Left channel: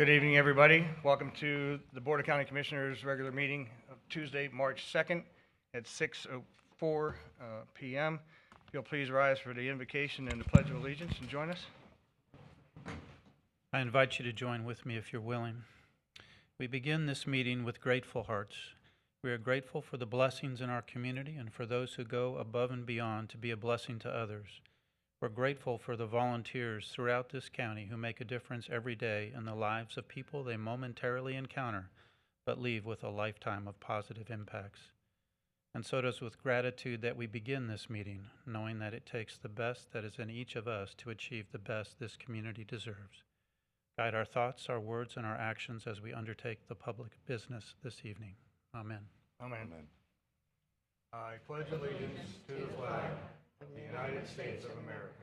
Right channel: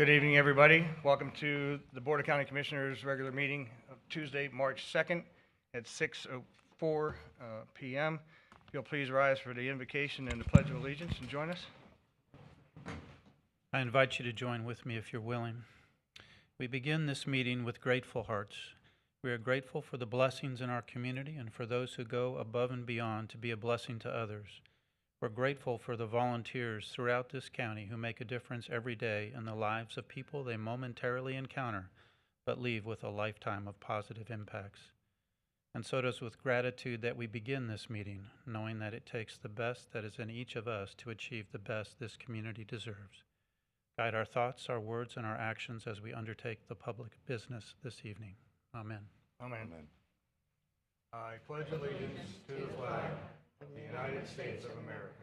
Good evening, everybody. Welcome to the Board of County Commissioners' regular meeting of Tuesday, March 2nd at 6:04 p.m. If you'll please rise for the invocation and the Pledge of Allegiance and join us. I invite you to join with me if you're willing. We begin this meeting with grateful hearts. We are grateful for the blessings in our community and for those who go above and beyond to be a blessing to others. We're grateful for the volunteers throughout this county who make a difference every day in the lives of people they momentarily encounter, but leave with a lifetime of positive impacts. And so it is with gratitude that we begin this meeting, knowing that it takes the best that is in each of us to achieve the best this community deserves. Guide our thoughts, our words, and our actions as we undertake the public business this evening. Amen. Amen. I pledge allegiance to the flag of the United States of America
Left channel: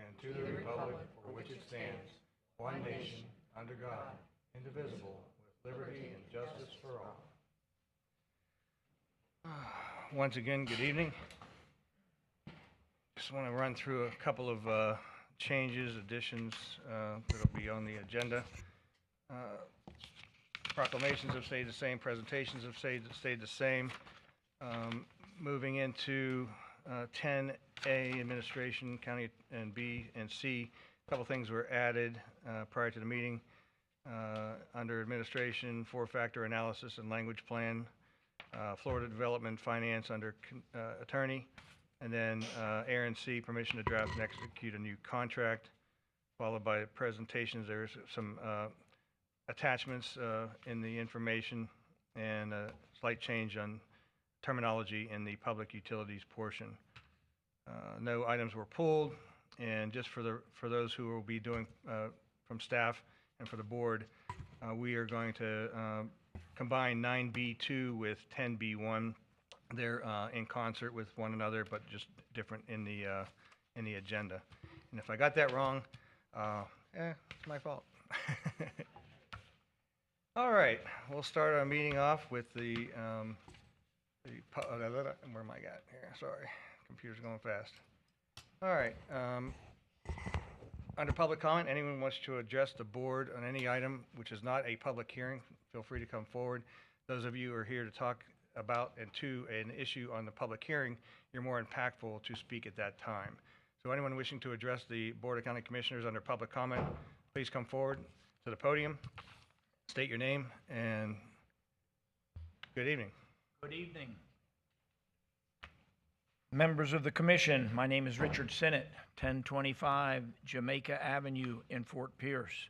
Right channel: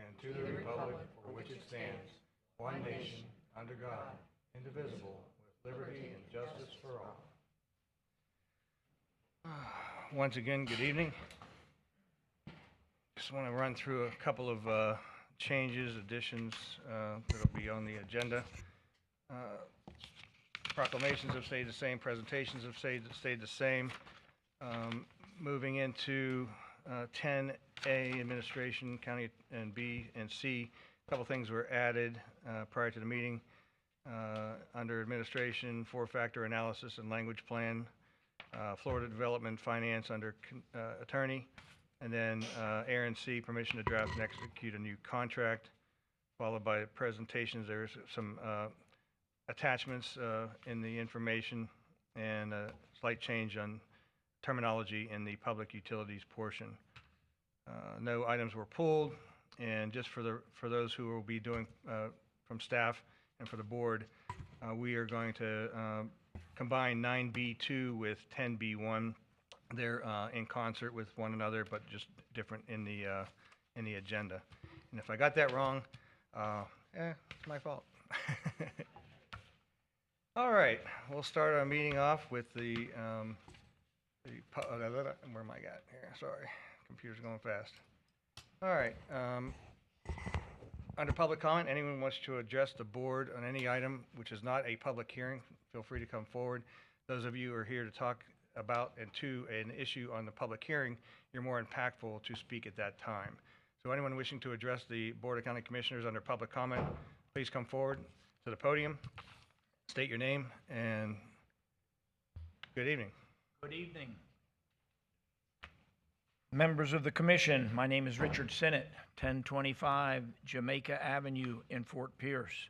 and to the republic for which it stands, one nation, under God, indivisible, with liberty and justice for all. Once again, good evening. Just want to run through a couple of changes, additions that will be on the agenda. Proclamations have stayed the same. Presentations have stayed the same. Moving into 10A, Administration, County, and B and C. A couple things were added prior to the meeting. Under Administration, four-factor analysis and language plan. Florida Development Finance under Attorney. And then Aaron C, permission to draft and execute a new contract, followed by presentations. There's some attachments in the information and a slight change on terminology in the public utilities portion. No items were pulled, and just for those who will be doing from staff and for the board, we are going to combine 9B2 with 10B1. They're in concert with one another, but just different in the agenda. And if I got that wrong, it's my fault. All right, we'll start our meeting off with the where am I at here? Sorry, computer's going fast. All right, under public comment, anyone wants to address the board on any item which is not a public hearing, feel free to come forward. Those of you who are here to talk about and to an issue on the public hearing, you're more impactful to speak at that time. So anyone wishing to address the Board of County Commissioners under public comment, please come forward to the podium, state your name, and good evening. Good evening. Members of the Commission, my name is Richard Sinnott, 1025 Jamaica Avenue in Fort Pierce.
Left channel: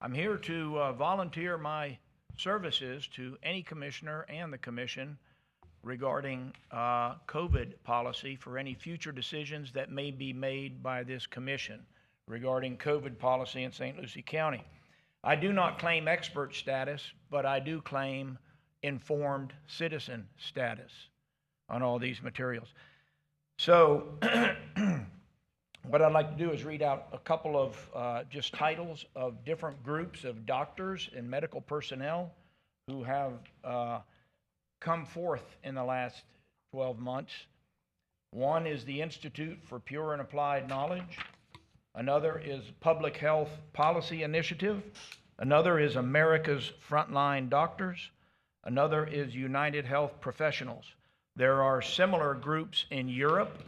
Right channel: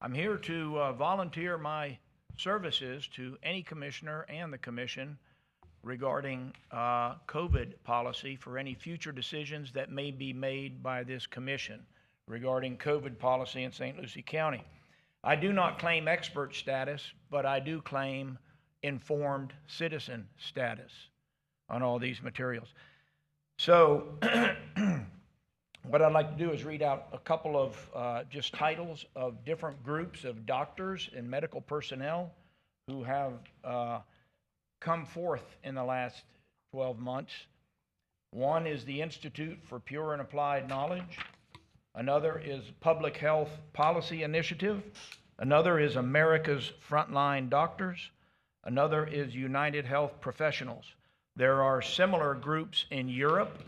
I'm here to volunteer my services to any commissioner and the Commission regarding COVID policy for any future decisions that may be made by this Commission regarding COVID policy in St. Lucie County. I do not claim expert status, but I do claim informed citizen status on all these materials. So what I'd like to do is read out a couple of just titles of different groups of doctors and medical personnel who have come forth in the last 12 months. One is the Institute for Pure and Applied Knowledge. Another is Public Health Policy Initiative. Another is America's Frontline Doctors. Another is United Health Professionals. There are similar groups in Europe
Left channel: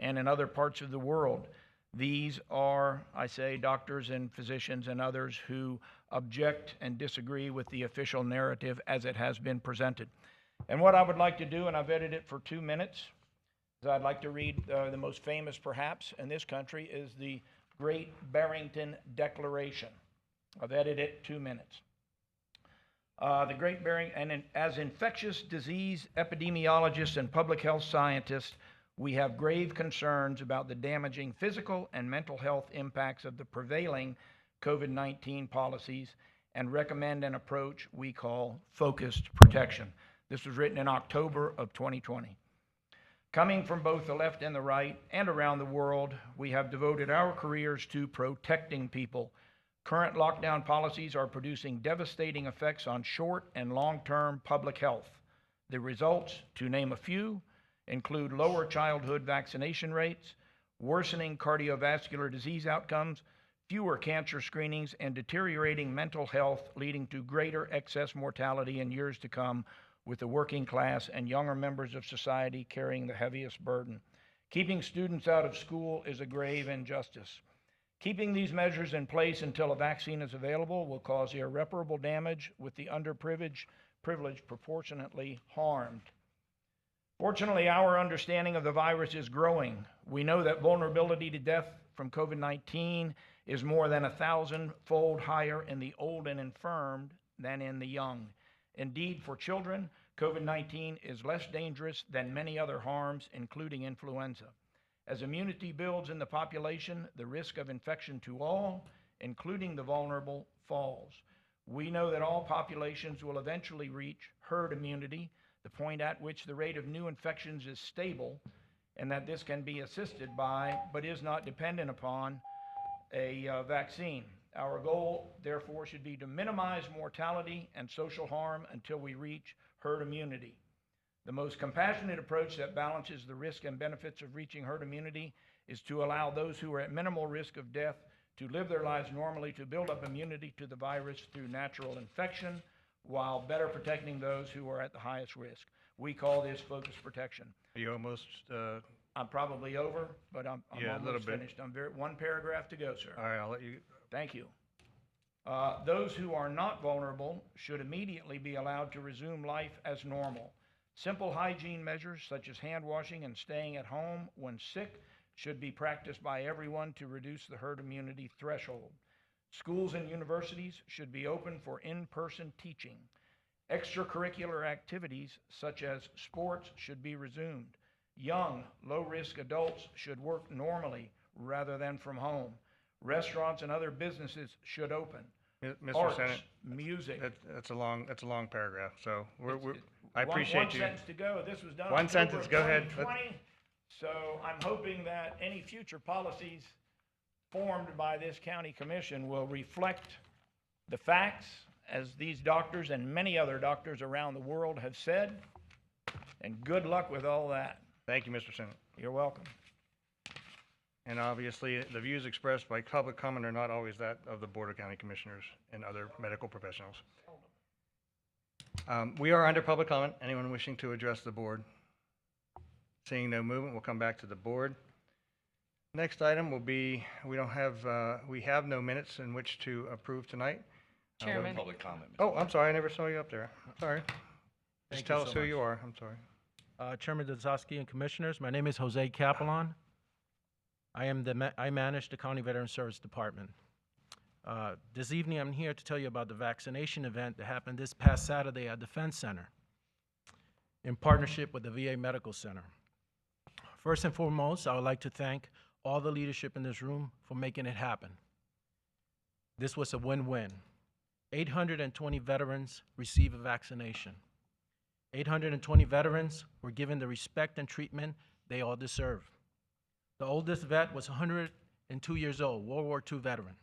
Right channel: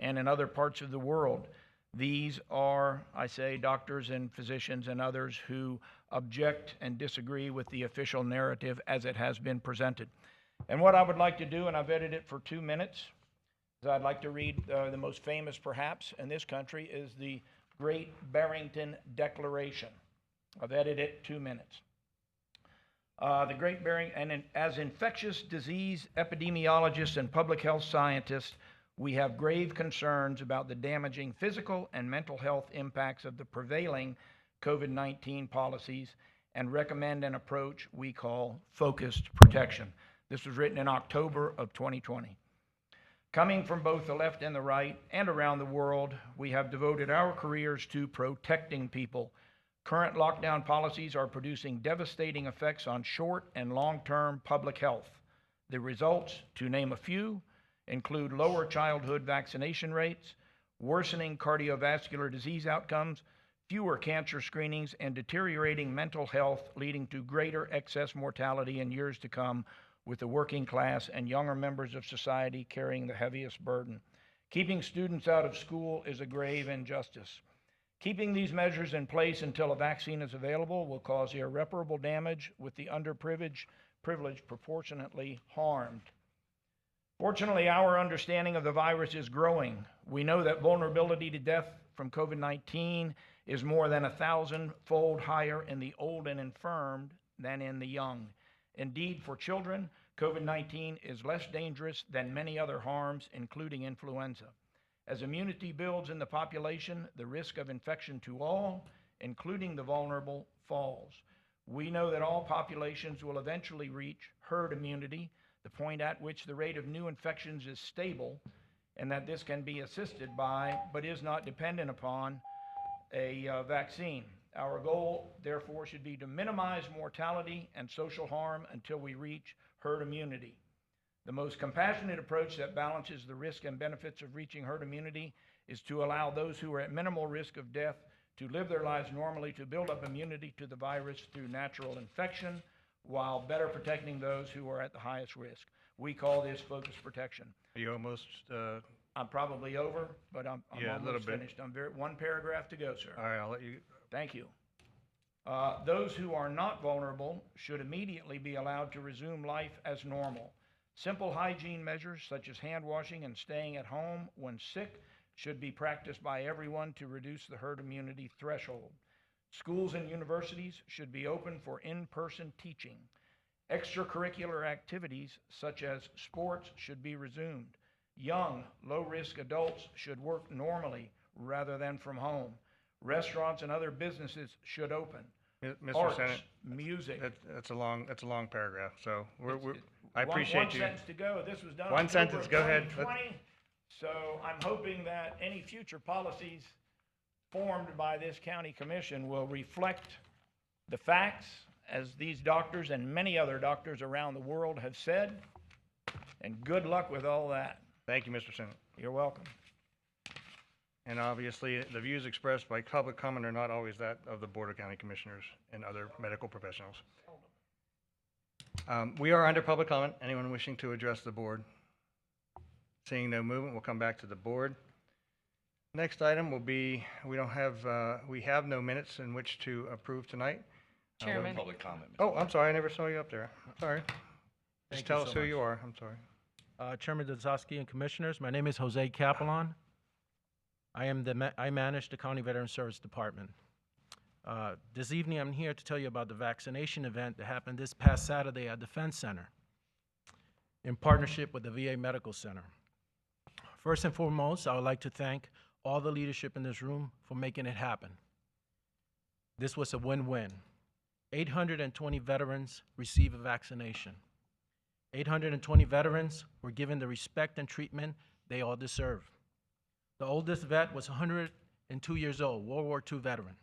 and in other parts of the world. These are, I say, doctors and physicians and others who object and disagree with the official narrative as it has been presented. And what I would like to do, and I've edited it for 2 minutes, is I'd like to read the most famous, perhaps, in this country, is the Great Barrington Declaration. I've edited it 2 minutes. The Great Barrington, and as infectious disease epidemiologists and public health scientists, we have grave concerns about the damaging physical and mental health impacts of the prevailing COVID-19 policies and recommend an approach we call focused protection. This was written in October of 2020. Coming from both the left and the right and around the world, we have devoted our careers to protecting people. Current lockdown policies are producing devastating effects on short and long-term public health. The results, to name a few, include lower childhood vaccination rates, worsening cardiovascular disease outcomes, fewer cancer screenings, and deteriorating mental health, leading to greater excess mortality in years to come, with the working class and younger members of society carrying the heaviest burden. Keeping students out of school is a grave injustice. Keeping these measures in place until a vaccine is available will cause irreparable damage, with the underprivileged proportionately harmed. Fortunately, our understanding of the virus is growing. We know that vulnerability to death from COVID-19 is more than 1,000-fold higher in the old and infirmed than in the young. Indeed, for children, COVID-19 is less dangerous than many other harms, including influenza. As immunity builds in the population, the risk of infection to all, including the vulnerable, falls. We know that all populations will eventually reach herd immunity, the point at which the rate of new infections is stable, and that this can be assisted by, but is not dependent upon, a vaccine. Our goal, therefore, should be to minimize mortality and social harm until we reach herd immunity. The most compassionate approach that balances the risk and benefits of reaching herd immunity is to allow those who are at minimal risk of death to live their lives normally, to build up immunity to the virus through natural infection, while better protecting those who are at the highest risk. We call this focus protection. Are you almost, I'm probably over, but I'm Yeah, a little almost bit. finished. I'm one paragraph to go, sir. all right, I'll let you, Thank you. Those who are not vulnerable should immediately be allowed to resume life as normal. Simple hygiene measures such as hand washing and staying at home when sick should be practiced by everyone to reduce the herd immunity threshold. Schools and universities should be open for in-person teaching. Extracurricular activities such as sports should be resumed. Young, low-risk adults should work normally rather than from home. Restaurants and other businesses should open. Mr. Arts, Senate, music. that's a long paragraph, so I One appreciate you. sentence to go. This was done One October sentence, of go ahead. 2020. So I'm hoping that any future policies formed by this county commission will reflect the facts, as these doctors and many other doctors around the world have said. And good luck with all that. Thank you, Mr. Senate. You're welcome. And obviously, the views expressed by public comment are not always that of the Board of County Commissioners and other medical professionals. We are under public comment. Anyone wishing to address the board? Seeing no movement, we'll come back to the board. Next item will be, we have no minutes in which to approve tonight. Chairman. Public comment. Oh, I'm sorry, I never saw you up there. Sorry. Thank Just you tell so us who much. you are. I'm sorry. Chairman Dazowski and Commissioners, my name is Jose Capelon. I manage the County Veteran Service Department. This evening, I'm here to tell you about the vaccination event that happened this past Saturday at Defense Center in partnership with the VA Medical Center. First and foremost, I would like to thank all the leadership in this room for making it happen. This was a win-win. 820 veterans received a vaccination. 820 veterans were given the respect and treatment they all deserve. The oldest vet was 102 years old, World War II veteran.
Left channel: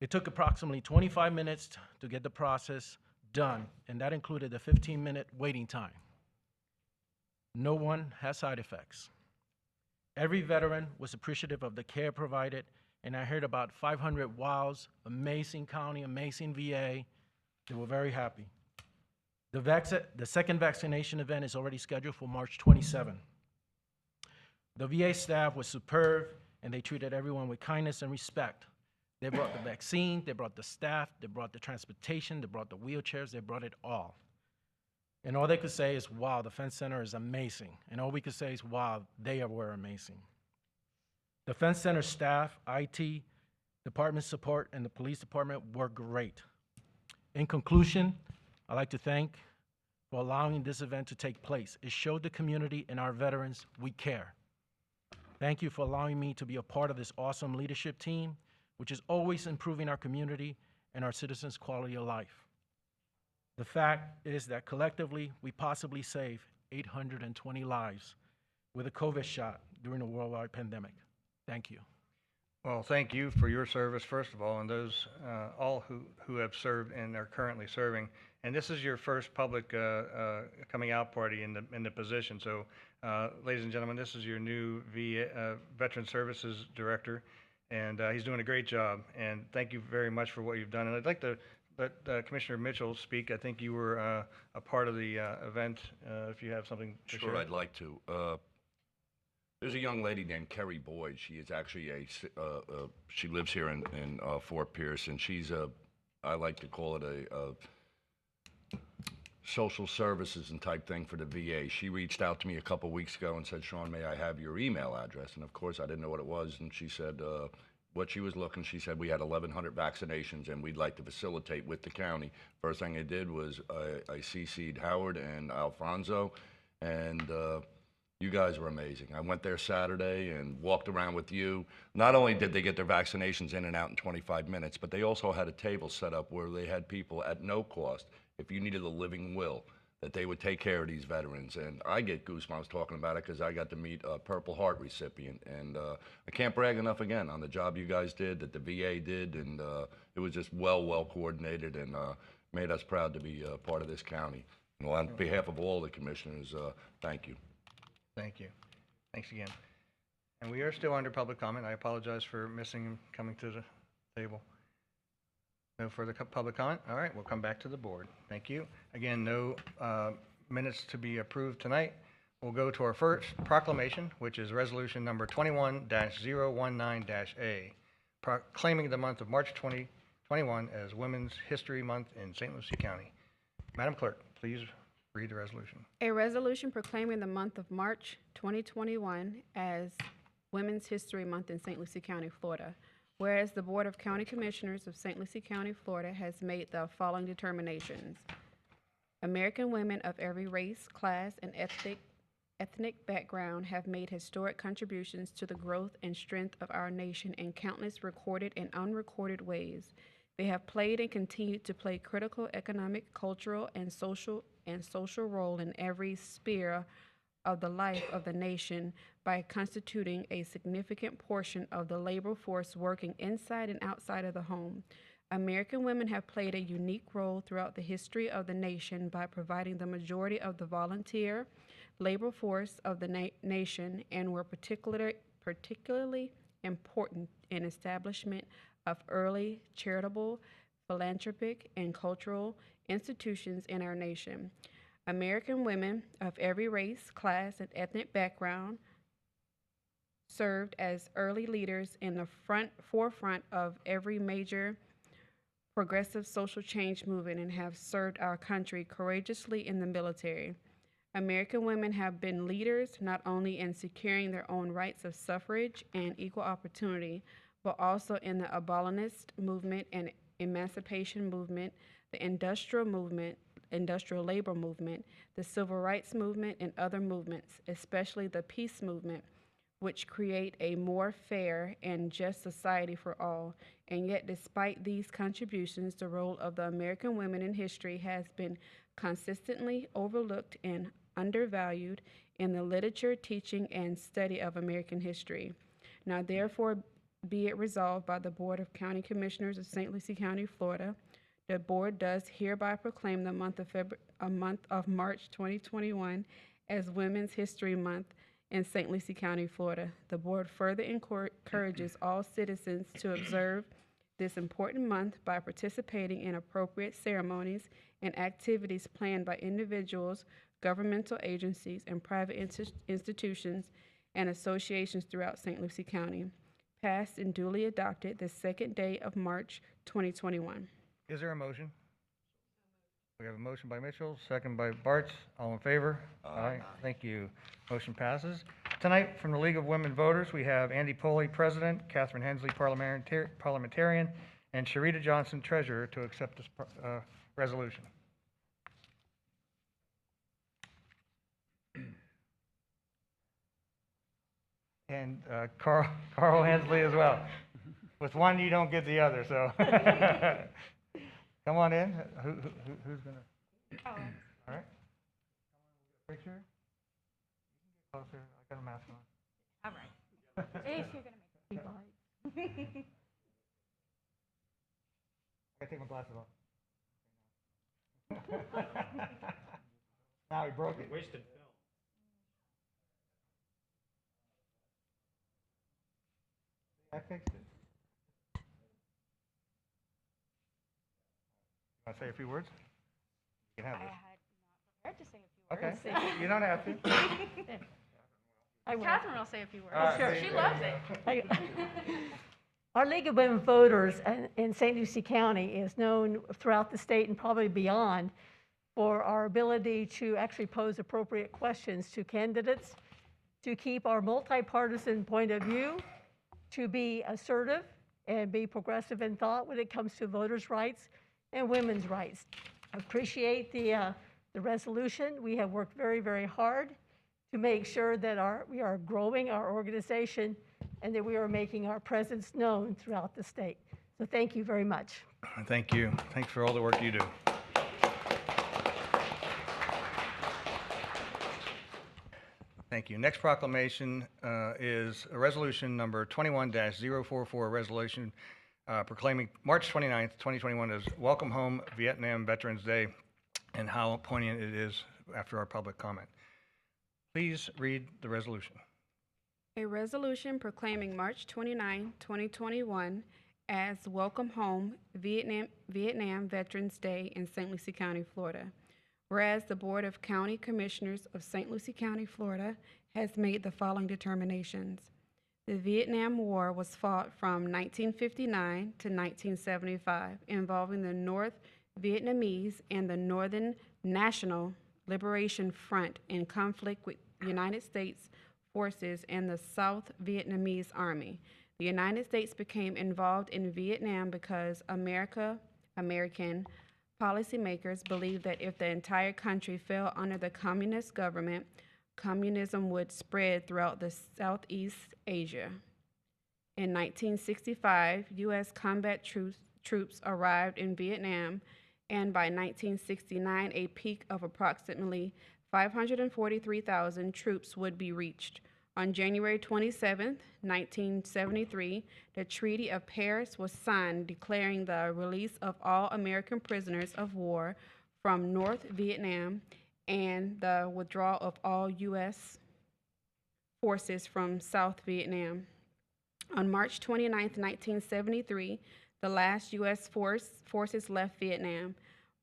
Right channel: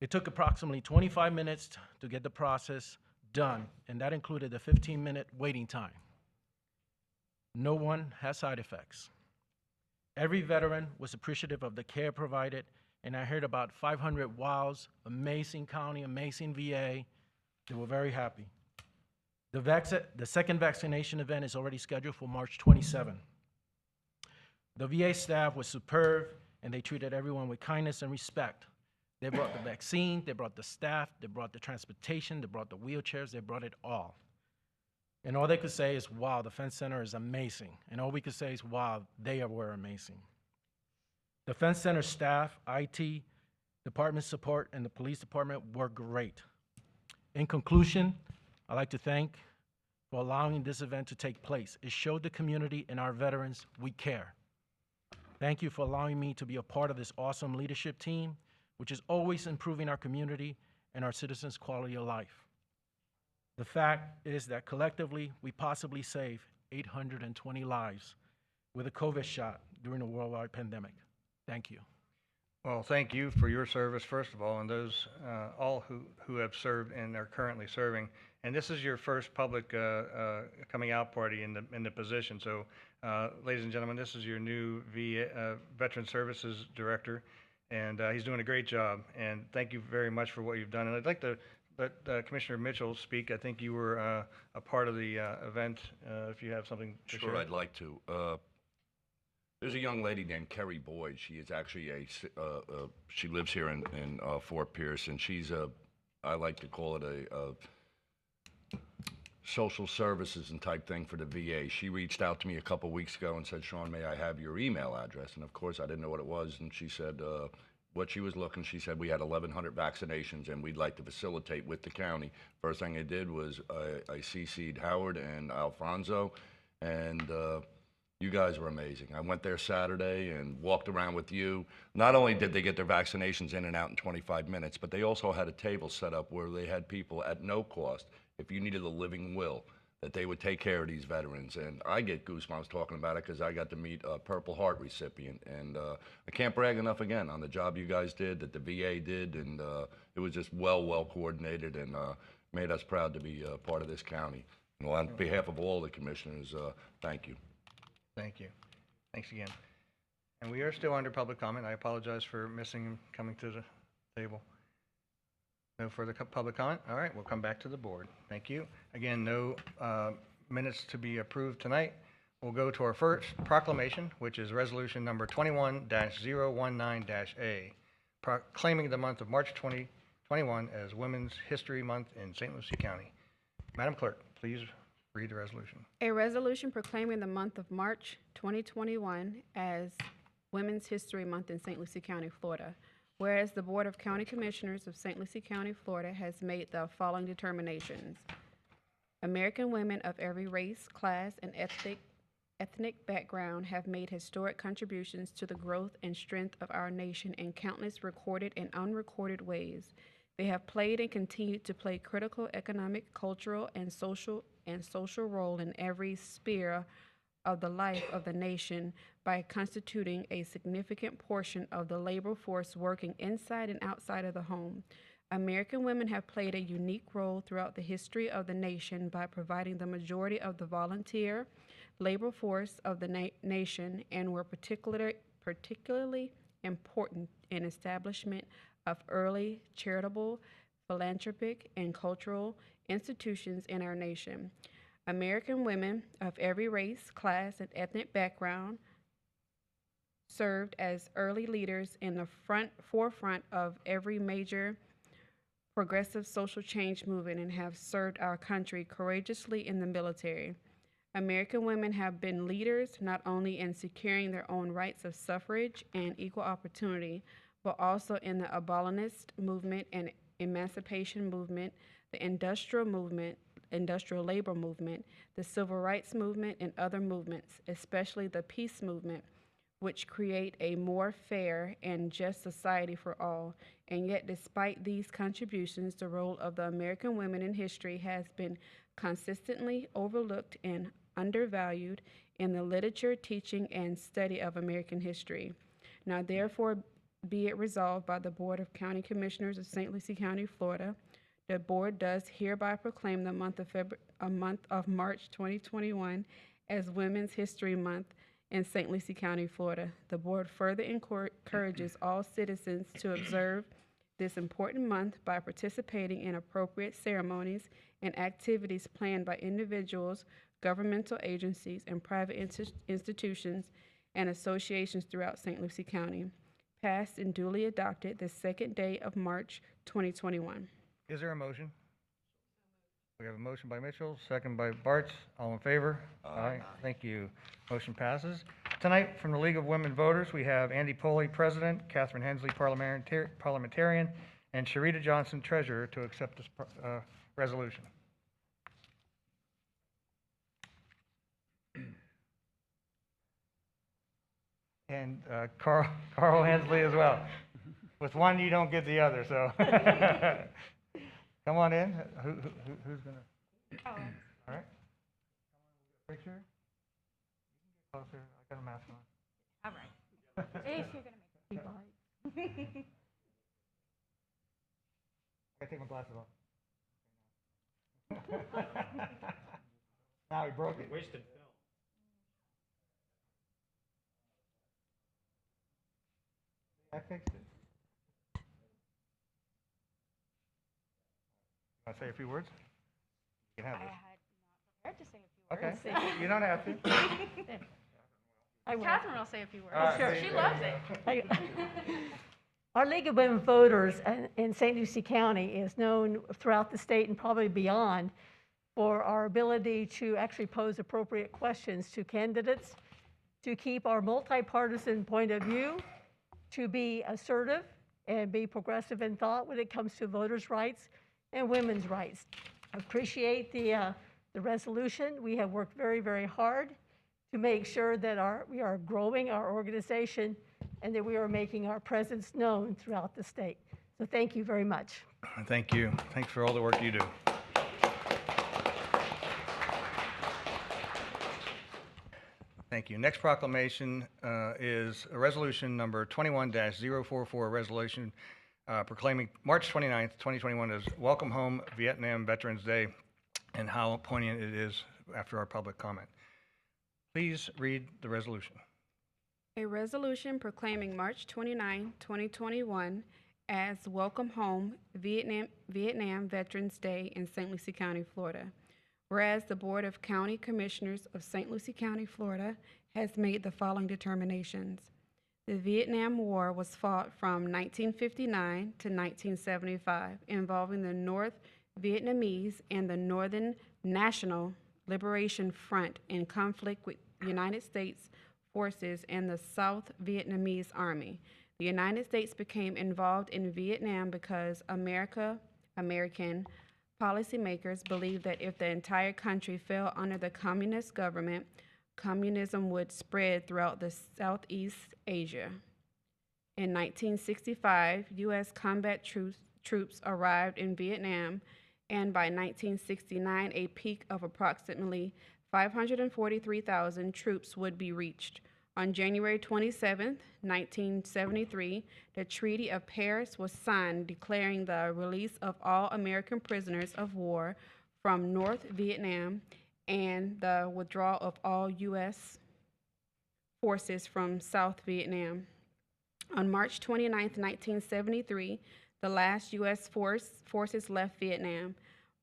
It took approximately 25 minutes to get the process done, and that included a 15-minute waiting time. No one has side effects. Every veteran was appreciative of the care provided, and I heard about 500 wows, amazing county, amazing VA. They were very happy. The second vaccination event is already scheduled for March 27. The VA staff was superb, and they treated everyone with kindness and respect. They brought the vaccine, they brought the staff, they brought the transportation, they brought the wheelchairs, they brought it all. And all they could say is, wow, the Defense Center is amazing. And all we could say is, wow, they were amazing. The Defense Center staff, IT, department support, and the police department were great. In conclusion, I'd like to thank for allowing this event to take place. It showed the community and our veterans we care. Thank you for allowing me to be a part of this awesome leadership team, which is always improving our community and our citizens' quality of life. The fact is that collectively, we possibly saved 820 lives with a COVID shot during a worldwide pandemic. Thank you. Well, thank you for your service, first of all, and those all who have served and are currently serving. And this is your first public coming out party in the position. So, ladies and gentlemen, this is your new Veteran Services Director, and he's doing a great job. And thank you very much for what you've done. And I'd like to let Commissioner Mitchell speak. I think you were a part of the event. If you have something to share. Sure, I'd like to. There's a young lady named Kerry Boyd. She is actually she lives here in Fort Pierce, and she's I like to call it a social services and type thing for the VA. She reached out to me a couple weeks ago and said, Sean, may I have your email address? And of course, I didn't know what it was. And she said what she was looking, she said, we had 1,100 vaccinations and we'd like to facilitate with the county. First thing I did was I CC'd Howard and Alfonso, and you guys were amazing. I went there Saturday and walked around with you. Not only did they get their vaccinations in and out in 25 minutes, but they also had a table set up where they had people at no cost, if you needed a living will, that they would take care of these veterans. And I get goosebumps talking about it because I got to meet a Purple Heart recipient. And I can't brag enough again on the job you guys did, that the VA did, and it was just well coordinated and made us proud to be part of this county. And on behalf of all the commissioners, thank you. Thank you. Thanks again. And we are still under public comment. I apologize for missing him coming to the table. No further public comment? All right, we'll come back to the board. Thank you. Again, no minutes to be approved tonight. We'll go to our first proclamation, which is resolution number 21-019-A, proclaiming the month of March 2021 as Women's History Month in St. Lucie County. Madam Clerk, please read the resolution. A resolution proclaiming the month of March 2021 as Women's History Month in St. Lucie County, Florida. Whereas the Board of County Commissioners of St. Lucie County, Florida has made the following determinations. American women of every race, class, and ethnic background have made historic contributions to the growth and strength of our nation in countless recorded and unrecorded ways. They have played and continue to play critical economic, cultural, and social role in every sphere of the life of the nation by constituting a significant portion of the labor force working inside and outside of the home. American women have played a unique role throughout the history of the nation by providing the majority of the volunteer labor force of the nation and were particularly important in establishment of early charitable, philanthropic, and cultural institutions in our nation. American women of every race, class, and ethnic background served as early leaders in the forefront of every major progressive social change movement and have served our country courageously in the military. American women have been leaders not only in securing their own rights of suffrage and equal opportunity, but also in the abolitionist movement and emancipation movement, the industrial labor movement, the civil rights movement, and other movements, especially the peace movement, which create a more fair and just society for all. And yet, despite these contributions, the role of the American women in history has been consistently overlooked and undervalued in the literature, teaching, and study of American history. Now, therefore, be it resolved by the Board of County Commissioners of St. Lucie County, Florida, the board does hereby proclaim the month of March 2021 as Women's History Month in St. Lucie County, Florida. The board further encourages all citizens to observe this important month by participating in appropriate ceremonies and activities planned by individuals, governmental agencies, and private institutions and associations throughout St. Lucie County. Passed and duly adopted the second day of March 2021. Is there a motion? We have a motion by Mitchell, second by Bartz. All in favor? Aye. Thank you. Motion passes. Tonight, from the League of Women Voters, we have Andy Poley, President, Catherine Hensley, Parliamentarian, and Sharita Johnson, Treasurer, to accept this resolution. And Carl Hensley as well. With one, you don't get the other, so. Come on in. Who's gonna? Oh. All right. Picture. Closer. I got a mask on. All right. At least you're gonna make people right. I gotta take my glasses off. Now he broke it. Wasted film. I fixed it. Want to say a few words? You can have this. Let's see. Okay, you don't have to. I will. Catherine will say a few words. All right, Sure. there She you go. loves it. Our League of Women Voters in St. Lucie County is known throughout the state and probably beyond for our ability to actually pose appropriate questions to candidates, to keep our multi-partisan point of view, to be assertive and be progressive in thought when it comes to voters' rights and women's rights. I appreciate the resolution. We have worked very, very hard to make sure that we are growing our organization and that we are making our presence known throughout the state. So thank you very much. Thank you. Thanks for all the work you do. Thank you. Next proclamation is a resolution number 21-044, a resolution proclaiming March 29th, 2021 as Welcome Home Vietnam Veterans Day, and how poignant it is after our public comment. Please read the resolution. A resolution proclaiming March 29, 2021 as Welcome Home Vietnam Veterans Day in St. Lucie County, Florida. Whereas the Board of County Commissioners of St. Lucie County, Florida has made the following determinations. The Vietnam War was fought from 1959 to 1975, involving the North Vietnamese and the Northern National Liberation Front in conflict with United States forces and the South Vietnamese Army. The United States became involved in Vietnam because American policymakers believed that if the entire country fell under the communist government, communism would spread throughout the Southeast Asia. In 1965, U.S. combat troops arrived in Vietnam, and by 1969, a peak of approximately 543,000 troops would be reached. On January 27, 1973, the Treaty of Paris was signed declaring the release of all American prisoners of war from North Vietnam and the withdrawal of all U.S. forces from South Vietnam. On March 29, 1973, the last U.S. forces left Vietnam.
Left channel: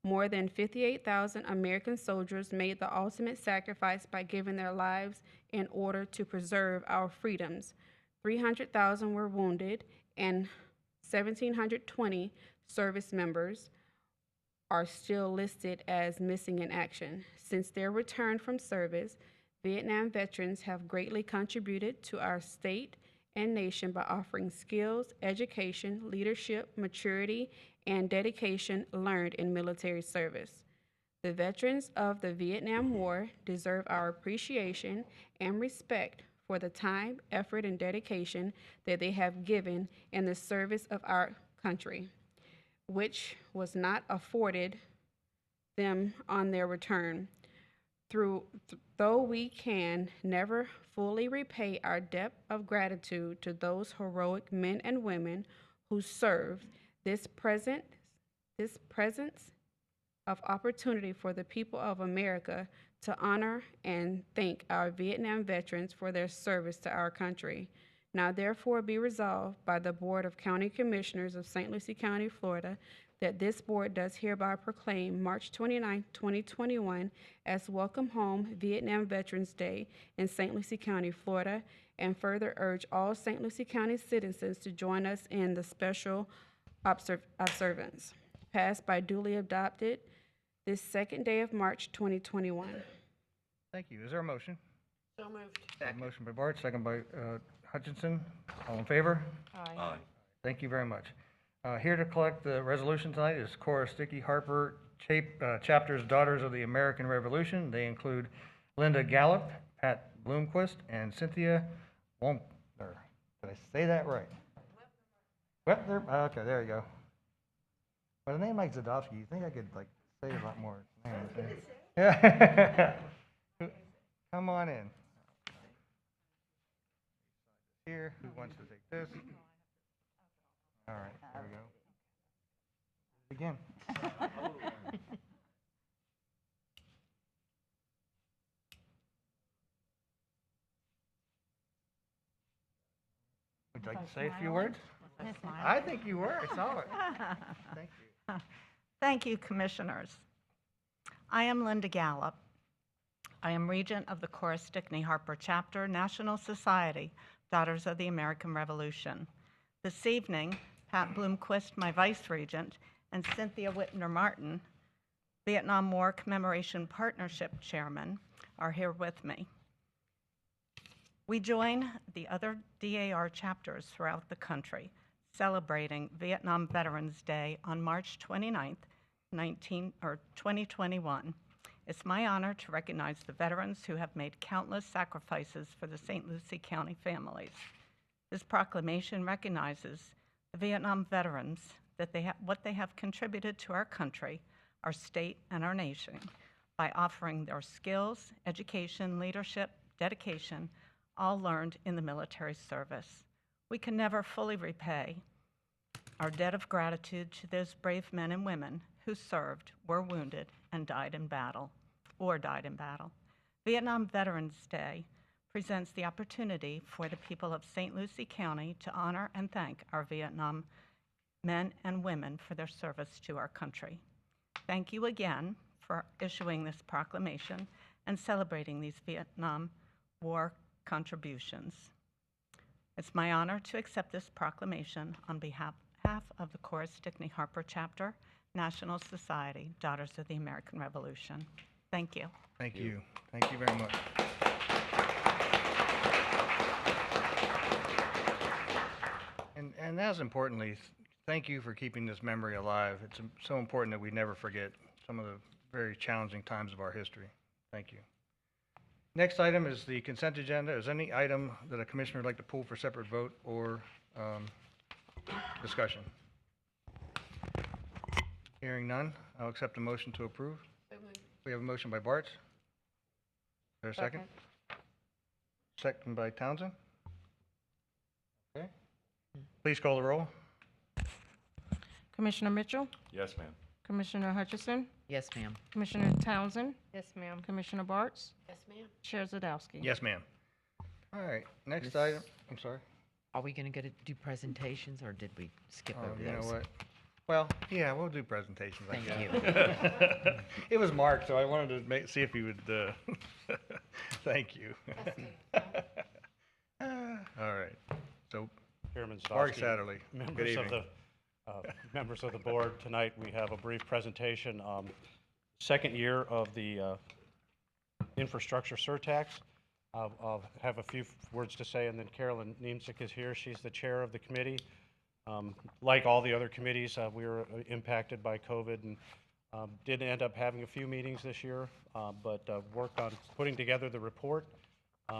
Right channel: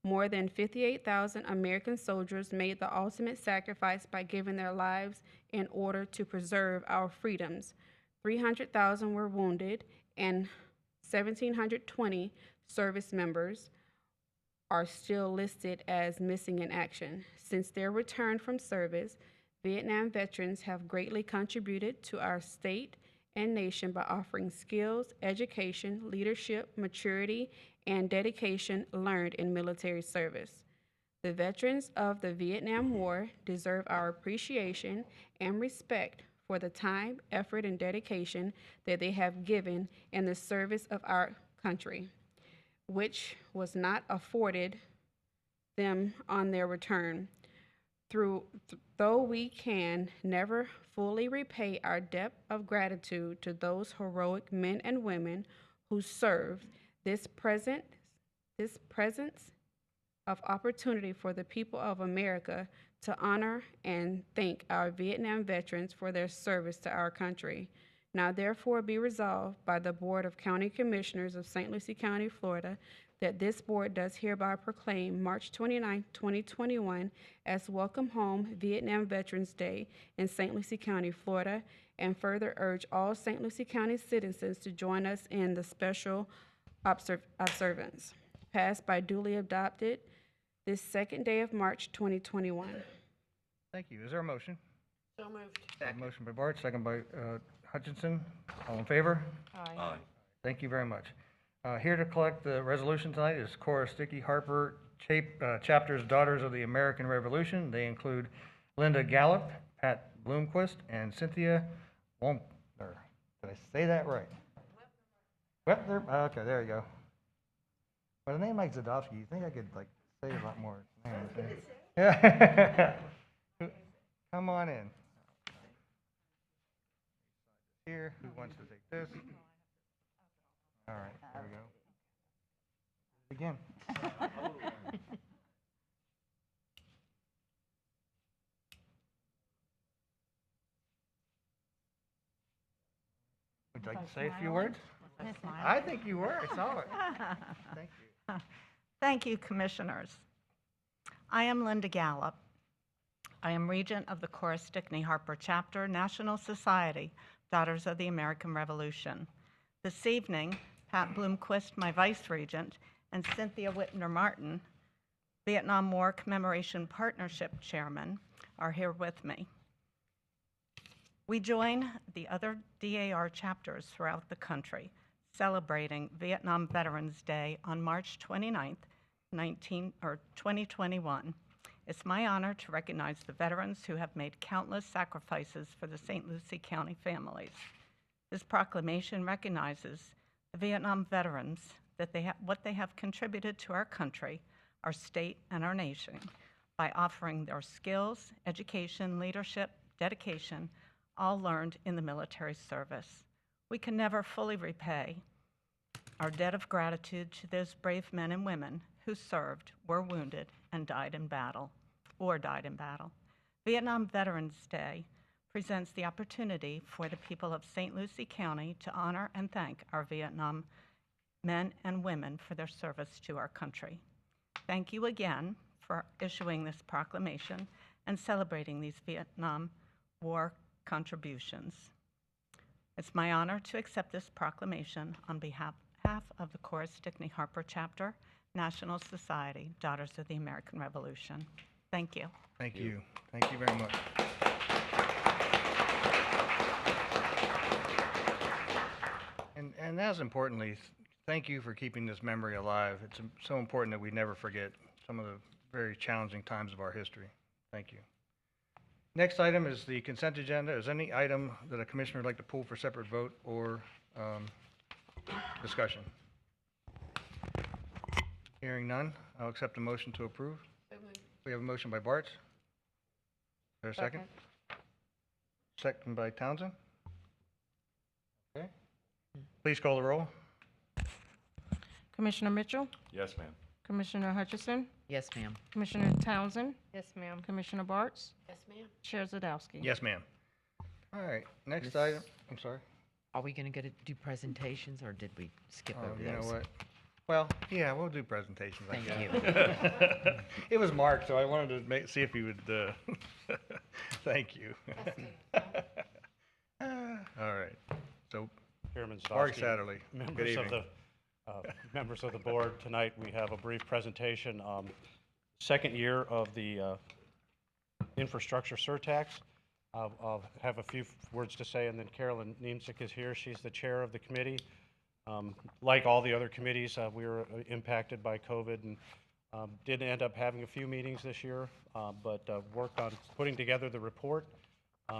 More than 58,000 American soldiers made the ultimate sacrifice by giving their lives in order to preserve our freedoms. 300,000 were wounded, and 1,720 service members are still listed as missing in action. Since their return from service, Vietnam veterans have greatly contributed to our state and nation by offering skills, education, leadership, maturity, and dedication learned in military service. The veterans of the Vietnam War deserve our appreciation and respect for the time, effort, and dedication that they have given in the service of our country, which was not afforded them on their return. Though we can never fully repay our debt of gratitude to those heroic men and women who served, this presence of opportunity for the people of America to honor and thank our Vietnam veterans for their service to our country. Now therefore be resolved by the Board of County Commissioners of St. Lucie County, Florida, that this board does hereby proclaim March 29, 2021 as Welcome Home Vietnam Veterans Day in St. Lucie County, Florida, and further urge all St. Lucie County citizens to join us in the special observance. Passed by duly adopted this second day of March 2021. Thank you. Is there a motion? So moved. Motion by Bart, second by Hutchinson. All in favor? Aye. Thank you very much. Here to collect the resolution tonight is Cora Sticky Harper, chapters Daughters of the American Revolution. They include Linda Gallup, Pat Bloomquist, and Cynthia Wompner. Did I say that right? Wepner? Okay, there you go. With a name like Zadowski, you think I could say a lot more names. Yeah. Come on in. Here, who wants to take this? All right, there we go. Begin. Would you like to say a few words? I think you were. I saw it. Thank you. Thank you, Commissioners. I am Linda Gallup. I am Regent of the Cora Stickney Harper Chapter, National Society, Daughters of the American Revolution. This evening, Pat Bloomquist, my Vice Regent, and Cynthia Whitner Martin, Vietnam War Commemoration Partnership Chairman, are here with me. We join the other DAR chapters throughout the country celebrating Vietnam Veterans Day on March 29th, 2021. It's my honor to recognize the veterans who have made countless sacrifices for the St. Lucie County families. This proclamation recognizes the Vietnam veterans, that what they have contributed to our country, our state, and our nation by offering their skills, education, leadership, dedication, all learned in the military service. We can never fully repay our debt of gratitude to those brave men and women who served, were wounded, and died in battle. Vietnam Veterans Day presents the opportunity for the people of St. Lucie County to honor and thank our Vietnam men and women for their service to our country. Thank you again for issuing this proclamation and celebrating these Vietnam War contributions. It's my honor to accept this proclamation on behalf of the Cora Stickney Harper Chapter, National Society, Daughters of the American Revolution. Thank you. Thank you. Thank you very much. And as importantly, thank you for keeping this memory alive. It's so important that we never forget some of the very challenging times of our history. Thank you. Next item is the consent agenda. Is any item that a commissioner would like to pull for separate vote or discussion? Hearing none, I'll accept a motion to approve. We have a motion by Bartz. Is there a second? Second by Townsend. Okay. Please call the roll. Commissioner Mitchell, Yes, ma'am. Commissioner Hutchison, Yes, ma'am. Commissioner Townsend, Yes, ma'am. Commissioner Bartz, Yes, ma'am. Chair Zadowski. Yes, ma'am. All right, next Miss- item, I'm sorry. Are we going to do presentations, or did we skip over You know those? what? Well, yeah, we'll do presentations. I Thank guess. you. It was Mark, so I wanted to see if he would, thank you. All right, so Chairman Mark Zadowski, Satterley, good members of evening. the members of the board, tonight we have a brief presentation. Second year of the infrastructure surtax. I'll have a few words to say, and then Carolyn Niemczyk is here. She's the chair of the committee. Like all the other committees, we were impacted by COVID and did end up having a few meetings this year, but worked on putting together the report.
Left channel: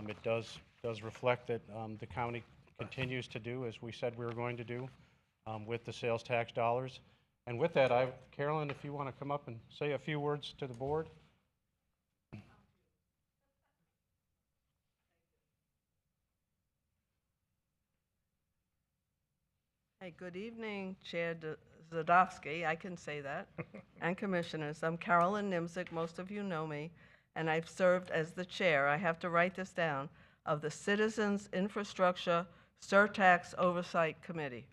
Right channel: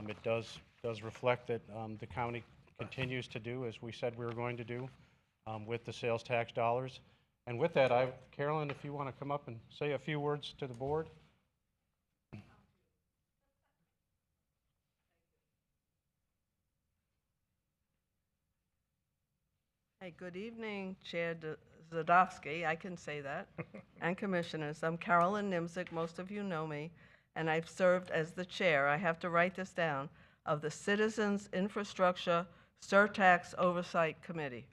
It does reflect that the county continues to do as we said we were going to do with the sales tax dollars. And with that, Carolyn, if you want to come up and say a few words to the board. Hey, good evening, Chair Zadowski, I can say that, and Commissioners. I'm Carolyn Niemczyk, most of you know me, and I've served as the chair, I have to write this down, of the Citizens Infrastructure Surtax Oversight Committee.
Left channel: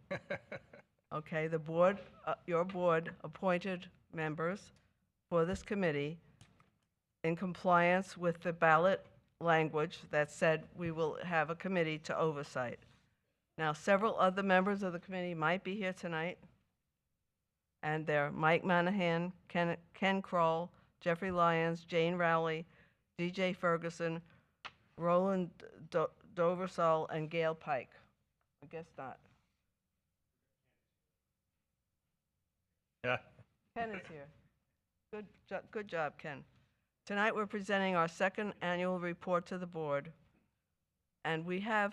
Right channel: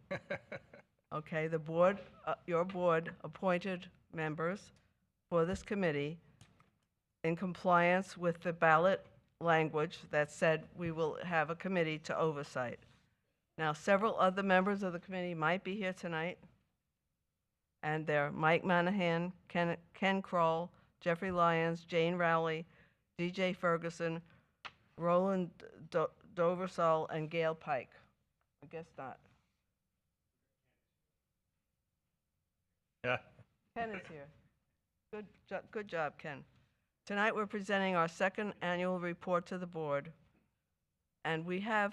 Okay, the board, your board appointed members for this committee in compliance with the ballot language that said we will have a committee to oversight. Now, several other members of the committee might be here tonight, and they're Mike Manahan, Ken Kroll, Jeffrey Lyons, Jane Rowley, DJ Ferguson, Roland Doversall, and Gail Pike. I guess not. Yeah. Ken is here. Good job, Ken. Tonight we're presenting our second annual report to the board, and we have,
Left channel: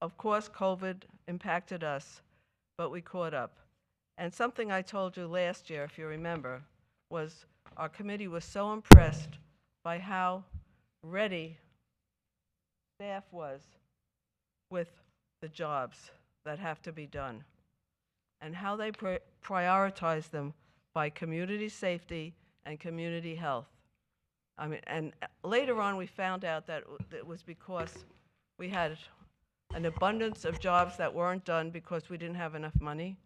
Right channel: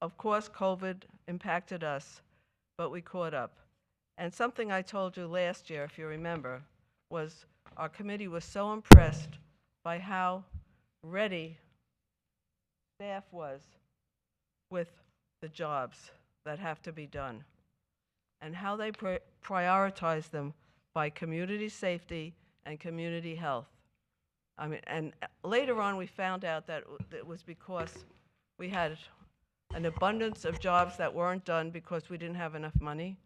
of course, COVID impacted us, but we caught up. And something I told you last year, if you remember, was our committee was so impressed by how ready staff was with the jobs that have to be done and how they prioritize them by community safety and community health. I mean, and later on we found out that it was because we had an abundance of jobs that weren't done because we didn't have enough money.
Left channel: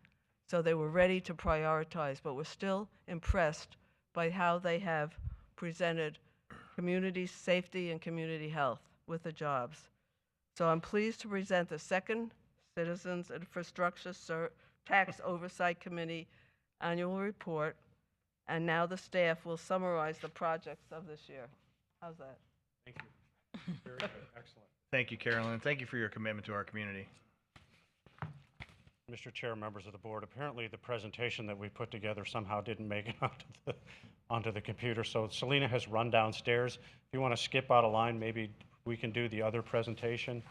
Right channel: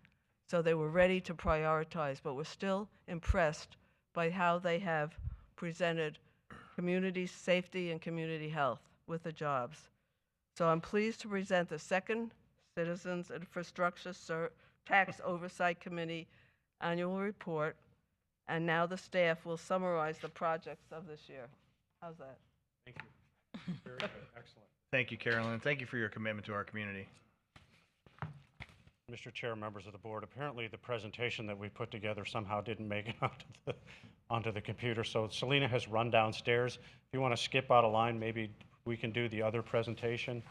So they were ready to prioritize, but we're still impressed by how they have presented community safety and community health with the jobs. So I'm pleased to present the second Citizens Infrastructure Tax Oversight Committee annual report, and now the staff will summarize the projects of this year. How's that? Thank you. Very good. Excellent. Thank you, Carolyn. Thank you for your commitment to our community. Mr. Chair, members of the board, apparently the presentation that we put together somehow didn't make it onto the computer. So Selena has run downstairs. If you want to skip out a line, maybe we can do the other presentation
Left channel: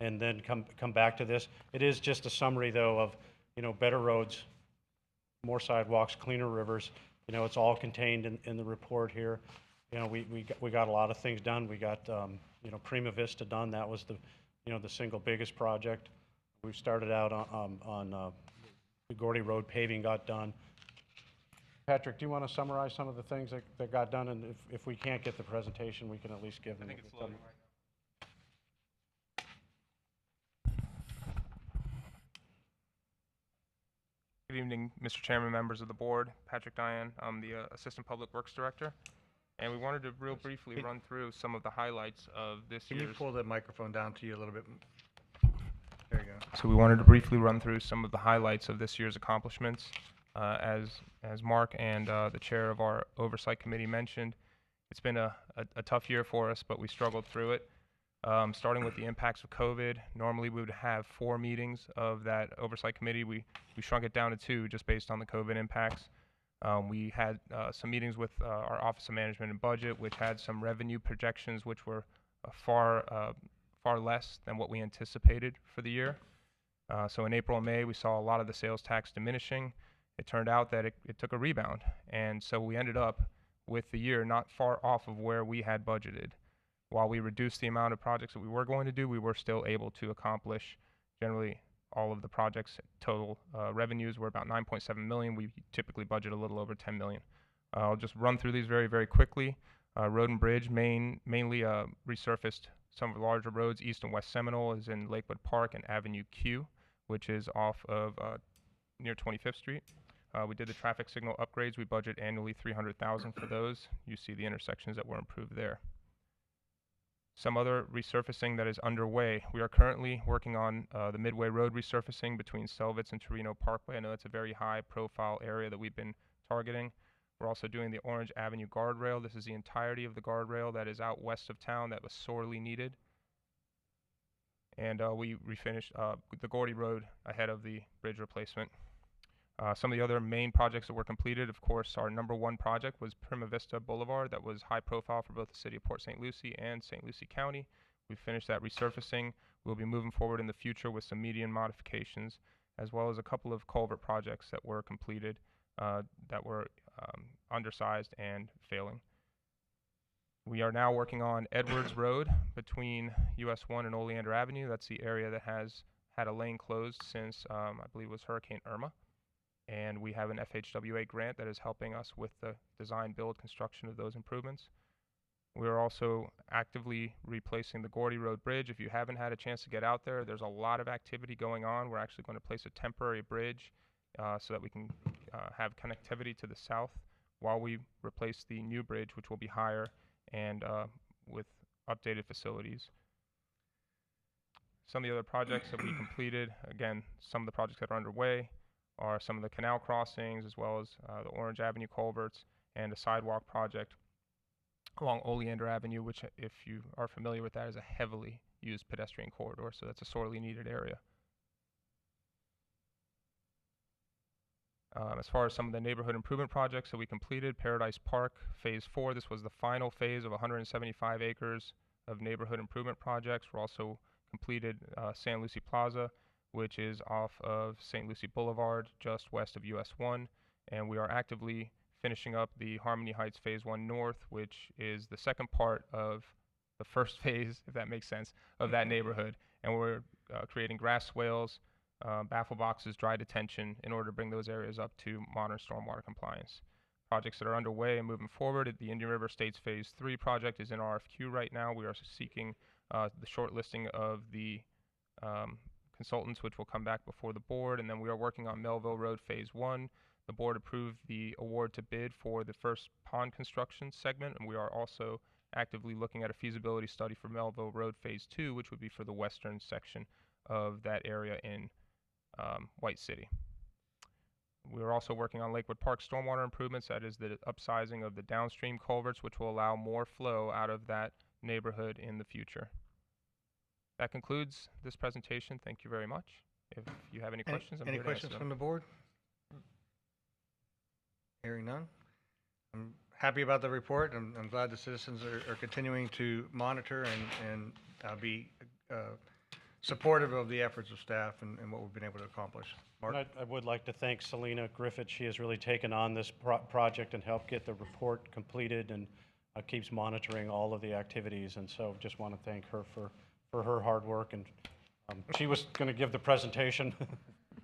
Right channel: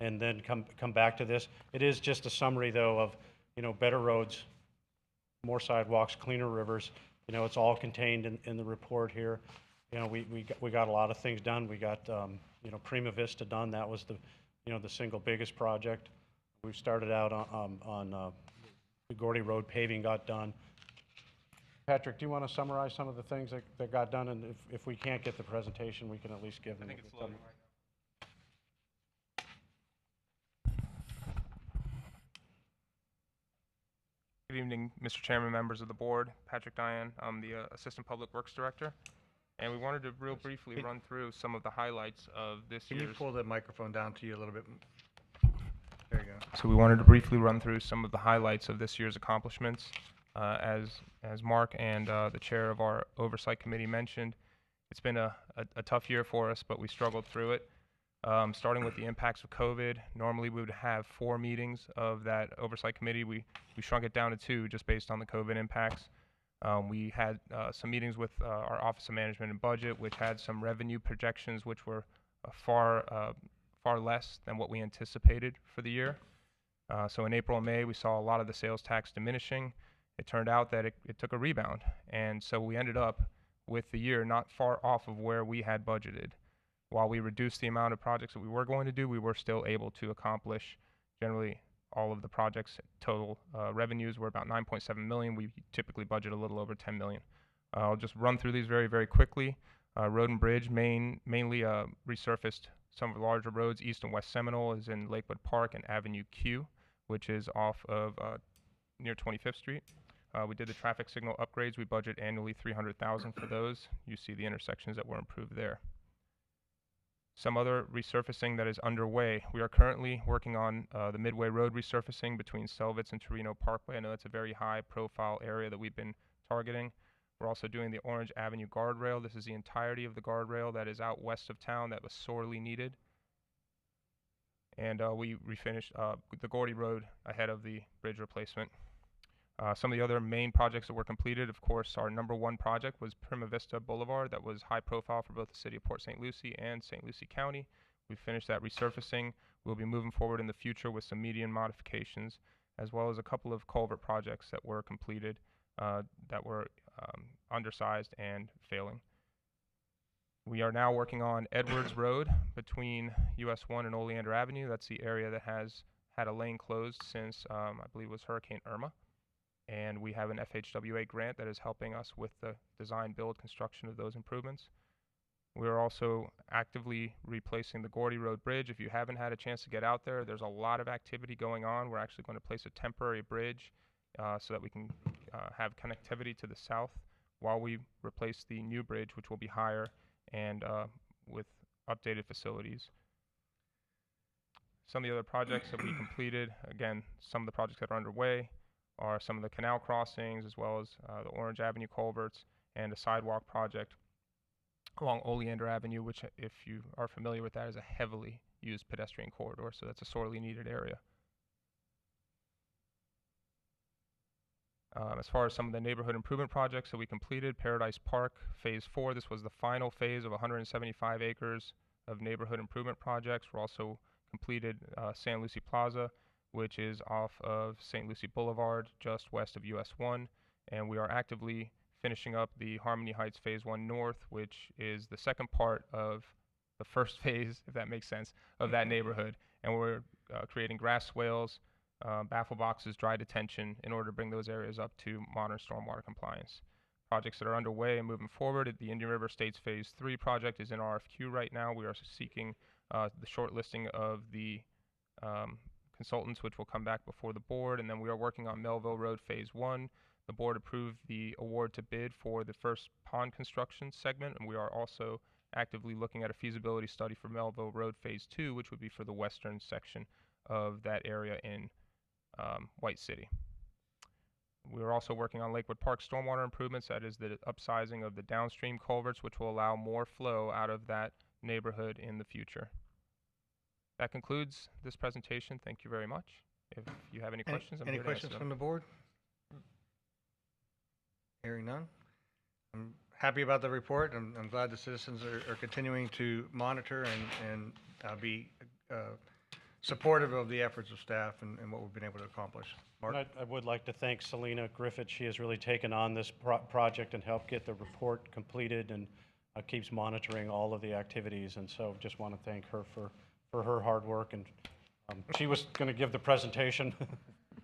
and then come back to this. It is just a summary, though, of, better roads, more sidewalks, cleaner rivers. It's all contained in the report here. We got a lot of things done. We got, Prima Vista done. That was the single biggest project. We started out on the Gordy Road paving got done. Patrick, do you want to summarize some of the things that got done? And if we can't get the presentation, we can at least give them. I think it's loading right now. Good evening, Mr. Chairman, members of the board. Patrick Diane, I'm the Assistant Public Works Director. And we wanted to real briefly run through some of the highlights of this year's... Can you pull the microphone down to you a little bit? There you go. So we wanted to briefly run through some of the highlights of this year's accomplishments. As Mark and the chair of our oversight committee mentioned, it's been a tough year for us, but we struggled through it. Starting with the impacts of COVID, normally we would have 4 meetings of that oversight committee. We shrunk it down to 2 just based on the COVID impacts. We had some meetings with our Office of Management and Budget, which had some revenue projections which were far less than what we anticipated for the year. So in April and May, we saw a lot of the sales tax diminishing. It turned out that it took a rebound, and so we ended up with the year not far off of where we had budgeted. While we reduced the amount of projects that we were going to do, we were still able to accomplish generally all of the projects. Total revenues were about $9.7 million. We typically budget a little over $10 million. I'll just run through these very, very quickly. Road and Bridge mainly resurfaced some of the larger roads. East and West Seminole is in Lakewood Park and Avenue Q, which is off of near 25th Street. We did the traffic signal upgrades. We budget annually $300,000 for those. You see the intersections that were improved there. Some other resurfacing that is underway. We are currently working on the Midway Road resurfacing between Selvitz and Torino Parkway. I know that's a very high profile area that we've been targeting. We're also doing the Orange Avenue guardrail. This is the entirety of the guardrail that is out west of town that was sorely needed. And we refinished the Gordy Road ahead of the bridge replacement. Some of the other main projects that were completed, of course, our number 1 project was Prima Vista Boulevard. That was high profile for both the city of Port St. Lucie and St. Lucie County. We finished that resurfacing. We'll be moving forward in the future with some median modifications, as well as a couple of culvert projects that were completed that were undersized and failing. We are now working on Edwards Road between US 1 and Oleander Avenue. That's the area that has had a lane closed since, I believe it was Hurricane Irma. And we have an FHWA grant that is helping us with the design, build, construction of those improvements. We are also actively replacing the Gordy Road Bridge. If you haven't had a chance to get out there, there's a lot of activity going on. We're actually going to place a temporary bridge so that we can have connectivity to the south while we replace the new bridge, which will be higher and with updated facilities. Some of the other projects that we completed, again, some of the projects that are underway are some of the canal crossings, as well as the Orange Avenue culverts and a sidewalk project along Oleander Avenue, which, if you are familiar with that, is a heavily used pedestrian corridor, so that's a sorely needed area. As far as some of the neighborhood improvement projects that we completed, Paradise Park Phase 4, this was the final phase of 175 acres of neighborhood improvement projects. We also completed San Lucie Plaza, which is off of St. Lucie Boulevard, just west of US 1, and we are actively finishing up the Harmony Heights Phase 1 North, which is the second part of the first phase, if that makes sense, of that neighborhood. And we're creating grass swales, baffle boxes, dry detention in order to bring those areas up to modern stormwater compliance. Projects that are underway and moving forward, the Indian River Estates Phase 3 project is in RFQ right now. We are seeking the shortlisting of the consultants, which will come back before the board. And then we are working on Melville Road Phase 1. The board approved the award to bid for the first pond construction segment, and we are also actively looking at a feasibility study for Melville Road Phase 2, which would be for the western section of that area in White City. We are also working on Lakewood Park stormwater improvements. That is the upsizing of the downstream culverts, which will allow more flow out of that neighborhood in the future. That concludes this presentation. Thank you very much. If you have any questions, I'm Any here to answer questions them. from the board? Hearing none. I'm happy about the report. I'm glad the citizens are continuing to monitor and be supportive of the efforts of staff and what we've been able to accomplish. Mark? And I would like to thank Selena Griffith. She has really taken on this project and helped get the report completed and keeps monitoring all of the activities. And so just want to thank her for her hard work. And she was going to give the presentation.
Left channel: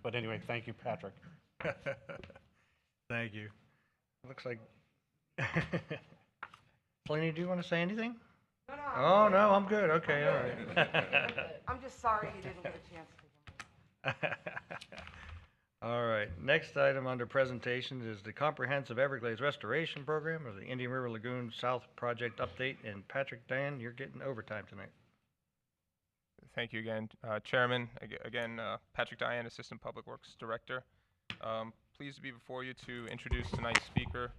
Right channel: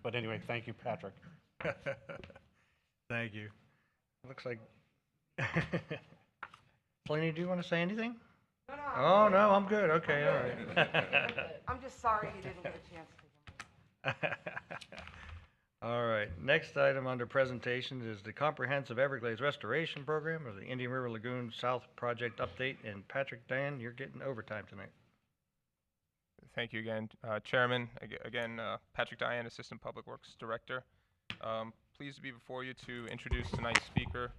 But anyway, thank you, Patrick. Thank you. It looks like... Selena, do you want to say anything? No. Oh, no, I'm good. Okay, all right. I'm just sorry you didn't get a chance to. All right, next item under presentations is the Comprehensive Everglades Restoration Program, or the Indian River Lagoon South Project Update. And Patrick, Dan, you're getting overtime tonight. Thank you again, Chairman. Again, Patrick Diane, Assistant Public Works Director. Pleased to be before you to introduce tonight's speaker.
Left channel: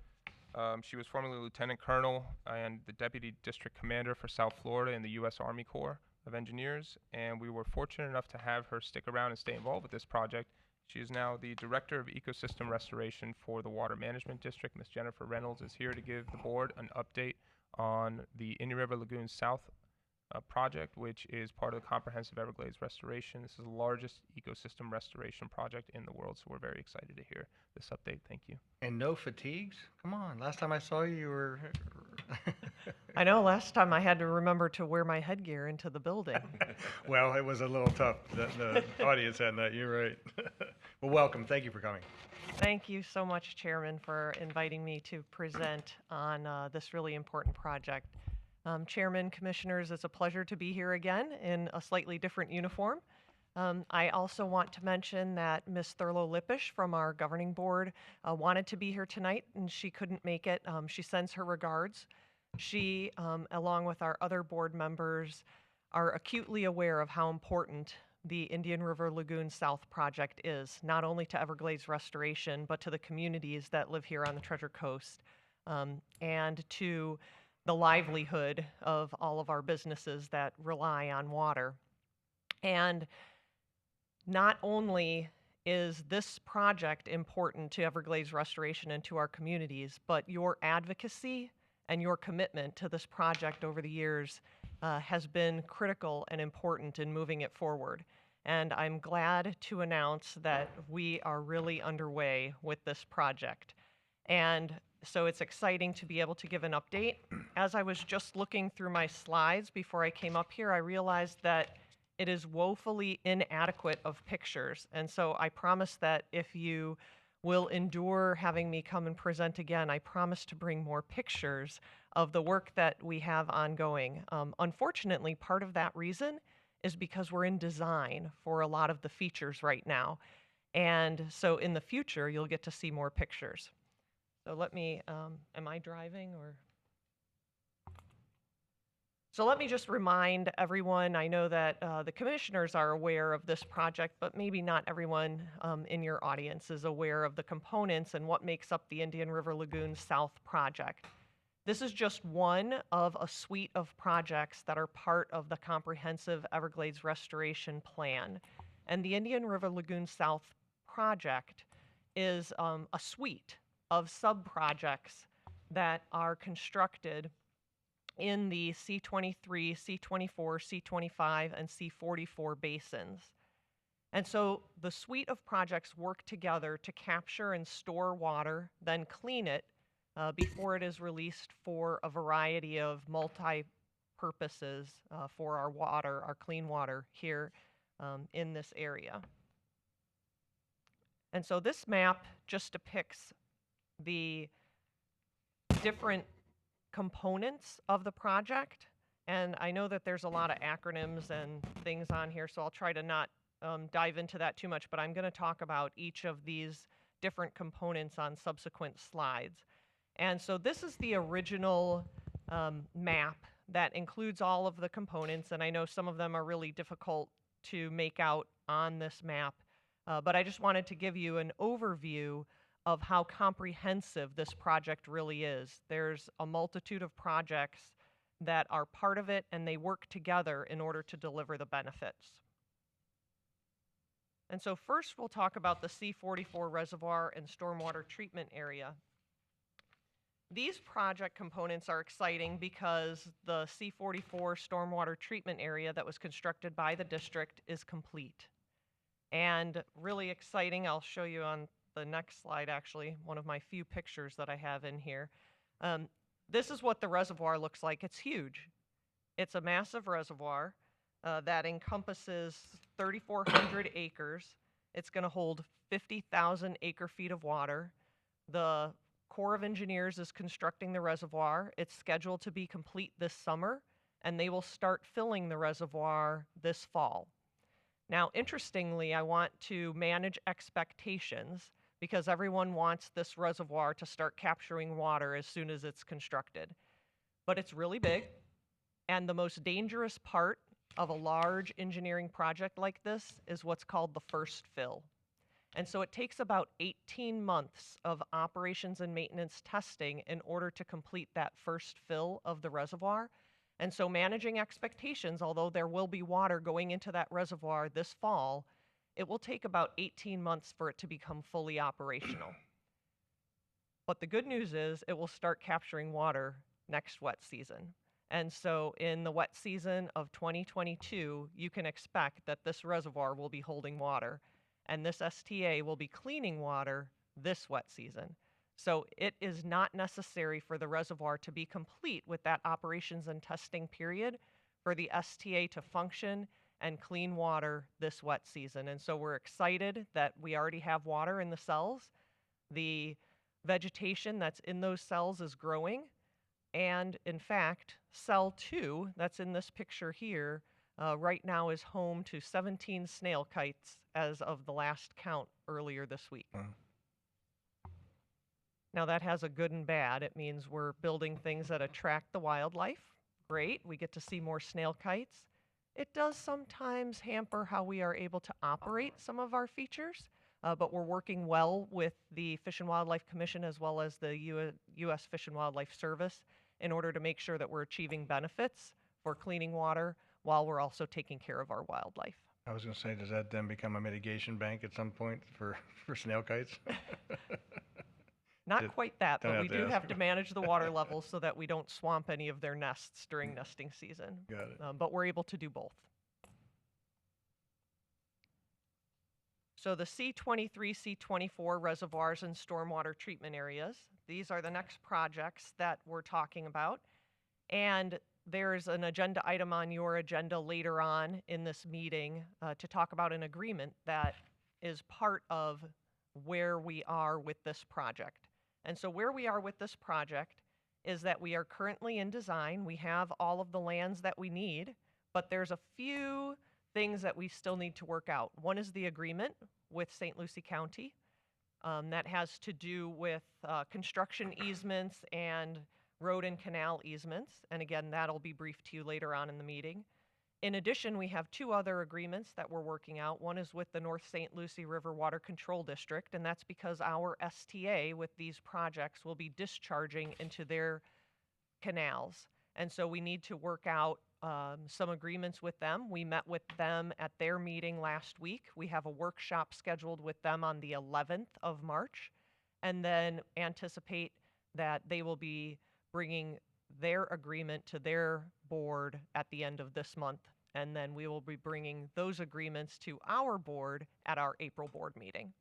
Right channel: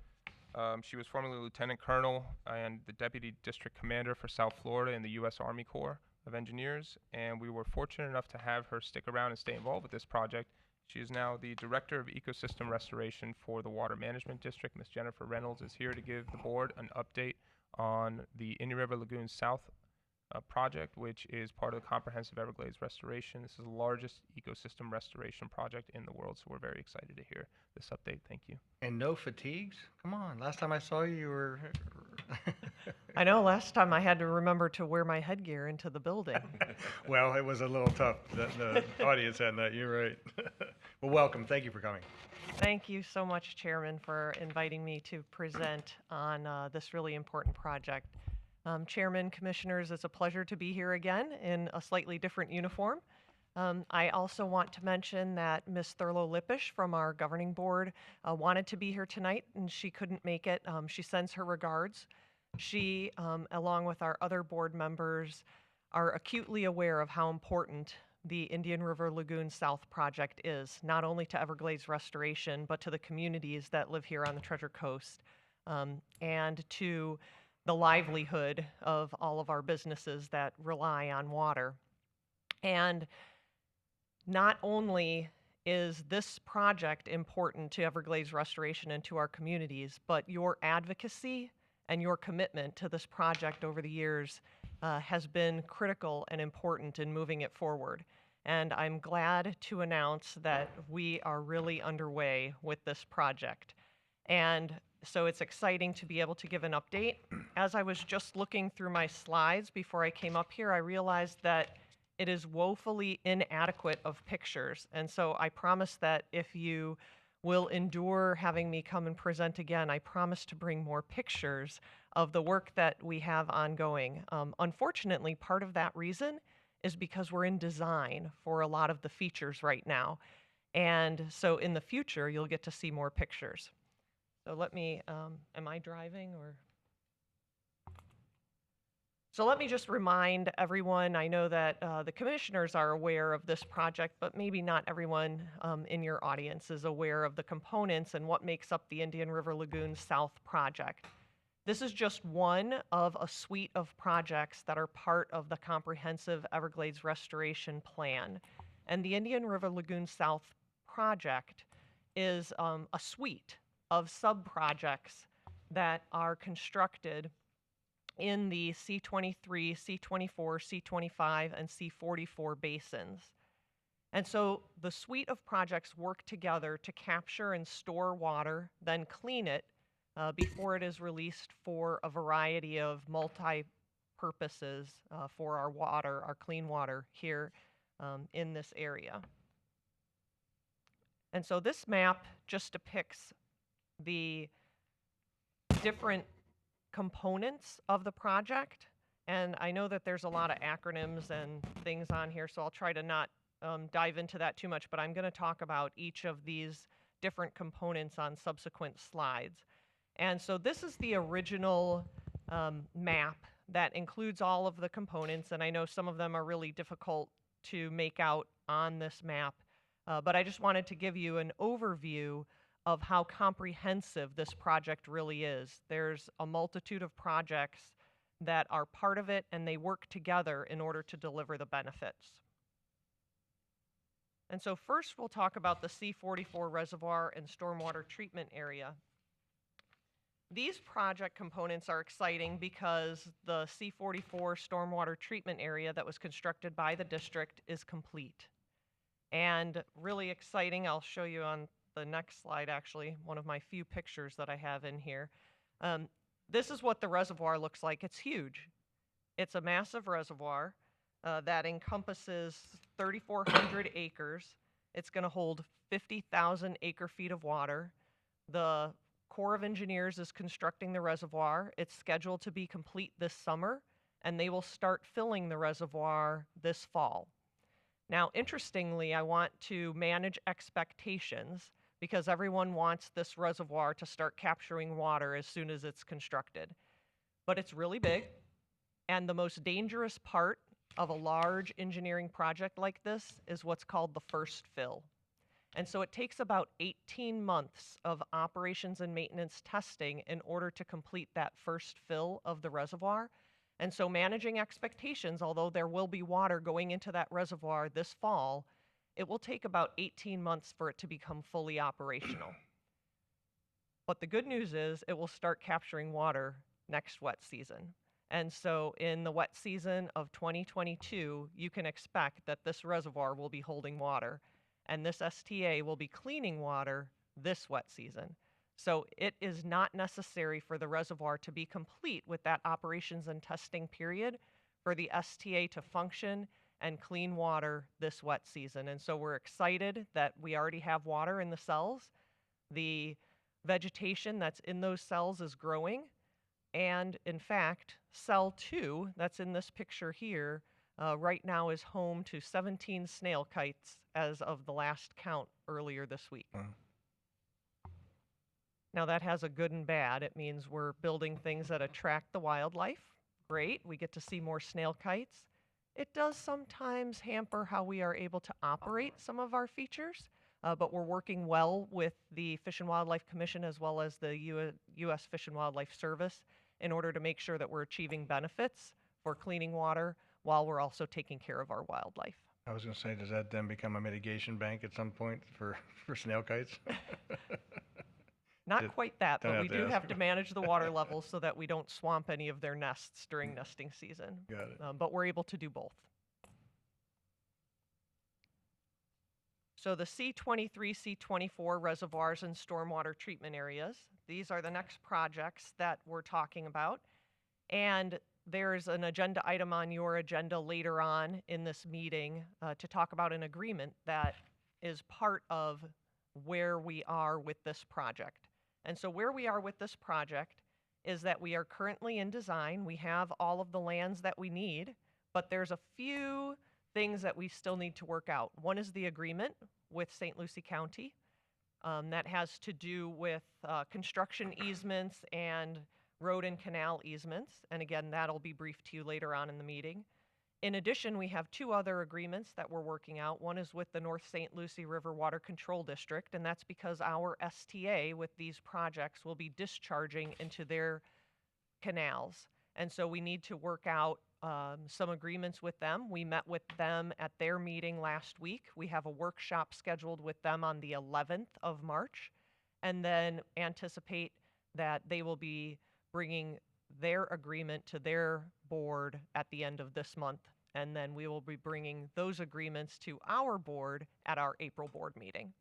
She was formerly Lieutenant Colonel and the Deputy District Commander for South Florida in the U.S. Army Corps of Engineers, and we were fortunate enough to have her stick around and stay involved with this project. She is now the Director of Ecosystem Restoration for the Water Management District. Ms. Jennifer Reynolds is here to give the board an update on the Indian River Lagoon South project, which is part of the Comprehensive Everglades Restoration. This is the largest ecosystem restoration project in the world, so we're very excited to hear this update. Thank you. And no fatigues? Come on, last time I saw you, you were... I know, last time I had to remember to wear my headgear into the building. Well, it was a little tough, the audience had that, you're right. Well, welcome, thank you for coming. Thank you so much, Chairman, for inviting me to present on this really important project. Chairman, Commissioners, it's a pleasure to be here again in a slightly different uniform. I also want to mention that Ms. Thurlow Lippish from our governing board wanted to be here tonight and she couldn't make it. She sends her regards. She, along with our other board members, are acutely aware of how important the Indian River Lagoon South project is, not only to Everglades restoration, but to the communities that live here on the Treasure Coast, and to the livelihood of all of our businesses that rely on water. And not only is this project important to Everglades restoration and to our communities, but your advocacy and your commitment to this project over the years has been critical and important in moving it forward. And I'm glad to announce that we are really underway with this project. And so it's exciting to be able to give an update. As I was just looking through my slides before I came up here, I realized that it is woefully inadequate of pictures. And so I promise that if you will endure having me come and present again, I promise to bring more pictures of the work that we have ongoing. Unfortunately, part of that reason is because we're in design for a lot of the features right now. And so in the future, you'll get to see more pictures. So let me, am I driving or? So let me just remind everyone, I know that the commissioners are aware of this project, but maybe not everyone in your audience is aware of the components and what makes up the Indian River Lagoon South project. This is just one of a suite of projects that are part of the Comprehensive Everglades Restoration Plan. And the Indian River Lagoon South project is a suite of sub-projects that are constructed in the C23, C24, C25, and C44 basins. And so the suite of projects work together to capture and store water, then clean it before it is released for a variety of multi-purposes for our water, our clean water here in this area. And so this map just depicts the different components of the project. And I know that there's a lot of acronyms and things on here, so I'll try to not dive into that too much, but I'm going to talk about each of these different components on subsequent slides. And so this is the original map that includes all of the components, and I know some of them are really difficult to make out on this map, but I just wanted to give you an overview of how comprehensive this project really is. There's a multitude of projects that are part of it, and they work together in order to deliver the benefits. And so first we'll talk about the C-44 reservoir and stormwater treatment area. These project components are exciting because the C-44 stormwater treatment area that was constructed by the district is complete. And really exciting, I'll show you on the next slide actually, one of my few pictures that I have in here. This is what the reservoir looks like. It's huge. It's a massive reservoir that encompasses 3,400 acres. It's going to hold 50,000 acre-feet of water. The Corps of Engineers is constructing the reservoir. It's scheduled to be complete this summer, and they will start filling the reservoir this fall. Now, interestingly, I want to manage expectations because everyone wants this reservoir to start capturing water as soon as it's constructed. But it's really big, and the most dangerous part of a large engineering project like this is what's called the first fill. And so it takes about 18 months of operations and maintenance testing in order to complete that first fill of the reservoir. And so managing expectations, although there will be water going into that reservoir this fall, it will take about 18 months for it to become fully operational. But the good news is it will start capturing water next wet season. And so in the wet season of 2022, you can expect that this reservoir will be holding water, and this STA will be cleaning water this wet season. So it is not necessary for the reservoir to be complete with that operations and testing period for the STA to function and clean water this wet season. And so we're excited that we already have water in the cells. The vegetation that's in those cells is growing. And in fact, cell 2, that's in this picture here, right now is home to 17 snail kites as of the last count earlier this week. Now that has a good and bad. It means we're building things that attract the wildlife. Great, we get to see more snail kites. It does sometimes hamper how we are able to operate some of our features, but we're working well with the Fish and Wildlife Commission as well as the U.S. Fish and Wildlife Service in order to make sure that we're achieving benefits for cleaning water while we're also taking care of our wildlife. I was going to say, does that then become a mitigation bank at some point for snail kites? Not quite that, but we do have to ask. manage the water levels so that we don't swamp any of their nests during nesting season. Got it. But we're able to do both. So the C23, C24 reservoirs and stormwater treatment areas, these are the next projects that we're talking about. And there's an agenda item on your agenda later on in this meeting to talk about an agreement that is part of where we are with this project. And so where we are with this project is that we are currently in design. We have all of the lands that we need, but there's a few things that we still need to work out. One is the agreement with St. Lucie County. That has to do with construction easements and road and canal easements. And again, that'll be briefed to you later on in the meeting. In addition, we have two other agreements that we're working out. One is with the North St. Lucie River Water Control District, and that's because our STA with these projects will be discharging into their canals. And so we need to work out some agreements with them. We met with them at their meeting last week. We have a workshop scheduled with them on the 11th of March, and then anticipate that they will be bringing their agreement to their board at the end of this month. And then we will be bringing those agreements to our board at our April board meeting.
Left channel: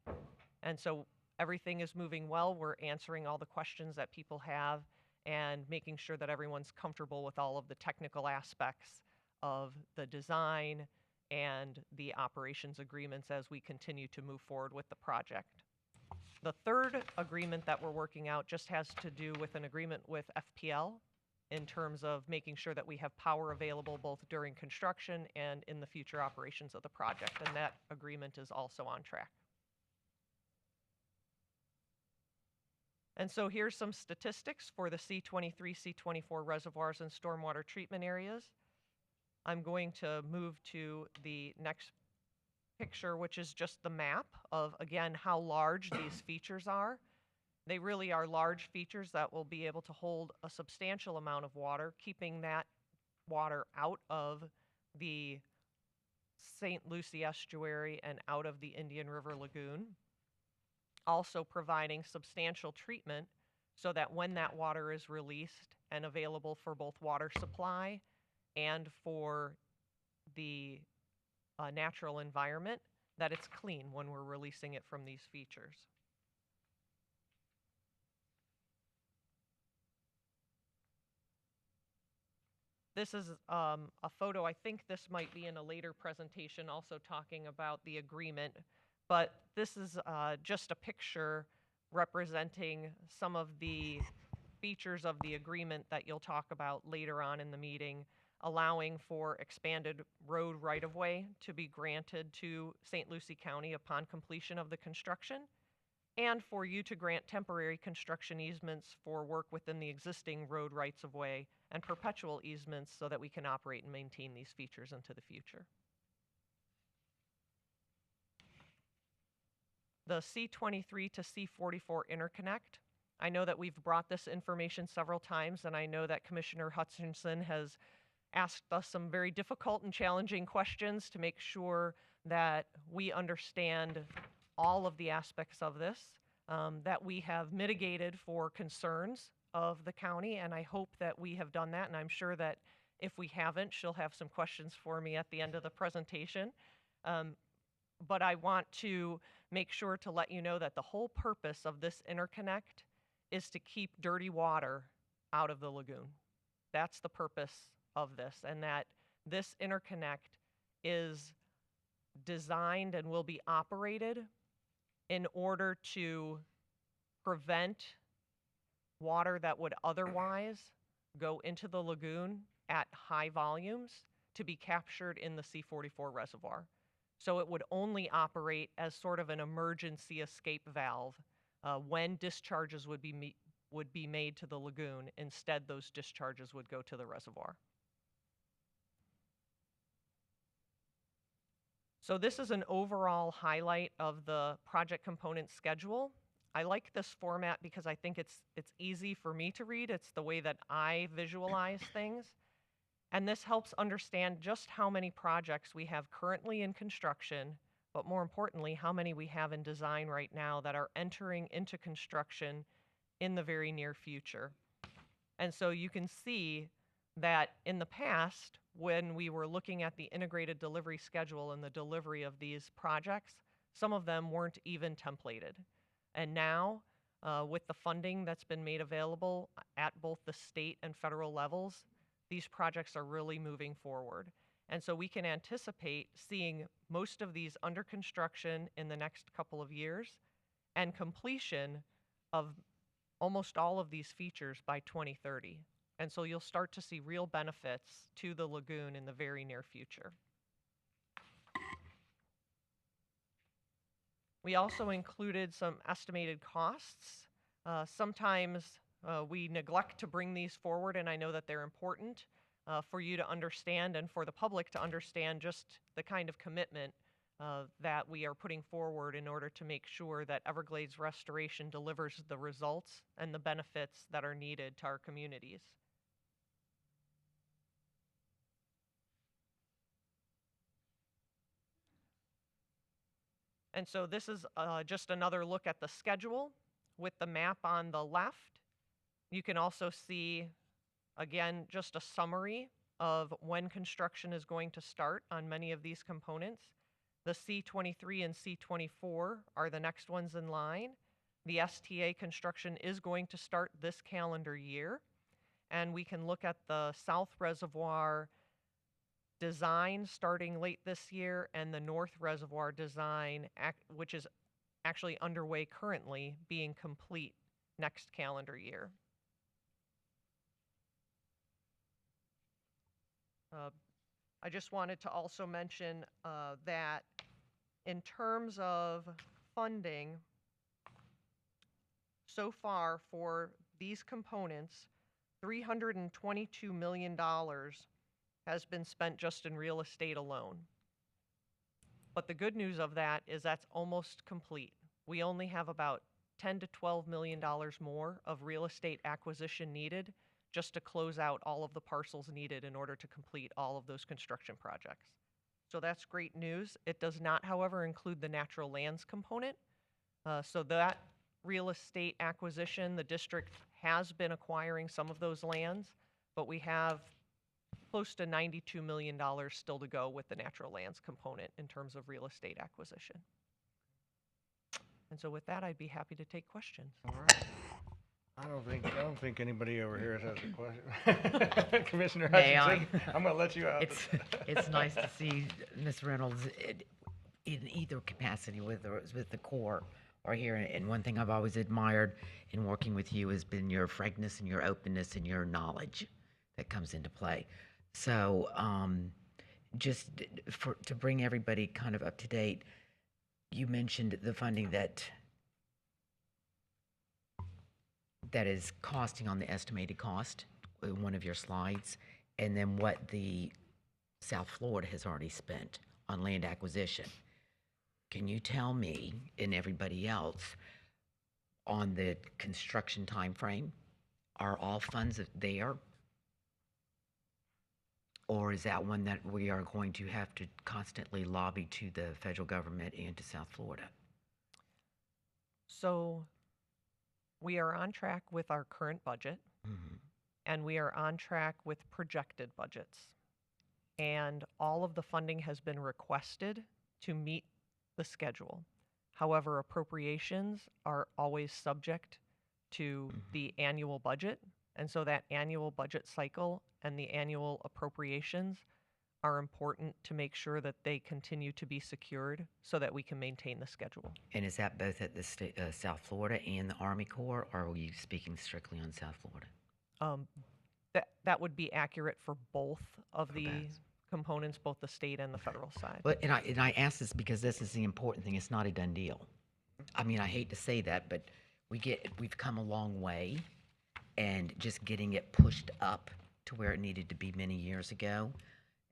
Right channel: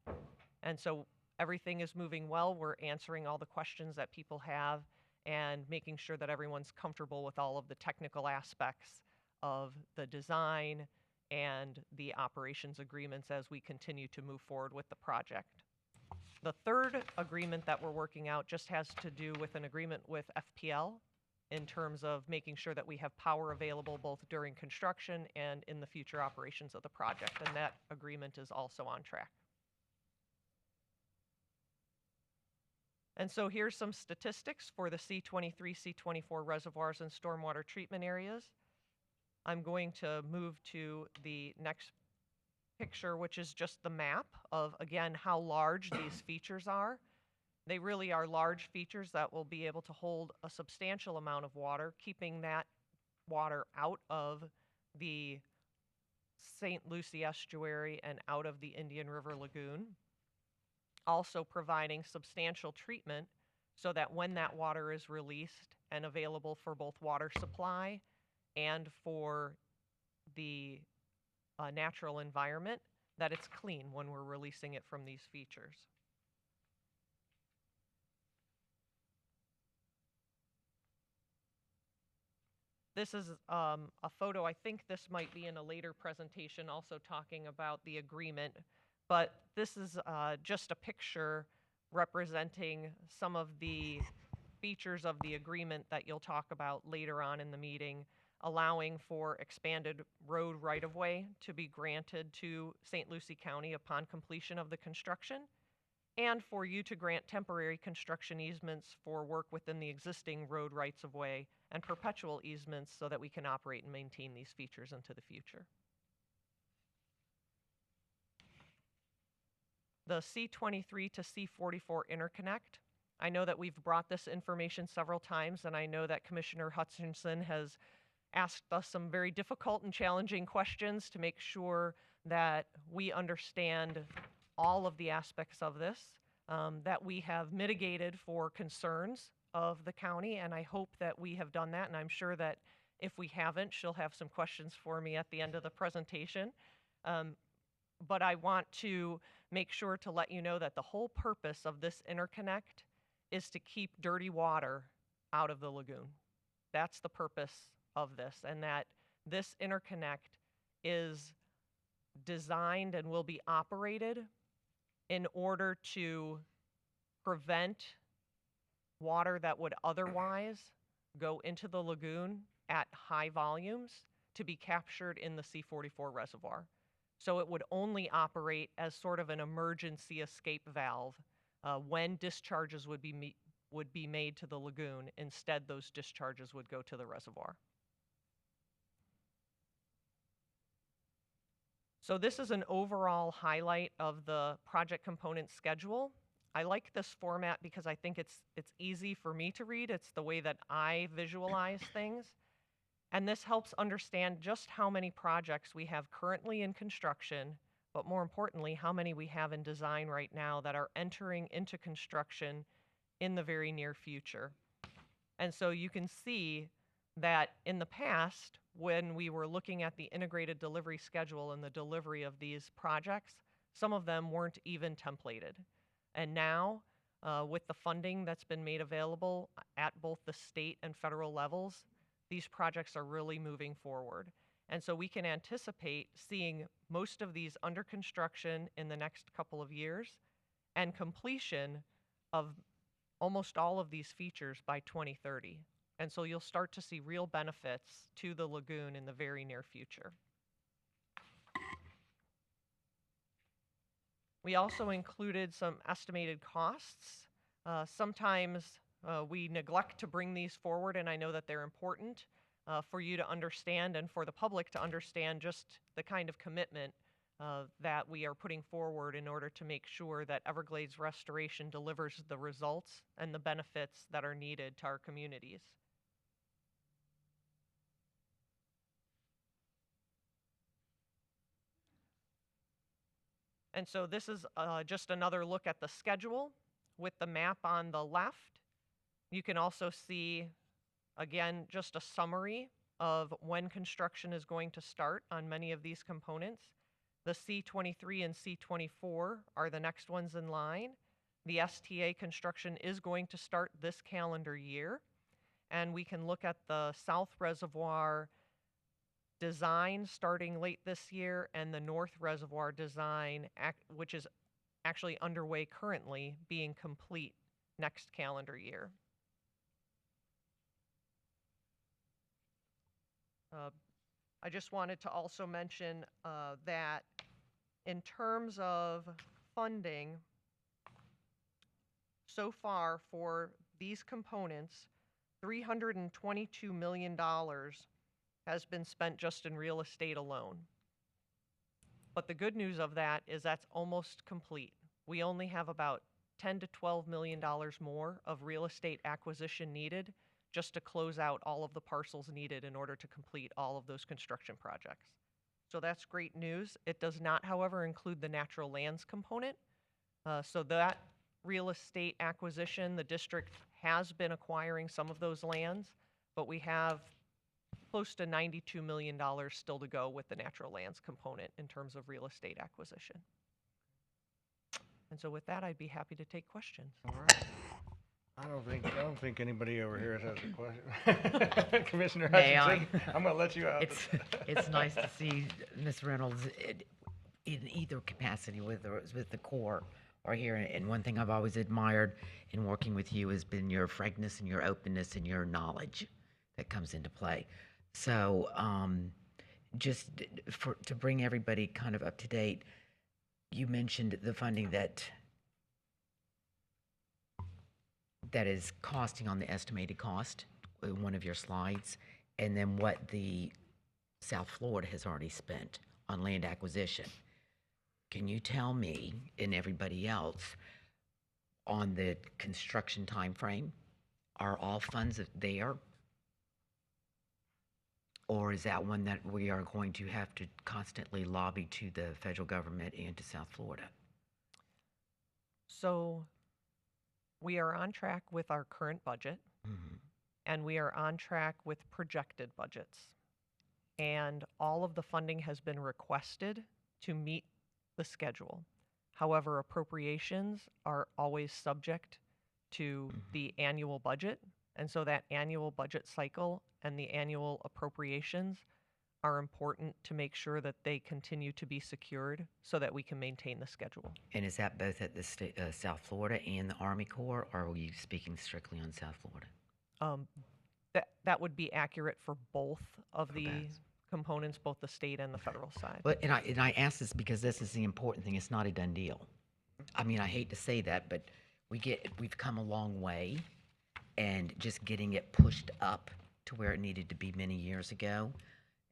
And so everything is moving well. We're answering all the questions that people have and making sure that everyone's comfortable with all of the technical aspects of the design and the operations agreements as we continue to move forward with the project. The third agreement that we're working out just has to do with an agreement with FPL. in terms of making sure that we have power available both during construction and in the future operations of the project, and that agreement is also on track. And so here's some statistics for the C23, C24 reservoirs and stormwater treatment areas. I'm going to move to the next picture, which is just the map of, again, how large these features are. They really are large features that will be able to hold a substantial amount of water, keeping that water out of the St. Lucie estuary and out of the Indian River Lagoon. Also providing substantial treatment so that when that water is released and available for both water supply and for the natural environment, that it's clean when we're releasing it from these features. This is a photo. I think this might be in a later presentation also talking about the agreement, but this is just a picture representing some of the features of the agreement that you'll talk about later on in the meeting, allowing for expanded road right-of-way to be granted to St. Lucie County upon completion of the construction, and for you to grant temporary construction easements for work within the existing road rights-of-way and perpetual easements so that we can operate and maintain these features into the future. The C23 to C44 interconnect. I know that we've brought this information several times, and I know that Commissioner Hutchinson has asked us some very difficult and challenging questions to make sure that we understand all of the aspects of this, that we have mitigated for concerns of the county, and I hope that we have done that, and I'm sure that if we haven't, she'll have some questions for me at the end of the presentation. But I want to make sure to let you know that the whole purpose of this interconnect is to keep dirty water out of the lagoon. That's the purpose of this, and that this interconnect is designed and will be operated in order to prevent water that would otherwise go into the lagoon at high volumes to be captured in the C44 reservoir. So it would only operate as sort of an emergency escape valve when discharges would be made to the lagoon. Instead, those discharges would go to the reservoir. So this is an overall highlight of the project component schedule. I like this format because I think it's easy for me to read. It's the way that I visualize things. And this helps understand just how many projects we have currently in construction, but more importantly, how many we have in design right now that are entering into construction in the very near future. And so you can see that in the past, when we were looking at the integrated delivery schedule and the delivery of these projects, some of them weren't even templated. And now, with the funding that's been made available at both the state and federal levels, these projects are really moving forward. And so we can anticipate seeing most of these under construction in the next couple of years and completion of almost all of these features by 2030. And so you'll start to see real benefits to the lagoon in the very near future. We also included some estimated costs. Sometimes we neglect to bring these forward, and I know that they're important for you to understand and for the public to understand just the kind of commitment that we are putting forward in order to make sure that Everglades Restoration delivers the results and the benefits that are needed to our communities. And so this is just another look at the schedule with the map on the left. You can also see, again, just a summary of when construction is going to start on many of these components. The C23 and C24 are the next ones in line. The STA construction is going to start this calendar year. And we can look at the South Reservoir design starting late this year and the North Reservoir design, which is actually underway currently, being complete next calendar year. I just wanted to also mention that in terms of funding, so far for these components, $322 million has been spent just in real estate alone. But the good news of that is that's almost complete. We only have about $10 to $12 million more of real estate acquisition needed just to close out all of the parcels needed in order to complete all of those construction projects. So that's great news. It does not, however, include the natural lands component. So that real estate acquisition, the district has been acquiring some of those lands, but we have close to $92 million still to go with the natural lands component in terms of real estate acquisition. And so with that, I'd be happy to take questions. All right. I don't think anybody over here has a question. Commissioner May Hutchinson, I'm going to let you out. It's nice to see Ms. Reynolds in either capacity, whether it's with the Corps or here. And one thing I've always admired in working with you has been your frankness and your openness and your knowledge that comes into play. So just to bring everybody kind of up to date, you mentioned the funding that is costing on the estimated cost in one of your slides, and then what the South Florida has already spent on land acquisition. Can you tell me and everybody else on the construction time frame, are all funds there? Or is that one that we are going to have to constantly lobby to the federal government and to South Florida? So we are on track with our current budget, and we are on track with projected budgets. And all of the funding has been requested to meet the schedule. However, appropriations are always subject to the annual budget. And so that annual budget cycle and the annual appropriations are important to make sure that they continue to be secured so that we can maintain the schedule. And is that both at the South Florida and the Army Corps, or are we speaking strictly on South Florida? That would be accurate for both of the components, both the state and the federal side. But and I ask this because this is the important thing. It's not a done deal. I mean, I hate to say that, but we've come a long way, and just getting it pushed up to where it needed to be many years ago.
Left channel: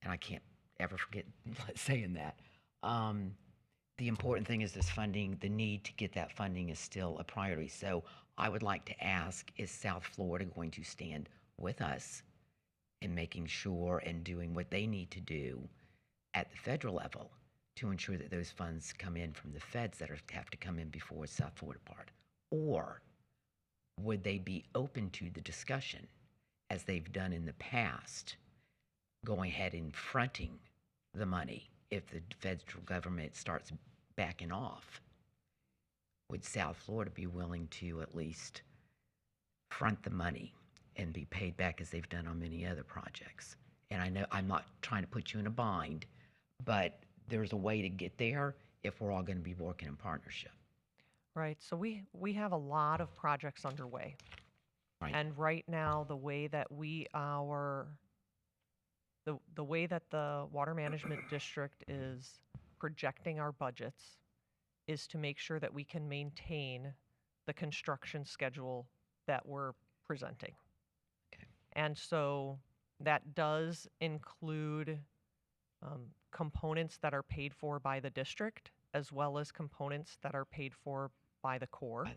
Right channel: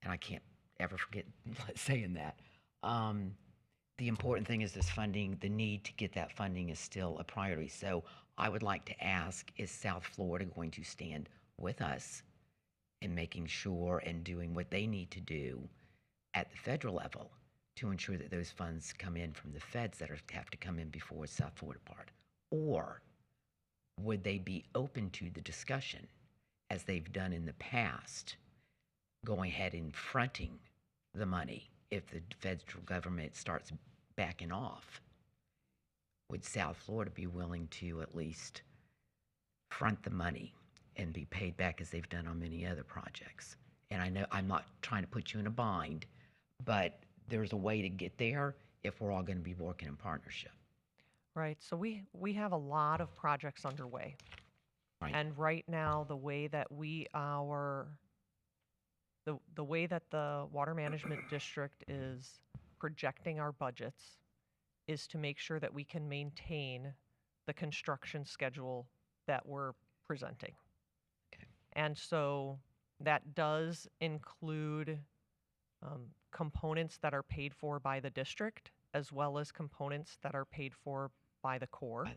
And I can't ever forget saying that. The important thing is this funding, the need to get that funding is still a priority. So I would like to ask, is South Florida going to stand with us in making sure and doing what they need to do at the federal level to ensure that those funds come in from the feds that have to come in before South Florida part? Or would they be open to the discussion, as they've done in the past, going ahead and fronting the money if the federal government starts backing off? Would South Florida be willing to at least front the money and be paid back as they've done on many other projects? And I know I'm not trying to put you in a bind, but there's a way to get there if we're all going to be working in partnership. Right. So we have a lot of projects underway. Right. And right now, the way that the way that the Water Management District is projecting our budgets is to make sure that we can maintain the construction schedule that we're presenting. Okay. And so that does include components that are paid for by the district, as well as components that are paid for by the Corps.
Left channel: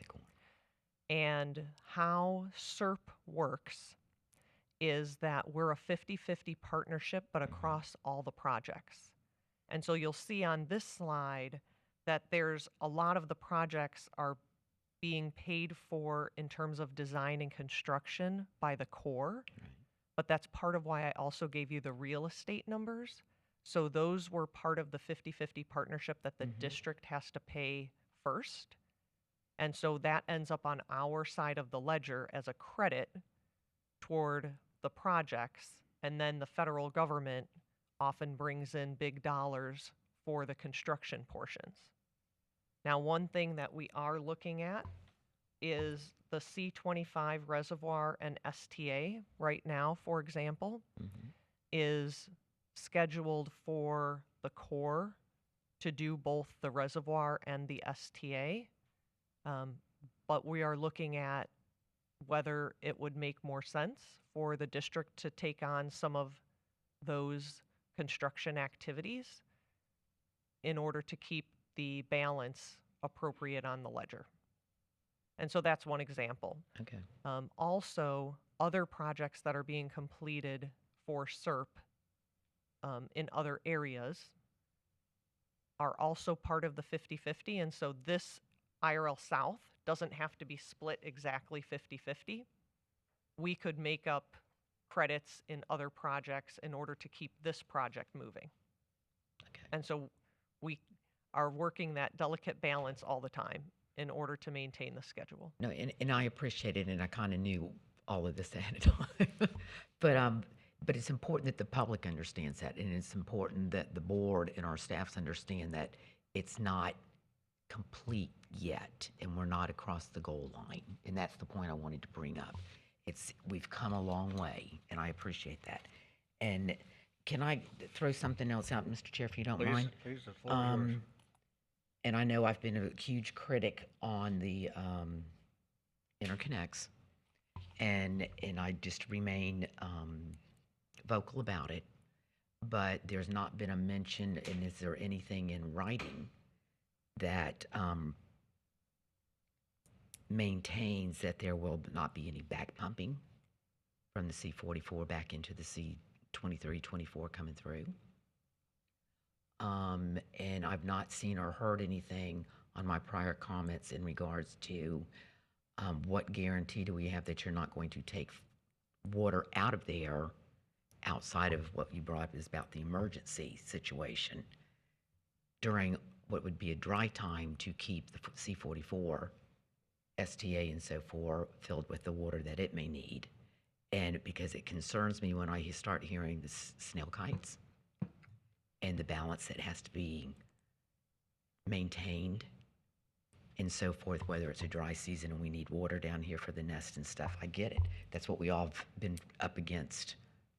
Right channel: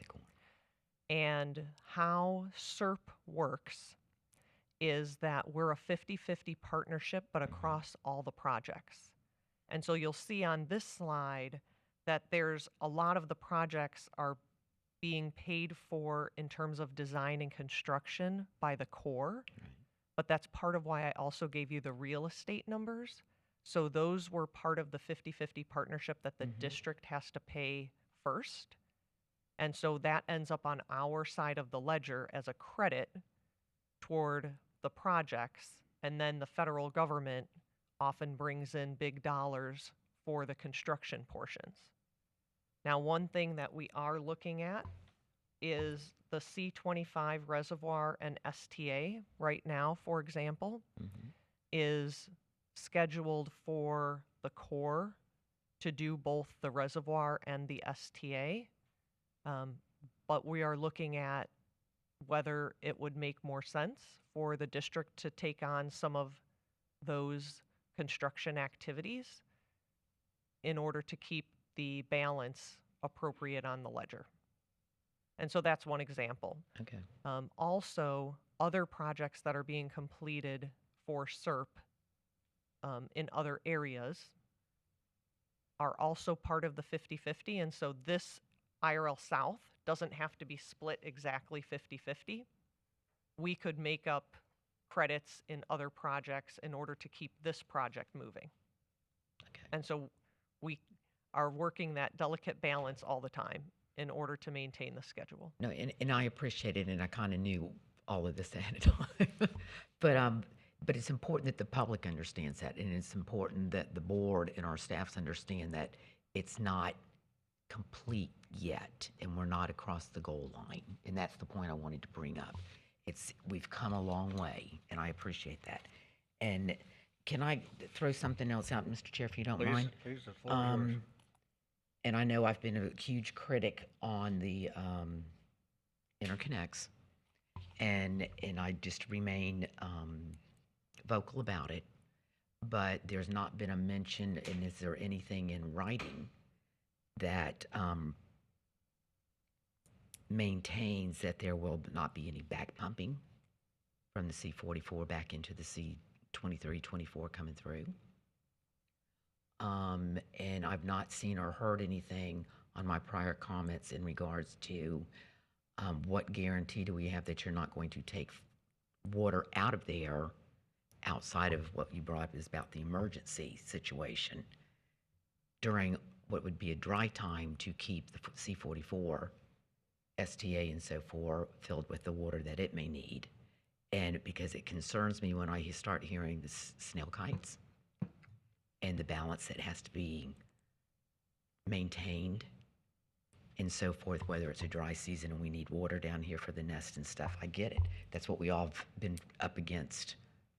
And how SERP works is that we're a 50-50 partnership, but across all the projects. And so you'll see on this slide that there's a lot of the projects are being paid for in terms of design and construction by the Corps, but that's part of why I also gave you the real estate numbers. So those were part of the 50-50 partnership that the district has to pay first. And so that ends up on our side of the ledger as a credit toward the projects. And then the federal government often brings in big dollars for the construction portions. Now, one thing that we are looking at is the C-25 reservoir and STA right now, for example. is scheduled for the Corps to do both the reservoir and the STA. But we are looking at whether it would make more sense for the district to take on some of those construction activities in order to keep the balance appropriate on the ledger. And so that's one example. Okay. Also, other projects that are being completed for SERP in other areas are also part of the 50-50. And so this IRL South doesn't have to be split exactly 50-50. We could make up credits in other projects in order to keep this project moving. Okay. And so we are working that delicate balance all the time in order to maintain the schedule. No, and I appreciate it, and I kind of knew all of this ahead of time. But it's important that the public understands that, and it's important that the board and our staffs understand that it's not complete yet, and we're not across the goal line. And that's the point I wanted to bring up. We've come a long way, and I appreciate that. And can I throw something else out, Mr. Chair, if you don't mind? Please, the floor is yours. And I know I've been a huge critic on the interconnects, and I just remain vocal about it. But there's not been a mention, and is there anything in writing that maintains that there will not be any back pumping from the C44 back into the C23-24 coming through? And I've not seen or heard anything on my prior comments in regards to what guarantee do we have that you're not going to take water out of there outside of what you brought up is about the emergency situation during what would be a dry time to keep the C44, STA and so forth filled with the water that it may need. And because it concerns me when I start hearing the snail kites and the balance that has to be maintained and so forth, whether it's a dry season and we need water down here for the nest and stuff. I get it. That's what we all have been up against.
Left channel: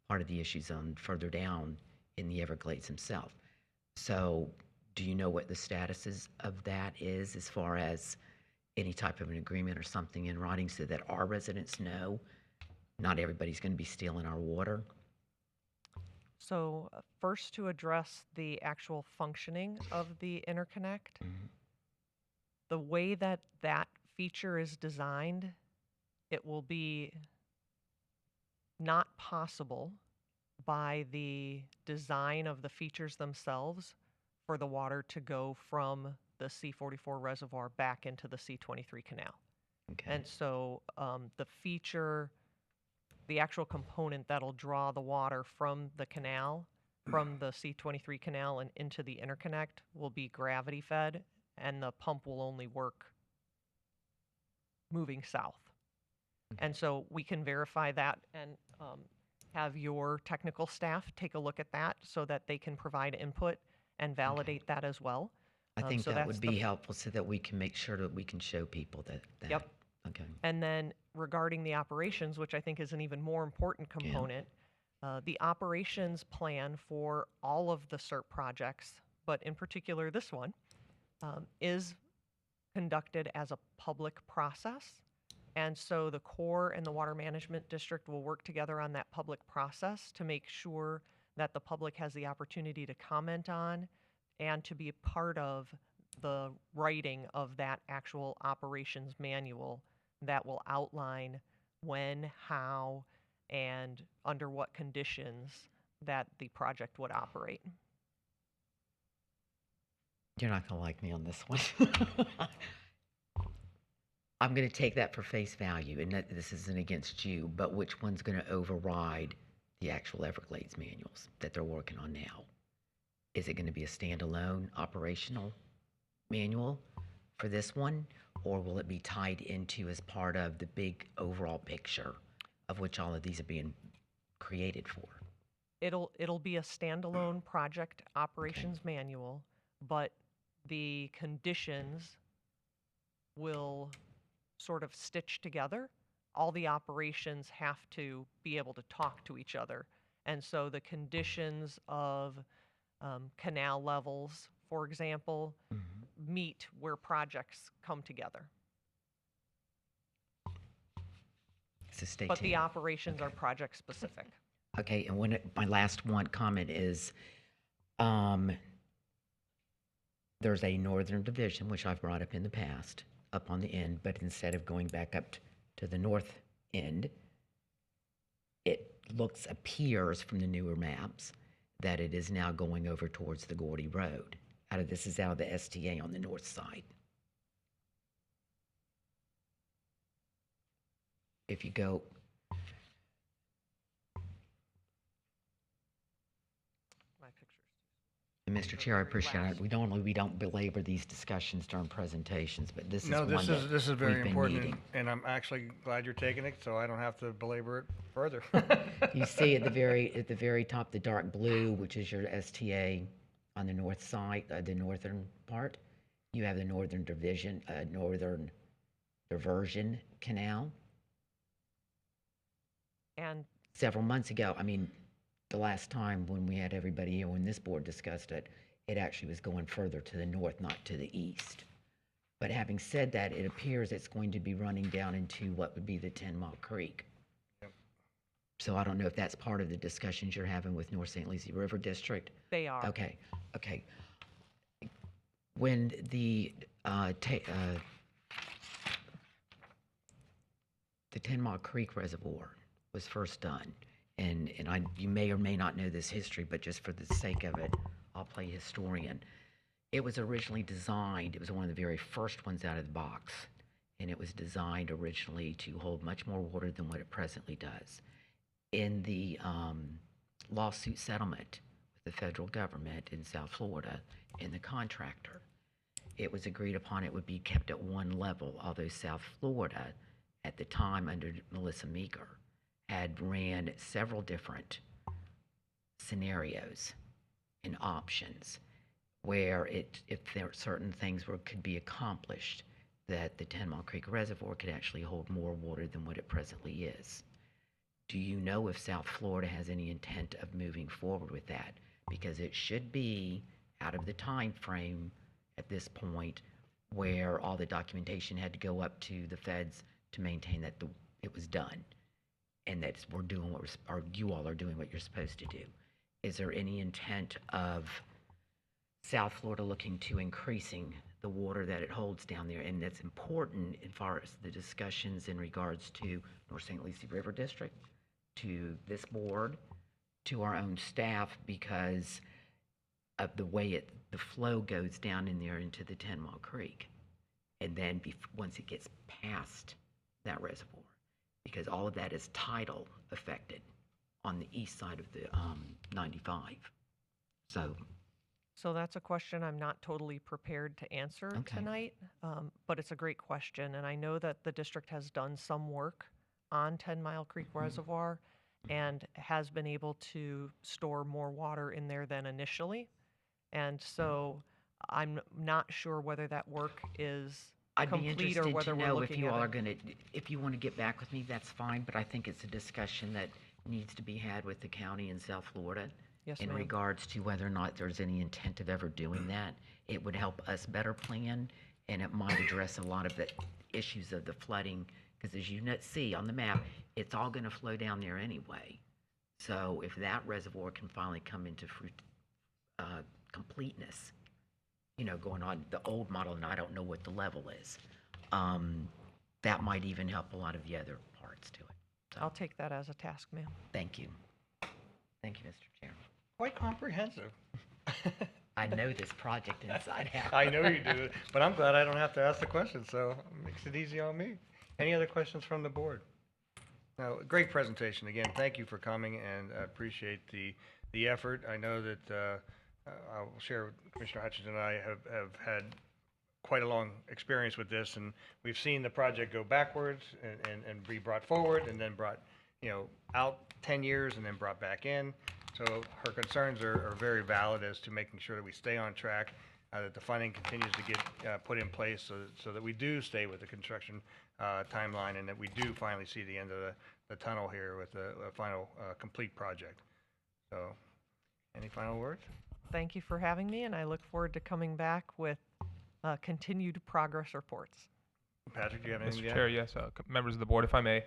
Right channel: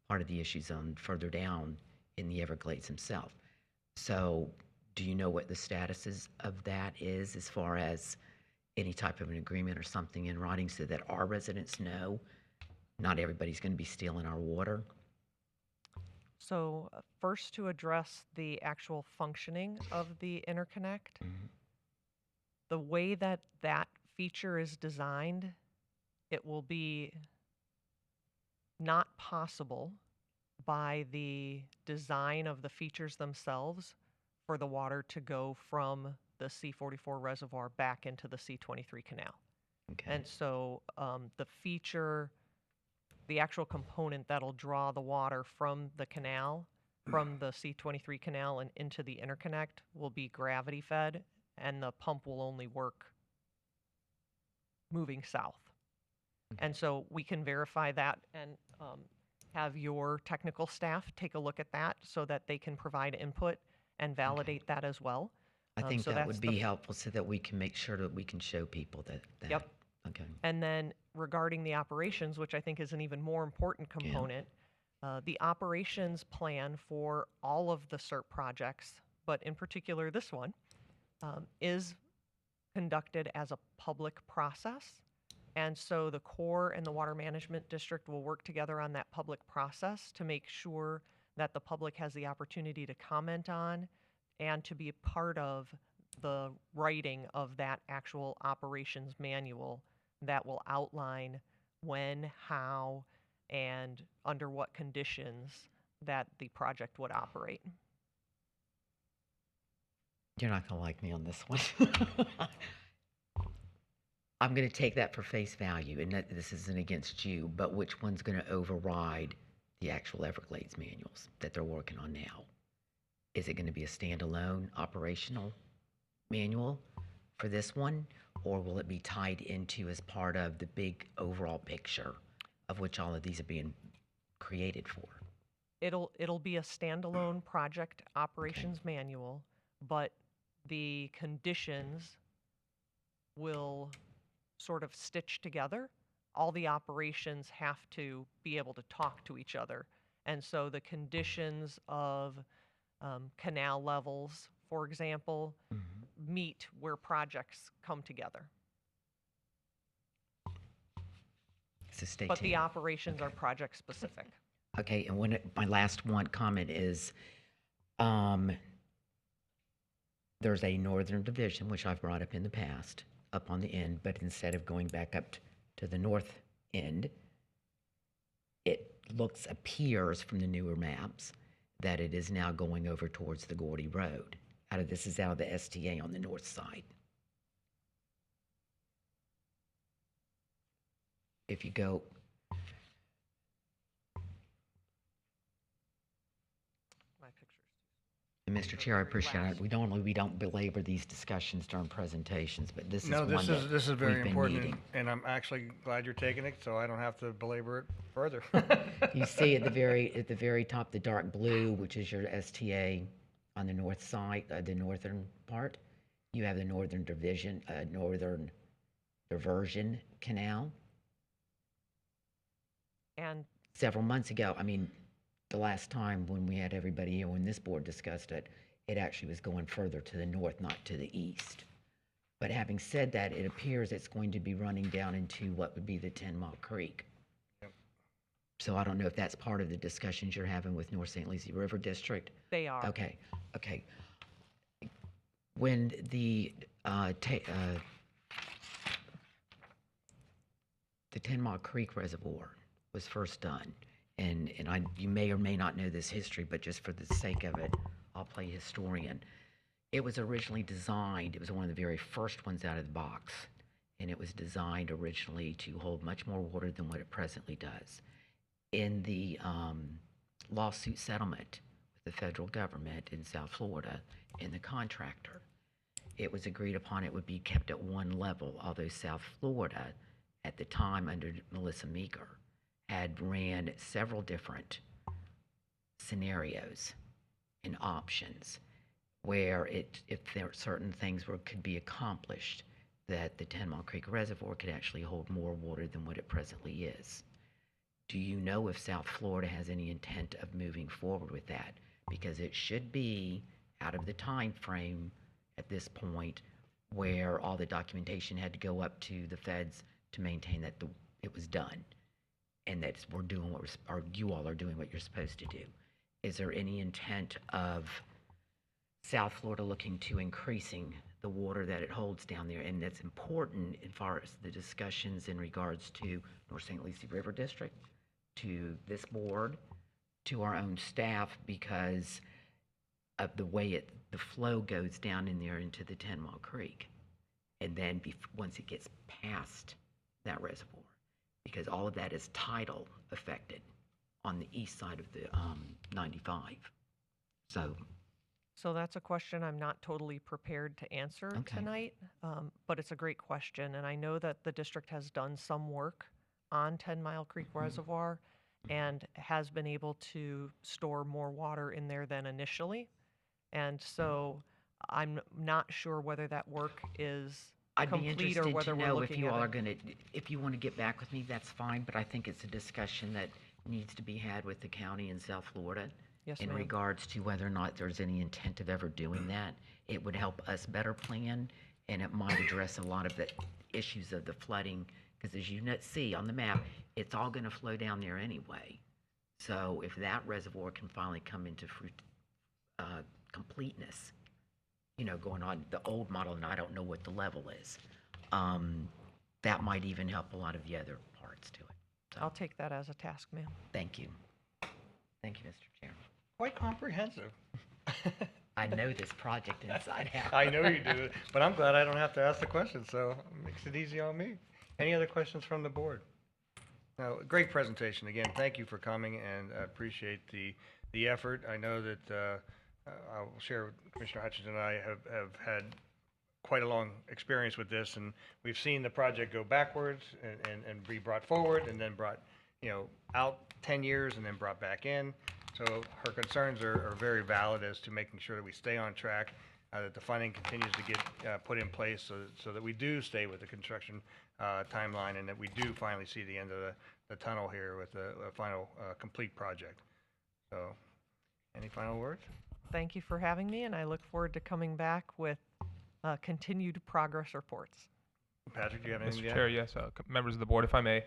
Part of the issues on further down in the Everglades himself. So do you know what the status of that is as far as any type of an agreement or something in writing so that our residents know not everybody's going to be stealing our water? So first, to address the actual functioning of the interconnect, the way that that feature is designed, it will be not possible by the design of the features themselves for the water to go from the C44 reservoir back into the C23 canal. Okay. And so the feature, the actual component that'll draw the water from the canal, from the C23 canal and into the interconnect will be gravity fed, and the pump will only work moving south. And so we can verify that and have your technical staff take a look at that so that they can provide input and validate that as well. I think so that would that's be the- helpful so that we can make sure that we can show people that. Yep. Okay. And then regarding the operations, which I think is an even more important component, the operations plan for all of the SERP projects, but in particular this one, is conducted as a public process. And so the Corps and the Water Management District will work together on that public process to make sure that the public has the opportunity to comment on and to be a part of the writing of that actual operations manual that will outline when, how, and under what conditions that the project would operate. You're not going to like me on this one. I'm going to take that for face value, and that this isn't against you, but which one's going to override the actual Everglades manuals that they're working on now? Is it going to be a standalone operational manual for this one, or will it be tied into as part of the big overall picture of which all of these are being created for? It'll be a standalone project operations manual, but the conditions will sort of stitch together. All the operations have to be able to talk to each other And so the conditions of canal levels, for example, meet where projects come together. So stay But the tuned. operations are project specific. Okay, and my last one comment is, there's a northern division, which I've brought up in the past, up on the end, but instead of going back up to the north end, it appears from the newer maps that it is now going over towards the Gordy Road. This is out of the STA on the north side. If you go, My pictures. and Mr. Chair, I appreciate it. We don't belabor these discussions during presentations, but this is No, one this that is very we've been important, needing. and I'm actually glad you're taking it, so I don't have to belabor it further. You see at the very top, the dark blue, which is your STA on the north side, the northern part. You have the northern diversion canal. And Several months ago, the last time when we had everybody here, when this board discussed it, it actually was going further to the north, not to the east. But having said that, it appears it's going to be running down into what would be the 10 Mile Creek. So I don't know if that's part of the discussions you're having with North St. Lucie River District. they are. Okay. When the 10 Mile Creek Reservoir was first done, and you may or may not know this history, but just for the sake of it, I'll play historian. It was originally designed, it was one of the very first ones out of the box, and it was designed originally to hold much more water than what it presently does. In the lawsuit settlement with the federal government in South Florida and the contractor, it was agreed upon it would be kept at one level, although South Florida, at the time under Melissa Meeker, had ran several different scenarios and options where if there are certain things could be accomplished, that the 10 Mile Creek Reservoir could actually hold more water than what it presently is. Do you know if South Florida has any intent of moving forward with that? Because it should be out of the time frame at this point where all the documentation had to go up to the feds to maintain that it was done, and that we're doing or you all are doing what you're supposed to do. Is there any intent of South Florida looking to increasing the water that it holds down there? And that's important as far as the discussions in regards to North St. Lucie River District, to this board, to our own staff, because of the way the flow goes down in there into the 10 Mile Creek. And then once it gets past that reservoir, because all of that is tidal affected on the east side of the 95. So that's a question I'm not totally prepared to answer tonight, but it's a great question. And I know that the district has done some work on 10 Mile Creek Reservoir and has been able to store more water in there than initially. And so I'm not sure whether that work is I'd be complete or interested whether to we're know if looking you at all are it. going to, if you want to get back with me, that's fine, but I think it's a discussion that needs to be had with the county in South Florida Yes, in ma'am. regards to whether or not there's any intent of ever doing that. It would help us better plan, and it might address a lot of the issues of the flooding, because as you see on the map, it's all going to flow down there anyway. So if that reservoir can finally come into completeness, going on the old model, and I don't know what the level is, that might even help a lot of the other parts to it. So, I'll take that as a task, ma'am. thank you. Thank you, Mr. Chairman. Quite comprehensive. I know this project inside out. I know you do, but I'm glad I don't have to ask the question, so it makes it easy on me. Any other questions from the board? No, great presentation. Again, thank you for coming, and I appreciate the effort. I know that I'll share with Commissioner Hutchinson and I have had quite a long experience with this, and we've seen the project go backwards and be brought forward, and then brought out 10 years and then brought back in. So her concerns are very valid as to making sure that we stay on track, that the funding continues to get put in place so that we do stay with the construction timeline, and that we do finally see the end of the tunnel here with a final complete project. So, any final words? Thank you for having me, and I look forward to coming back with continued progress reports. Patrick, do you have anything Mr. to add? Chair, yes, members of the board, if I may,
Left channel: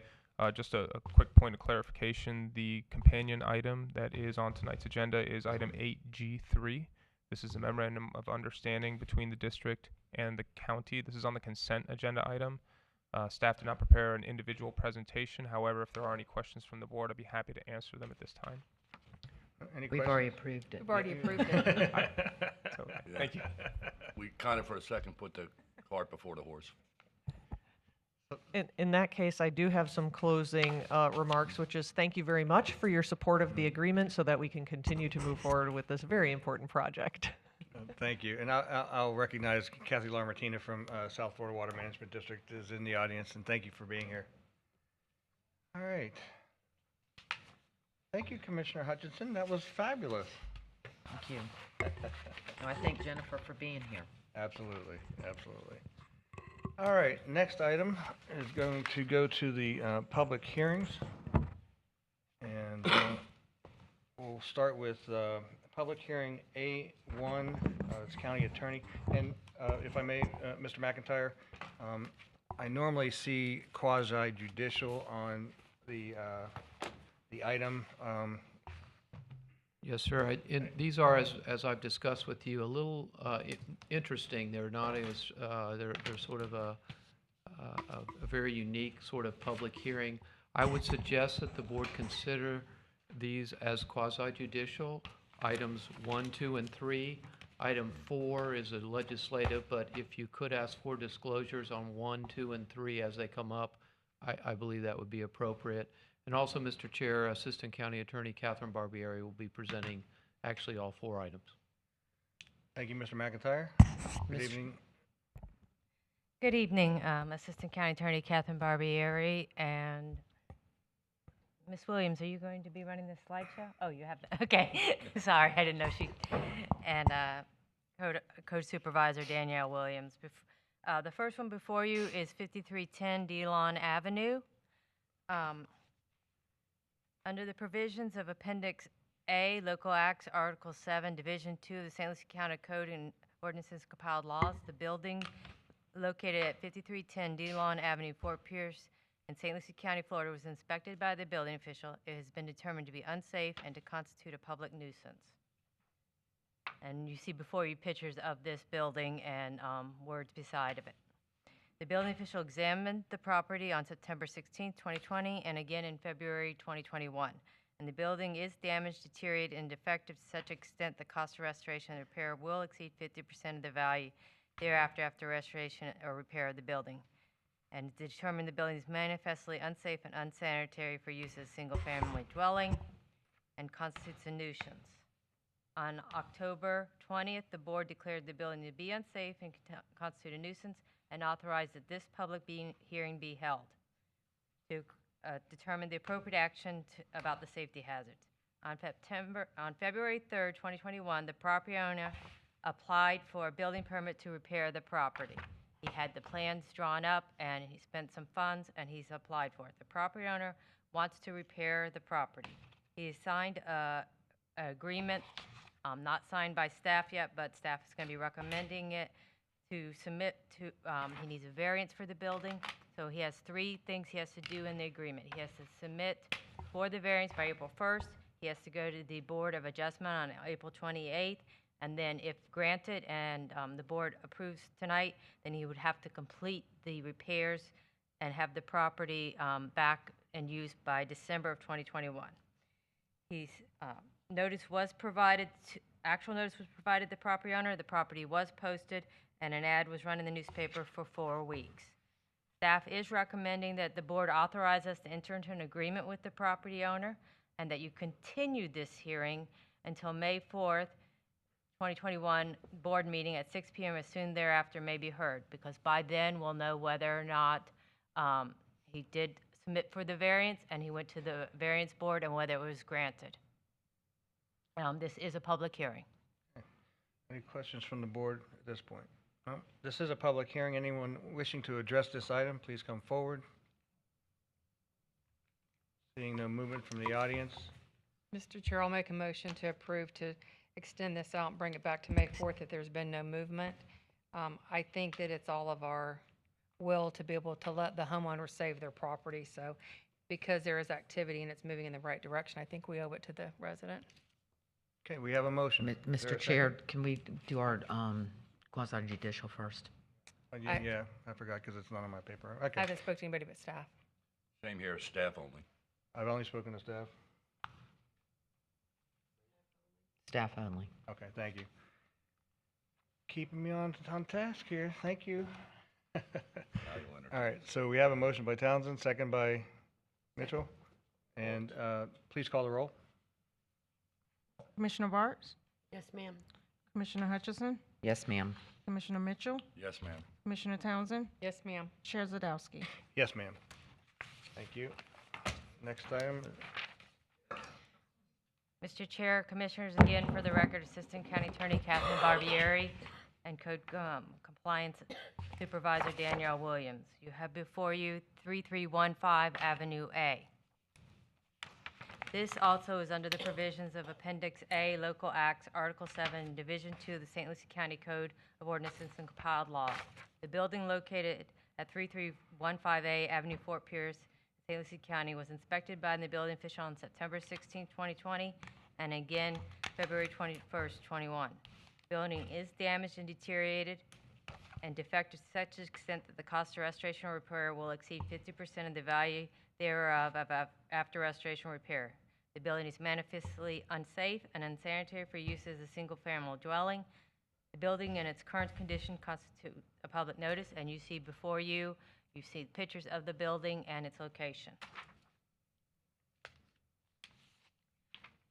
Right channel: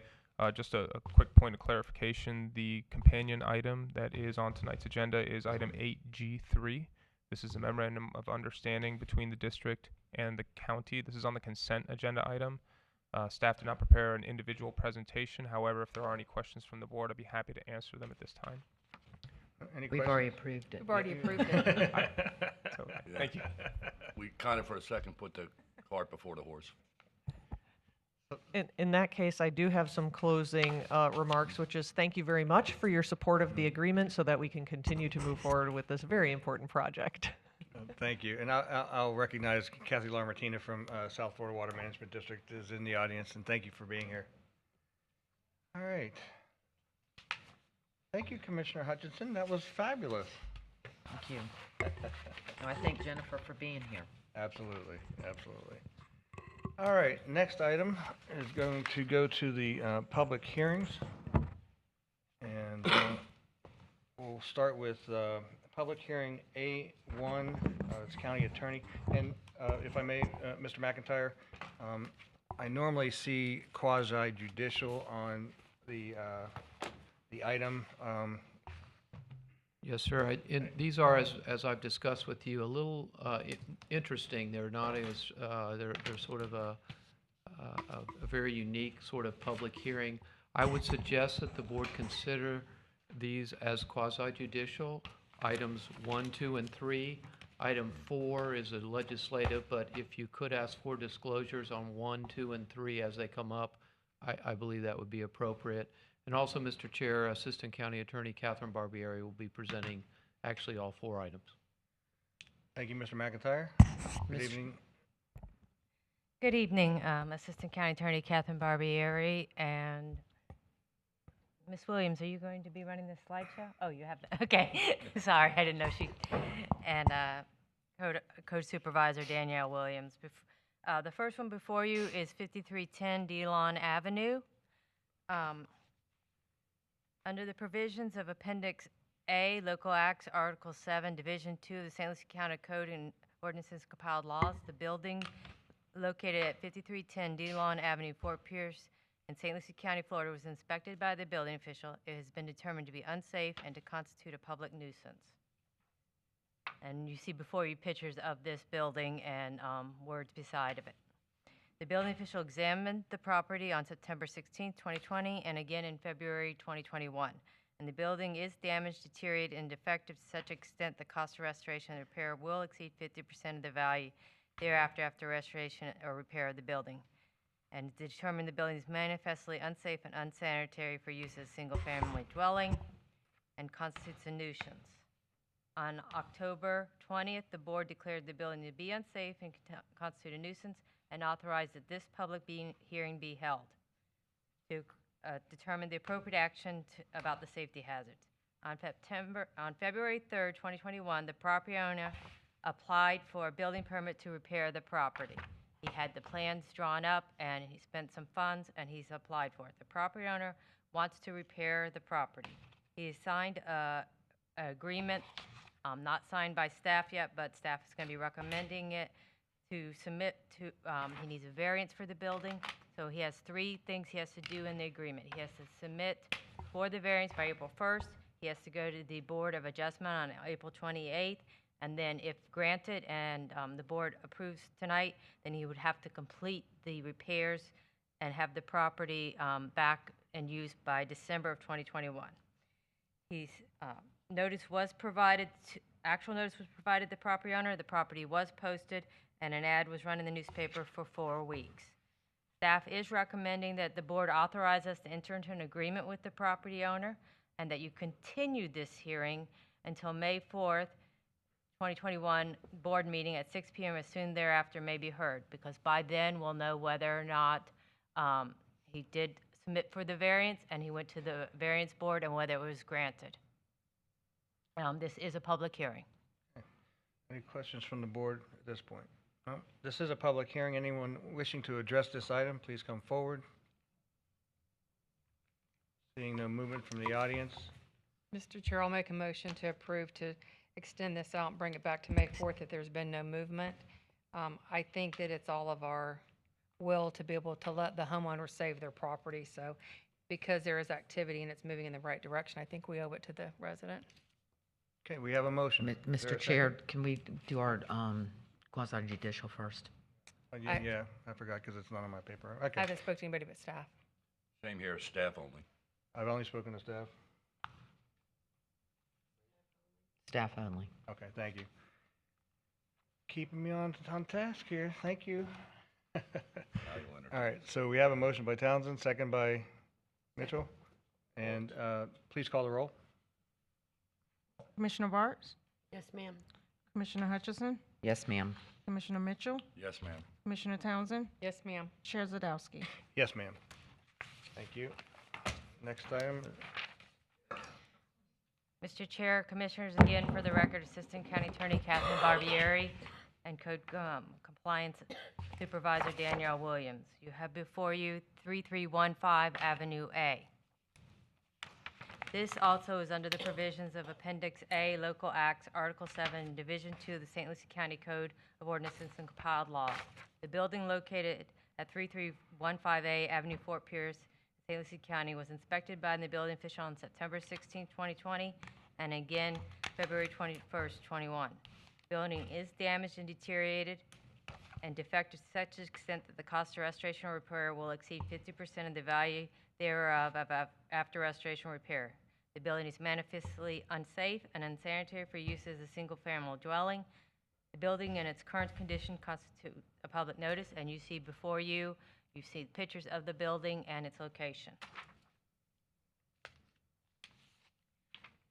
just a quick point of clarification. The companion item that is on tonight's agenda is item 8G3. This is a memorandum of understanding between the district and the county. This is on the consent agenda item. Staff did not prepare an individual presentation. However, if there are any questions from the board, I'd be happy to answer them at this time. Any We've questions? already approved it. We've already approved it. Okay, thank you. We kind of for a second put the cart before the horse. In that case, I do have some closing remarks, which is thank you very much for your support of the agreement so that we can continue to move forward with this very important project. Thank you. And I'll recognize Kathy Lamartina from South Florida Water Management District is in the audience, and thank you for being here. All right. Thank you, Commissioner Hutchinson. That was fabulous. Thank you. No, I thank Jennifer for being here. Absolutely, absolutely. All right, next item is going to go to the public hearings. And we'll start with public hearing A1, it's county attorney. And if I may, Mr. McIntyre, I normally see quasi judicial on the item. Yes, sir. These are, as I've discussed with you, a little interesting. They're not as, they're sort of a very unique sort of public hearing. I would suggest that the board consider these as quasi-judicial. Items 1, 2, and 3. Item 4 is a legislative, but if you could ask for disclosures on 1, 2, and 3 as they come up, I believe that would be appropriate. And also, Mr. Chair, Assistant County Attorney Catherine Barbieri will be presenting actually all 4 items. Thank you, Mr. McIntyre. Good evening. Good evening, Assistant County Attorney Catherine Barbieri. And Ms. Williams, are you going to be running the slideshow? Oh, you have that. Okay. Sorry, I didn't know she. And Code Supervisor Danielle Williams. The first one before you is 5310 Delon Avenue. Under the provisions of Appendix A, Local Acts, Article 7, Division 2 of the St. Lucie County Code and Ordinances Compiled Laws, the building located at 5310 Delon Avenue, Fort Pierce, in St. Lucie County, Florida, was inspected by the building official. It has been determined to be unsafe and to constitute a public nuisance. And you see before you pictures of this building and words beside of it. The building official examined the property on September 16, 2020, and again in February 2021. And the building is damaged, deteriorated, and defective to such extent the cost of restoration and repair will exceed 50% of the value thereafter after restoration or repair of the building. And determined the building is manifestly unsafe and unsanitary for use as a single-family dwelling and constitutes a nuisance. On October 20th, the board declared the building to be unsafe and constitute a nuisance and authorized that this public hearing be held to determine the appropriate action about the safety hazards. On February 3rd, 2021, the property owner applied for a building permit to repair the property. He had the plans drawn up and he spent some funds and he's applied for it. The property owner wants to repair the property. He has signed an agreement, not signed by staff yet, but staff is going to be recommending it to submit to, he needs a variance for the building. So he has 3 things he has to do in the agreement. He has to submit for the variance by April 1st. He has to go to the Board of Adjustment on April 28th. And then if granted and the board approves tonight, then he would have to complete the repairs and have the property back and used by December of 2021. He's, notice was provided, actual notice was provided to the property owner. The property was posted and an ad was run in the newspaper for 4 weeks. Staff is recommending that the board authorize us to enter into an agreement with the property owner and that you continue this hearing until May 4th, 2021 board meeting at 6 p.m. as soon thereafter may be heard, because by then we'll know whether or not he did submit for the variance and he went to the variance board and whether it was granted. This is a public hearing. Any questions from the board at this point? No? This is a public hearing. Anyone wishing to address this item, please come forward. Seeing no movement from the audience. Mr. Chair, I'll make a motion to approve to extend this out and bring it back to May 4th if there's been no movement. I think that it's all of our will to be able to let the homeowner save their property. So because there is activity and it's moving in the right direction, I think we owe it to the resident. Okay, we have a motion. Is there Mr. a Chair, second? can we do our quasi judicial first? Yeah, I forgot because it's not on my paper. I Okay. haven't spoken to anybody but staff. Same here, staff only. I've only spoken to staff. Staff only. Okay, thank you. Keeping me on task here. Thank you. All right, so we have a motion by Townsend, second by Mitchell. And please call the roll. Commissioner Bartz? Yes, ma'am. Commissioner Hutchison? Yes, ma'am. Commissioner Mitchell? Yes, ma'am. Commissioner Townsend? Yes, ma'am. Chair Zadowski? Yes, ma'am. Thank you. Next item. Mr. Chair, Commissioners, again, for the record, Assistant County Attorney Catherine Barbieri and Code Compliance Supervisor Danielle Williams. You have before you 3315 Avenue A. This also is under the provisions of Appendix A, Local Acts, Article 7, Division 2 of the St. Lucie County Code of Ordinances and Compiled Laws. The building located at 3315A Avenue Fort Pierce, St. Lucie County, was inspected by the building official on September 16, 2020, and again February 21st, 21. The building is damaged and deteriorated and defective to such extent that the cost of restoration or repair will exceed 50% of the value thereof after restoration or repair. The building is manifestly unsafe and unsanitary for use as a single-family dwelling. The building in its current condition constitutes a public notice, and you see before you see pictures of the building and its location.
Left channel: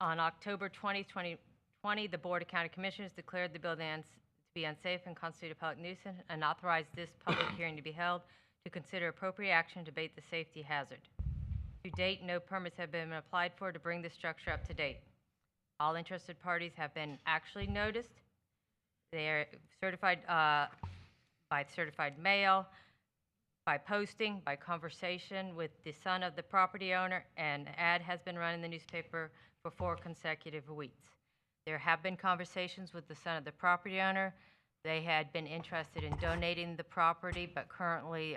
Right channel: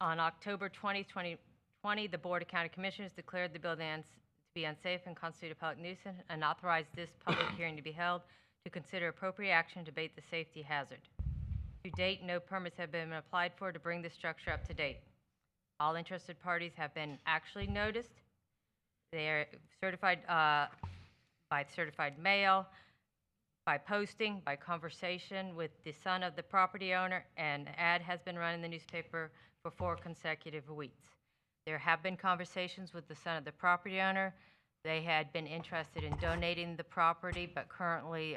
On October 20, 2020, the Board of County Commissioners declared the building to be unsafe and constitute a public nuisance and authorized this public hearing to be held to consider appropriate action to abate the safety hazard. To date, no permits have been applied for to bring the structure up to date. All interested parties have been actually noticed. They are certified by certified mail, by posting, by conversation with the son of the property owner, and an ad has been run in the newspaper for 4 consecutive weeks. There have been conversations with the son of the property owner. They had been interested in donating the property, but currently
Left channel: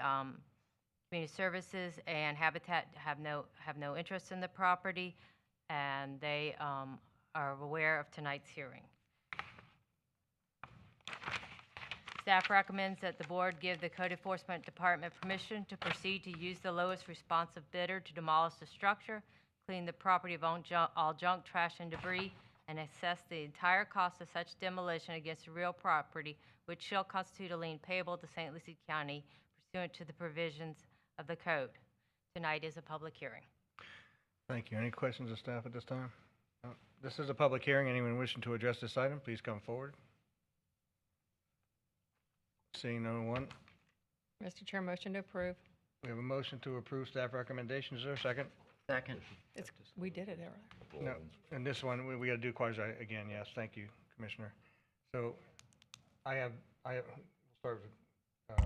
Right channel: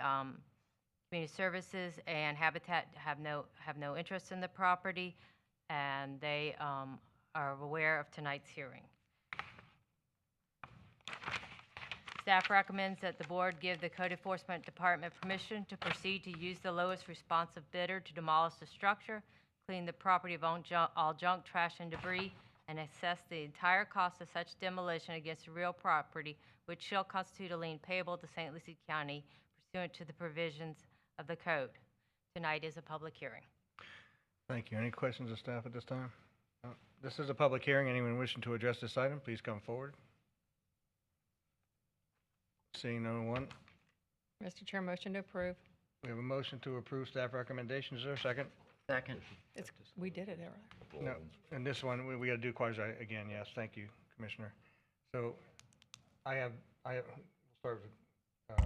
Community Services and Habitat have no interest in the property, and they are aware of tonight's hearing. Staff recommends that the board give the Code Enforcement Department permission to proceed to use the lowest responsive bidder to demolish the structure, clean the property of all junk, trash, and debris, and assess the entire cost of such demolition against the real property, which shall constitute a lien payable to St. Lucie County pursuant to the provisions of the code. Tonight is a public hearing. Thank you. Any questions of staff at this time? No. This is a public hearing. Anyone wishing to address this item, please come forward. Seeing no one, Mr. Chair, motion to approve. we have a motion to approve staff recommendations. Is there a second? Second. We did it, right? No, and this one, we gotta do quasi again, yes, thank you, Commissioner. So, I have, start with,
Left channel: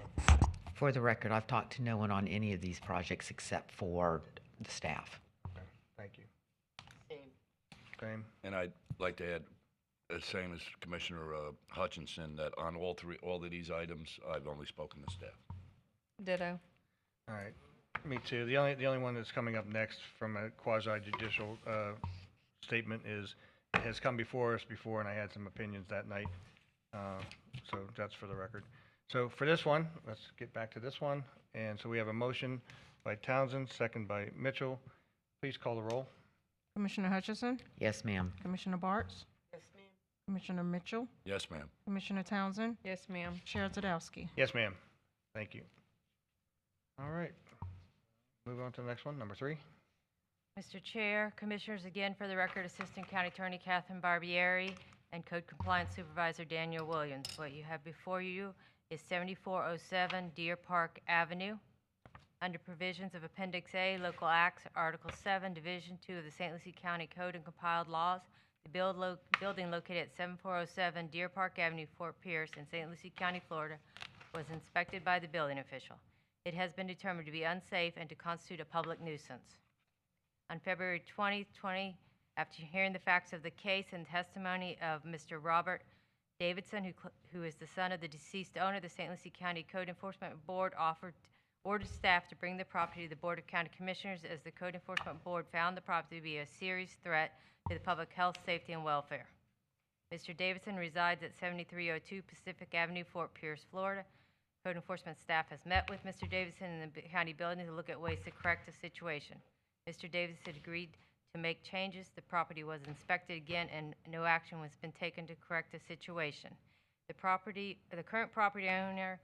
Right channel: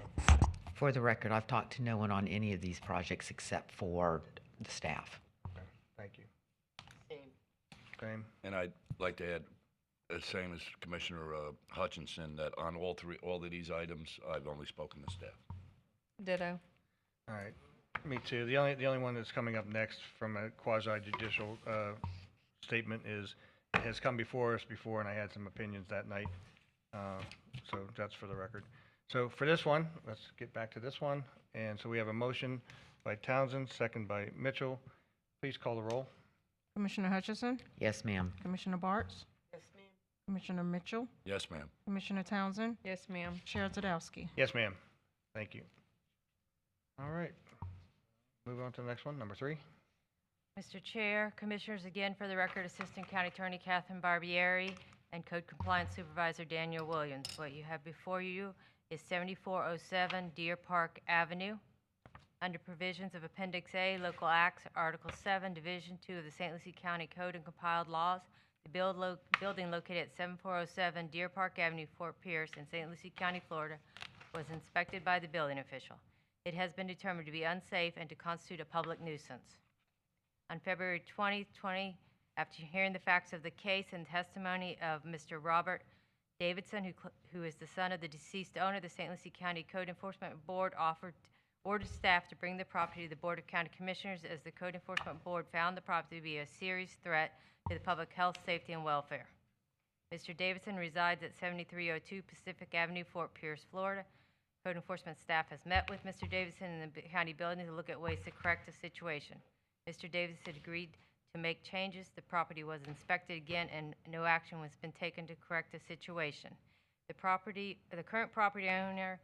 For the record, I've talked to no one on any of these projects except for the staff. okay, thank you. Same. And I'd like to add, the same as Commissioner Hutchinson, that on all of these items, I've only spoken to staff. Ditto. All right, me too. The only one that's coming up next from a quasi-judicial statement has come before us before, and I had some opinions that night. So that's for the record. So for this one, let's get back to this one. And so we have a motion by Townsend, second by Mitchell. Please call the roll. Commissioner Hutchison? Yes, ma'am. Commissioner Bartz? Yes, ma'am. Commissioner Mitchell? Yes, ma'am. Commissioner Townsend? Yes, ma'am. Chair Zadowski? Yes, ma'am. Thank you. All right. Move on to the next one, number 3. Mr. Chair, Commissioners, again, for the record, Assistant County Attorney Catherine Barbieri and Code Compliance Supervisor Daniel Williams. What you have before you is 7407 Deer Park Avenue. Under provisions of Appendix A, Local Acts, Article 7, Division 2 of the St. Lucie County Code and Compiled Laws, the building located at 7407 Deer Park Avenue, Fort Pierce, in St. Lucie County, Florida, was inspected by the building official. It has been determined to be unsafe and to constitute a public nuisance. On February 20, After hearing the facts of the case and testimony of Mr. Robert Davidson, who is the son of the deceased owner, the St. Lucie County Code Enforcement Board ordered staff to bring the property to the Board of County Commissioners as the Code Enforcement Board found the property to be a serious threat to the public health, safety, and welfare. Mr. Davidson resides at 7302 Pacific Avenue, Fort Pierce, Florida. Code enforcement staff has met with Mr. Davidson in the county building to look at ways to correct the situation. Mr. Davidson agreed to make changes. The property was inspected again, and no action has been taken to correct the situation. The current property owner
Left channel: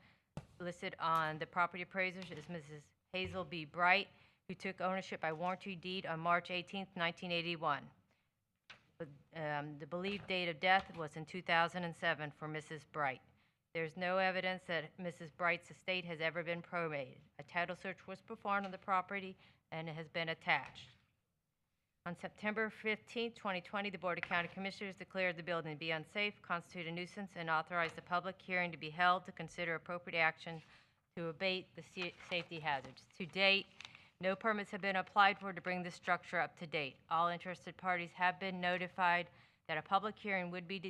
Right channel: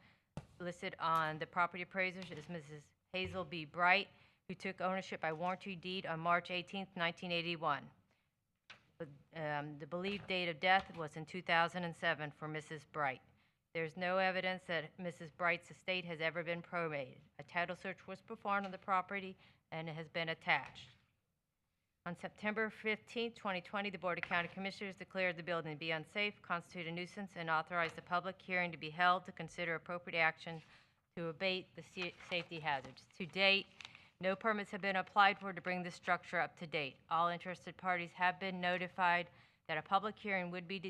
listed on the property appraisers is Mrs. Hazel B. Bright, who took ownership by warranty deed on March 18, 1981. The believed date of death was in 2007 for Mrs. Bright. There's no evidence that Mrs. Bright's estate has ever been probated. A title search was performed on the property and it has been attached. On September 15, 2020, the Board of County Commissioners declared the building to be unsafe, constitute a nuisance, and authorized a public hearing to be held to consider appropriate action to abate the safety hazards. To date, no permits have been applied for to bring the structure up to date. All interested parties have been notified that a public hearing would be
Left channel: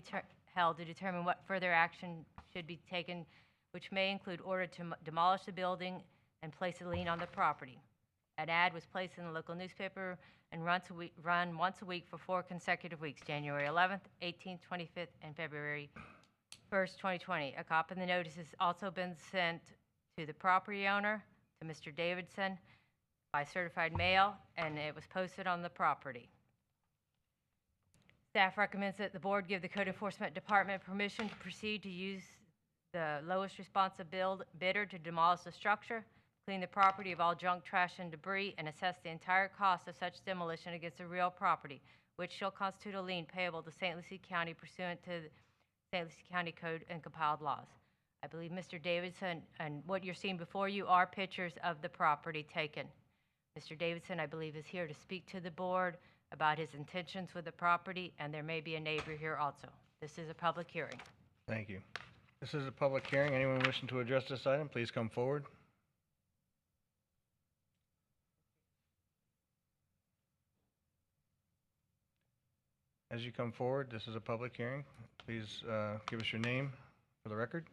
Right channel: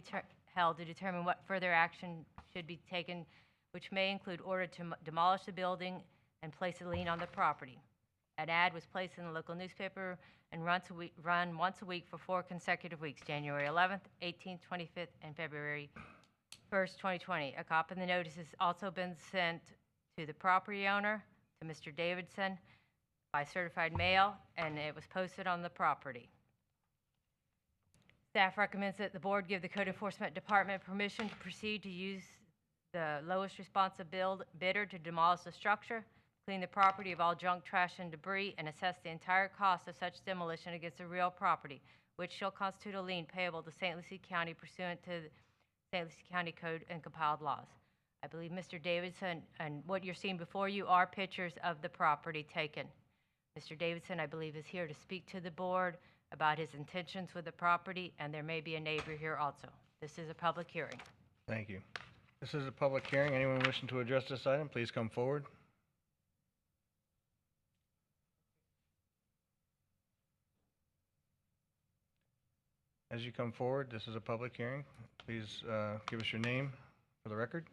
held to determine what further action should be taken, which may include order to demolish the building and place a lien on the property. An ad was placed in the local newspaper and run once a week for 4 consecutive weeks, January 11th, 18th, 25th, and February 1st, 2020. A copy of the notice has also been sent to the property owner, to Mr. Davidson, by certified mail, and it was posted on the property. Staff recommends that the board give the Code Enforcement Department permission to proceed to use the lowest responsive bidder to demolish the structure, clean the property of all junk, trash, and debris, and assess the entire cost of such demolition against the real property, which shall constitute a lien payable to St. Lucie County pursuant to the St. Lucie County Code and compiled laws. I believe Mr. Davidson, and what you're seeing before you are pictures of the property taken. Mr. Davidson, I believe, is here to speak to the board about his intentions with the property, and there may be a neighbor here also. This is a public hearing. Thank you. This is a public hearing. Anyone wishing to address this item, please come forward. As you come forward, this is a public hearing. Please give us your name for the record.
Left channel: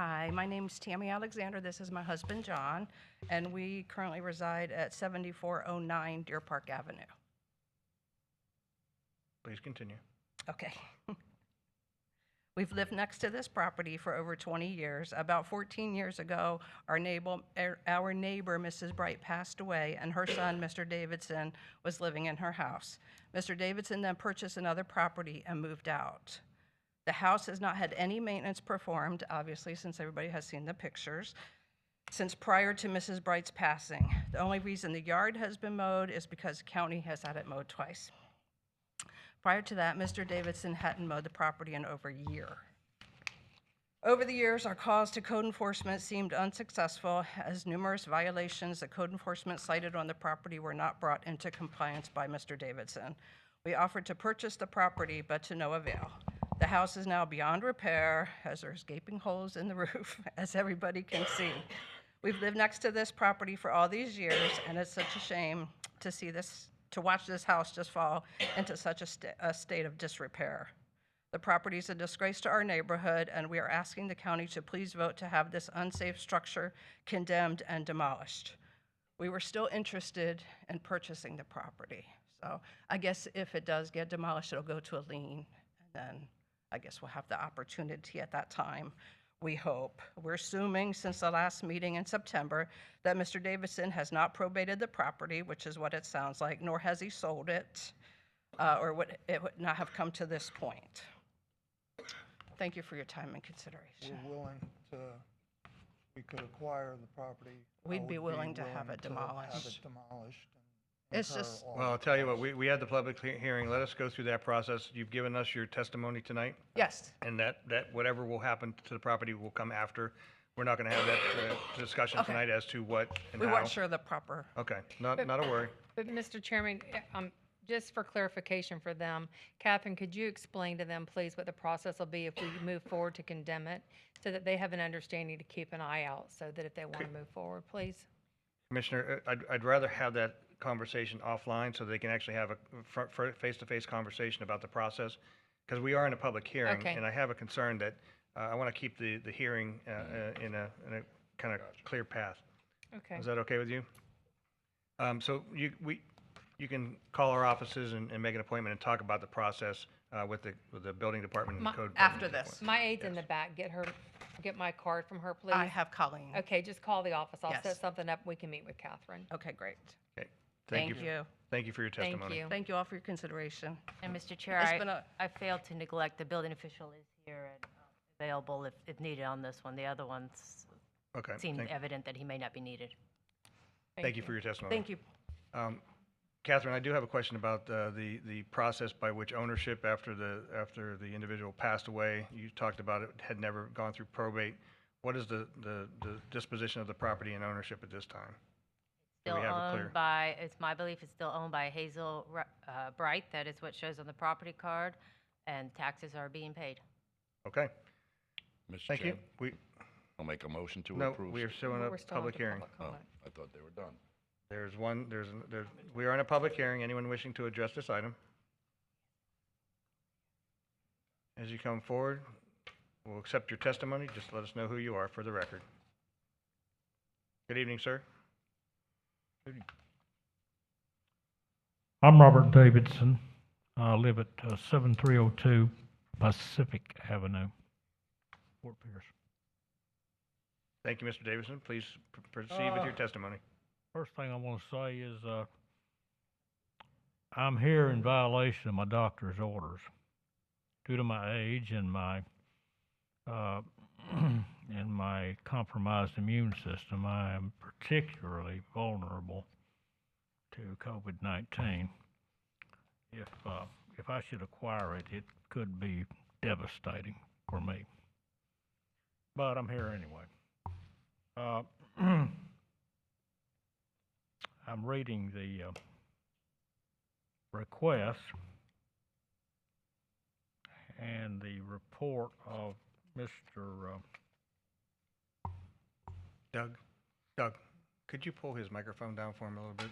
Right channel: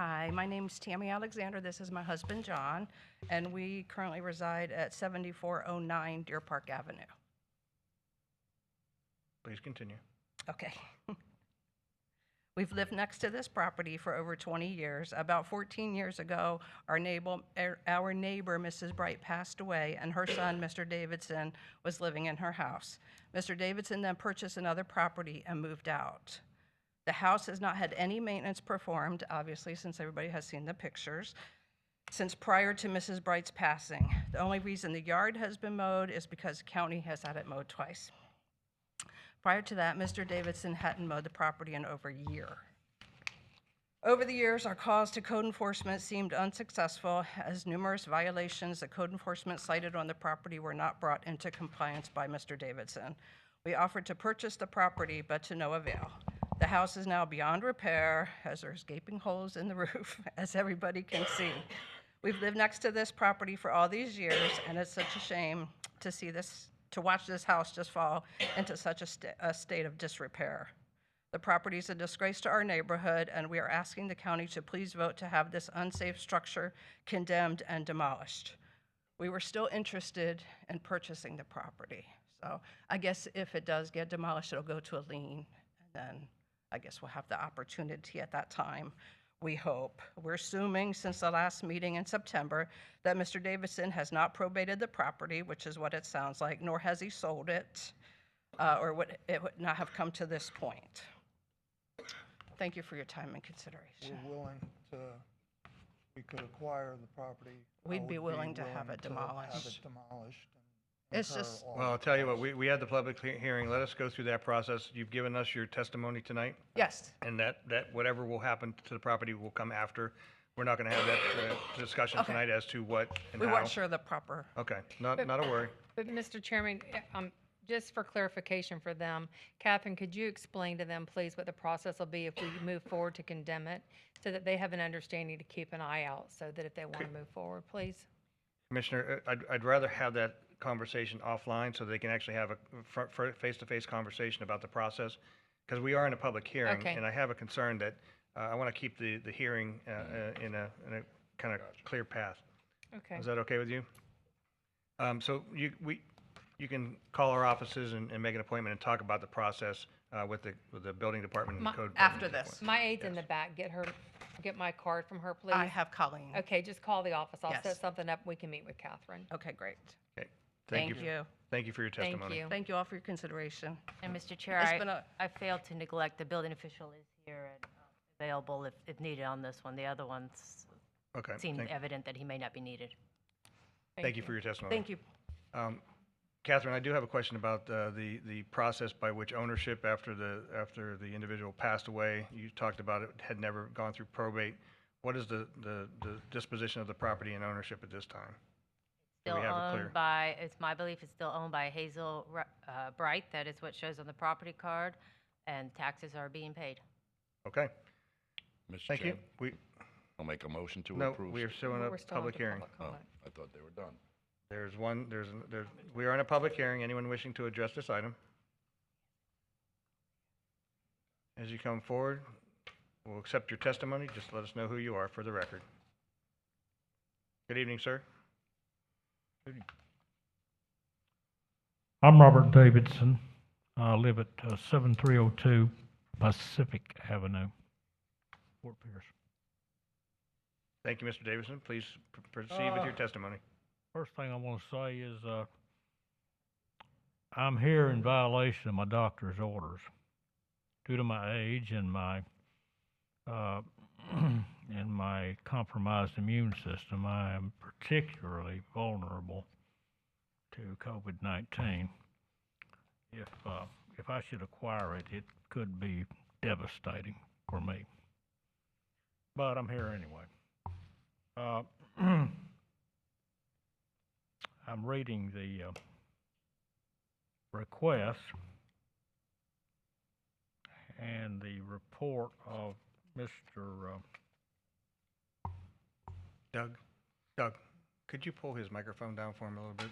Hi, my name's Tammy Alexander. This is my husband, John, and we currently reside at 7409 Deer Park Avenue. Please continue. Okay. We've lived next to this property for over 20 years. About 14 years ago, our neighbor, Mrs. Bright, passed away, and her son, Mr. Davidson, was living in her house. Mr. Davidson then purchased another property and moved out. The house has not had any maintenance performed, obviously, since everybody has seen the pictures, since prior to Mrs. Bright's passing. The only reason the yard has been mowed is because the county has had it mowed twice. Prior to that, Mr. Davidson hadn't mowed the property in over a year. Over the years, our calls to code enforcement seemed unsuccessful, as numerous violations that code enforcement cited on the property were not brought into compliance by Mr. Davidson. We offered to purchase the property, but to no avail. The house is now beyond repair, as there's gaping holes in the roof, as everybody can see. We've lived next to this property for all these years, and it's such a shame to watch this house just fall into such a state of disrepair. The property is a disgrace to our neighborhood, and we are asking the county to please vote to have this unsafe structure condemned and demolished. We were still interested in purchasing the property. So I guess if it does get demolished, it'll go to a lien, and then I guess we'll have the opportunity at that time, we hope. We're assuming since the last meeting in September that Mr. Davidson has not probated the property, which is what it sounds like, nor has he sold it, or it would not have come to this point. Thank you for your time and consideration. We're willing to, we could acquire the property. We'd be willing to have it demolished. It's just, Well, I'll tell you what, we had the public hearing. Let us go through that process. You've given us your testimony tonight. Yes. And that whatever will happen to the property will come after. We're not going to have that discussion Okay. tonight as to what and we how. weren't sure the proper. Okay, not a worry. But Mr. Chairman, just for clarification for them, Catherine, could you explain to them, please, what the process will be if we move forward to condemn it, so that they have an understanding to keep an eye out, so that if they want to move forward, please? Commissioner, I'd rather have that conversation offline so they can actually have a face-to-face conversation about the process. Because we are in a public hearing, Okay. and I have a concern that I want to keep the hearing in a kind of clear path. Okay. Is that okay with you? So you can call our offices and make an appointment and talk about the process with the building department and code. After department. this. My aide's in the back. Get my card from her, please. I have Colleen. Okay, just call the office. I'll Yes. set something up. We can meet with Catherine. Okay, great. Okay. Thank you. Thank you for your Thank testimony. you. Thank you all for your consideration. And Mr. Chair, It's been a- I failed to neglect, the building official is here and available if needed on this one. The other ones Okay. seemed Thank, evident that he may not be needed. thank you for your testimony. Thank you. Catherine, I do have a question about the process by which ownership after the individual passed away. You talked about it had never gone through probate. What is the disposition of the property and ownership at this time? Do Still we have it clear? owned by, it's my belief it's still owned by Hazel Bright. That is what shows on the property card, and taxes are being paid. Okay. Mr. Thank you. Chairman, I'll make a motion to No, approve. we are still in a We're still public under hearing. public Oh, comment. I thought they were done. We are in a public hearing. Anyone wishing to address this item? As you come forward, we'll accept your testimony. Just let us know who you are for the record. Good evening, sir. I'm Robert Davidson. I live at 7302 Pacific Avenue, Fort Pierce. Thank you, Mr. Davidson. Please proceed with your testimony. First thing I want to say is I'm here in violation of my doctor's orders. Due to my age and my and my compromised immune system, I am particularly vulnerable to COVID-19. If I should acquire it, it could be devastating for me. But I'm here anyway. I'm reading the request and the report of Mr. Doug, could you pull his microphone down for him a little bit?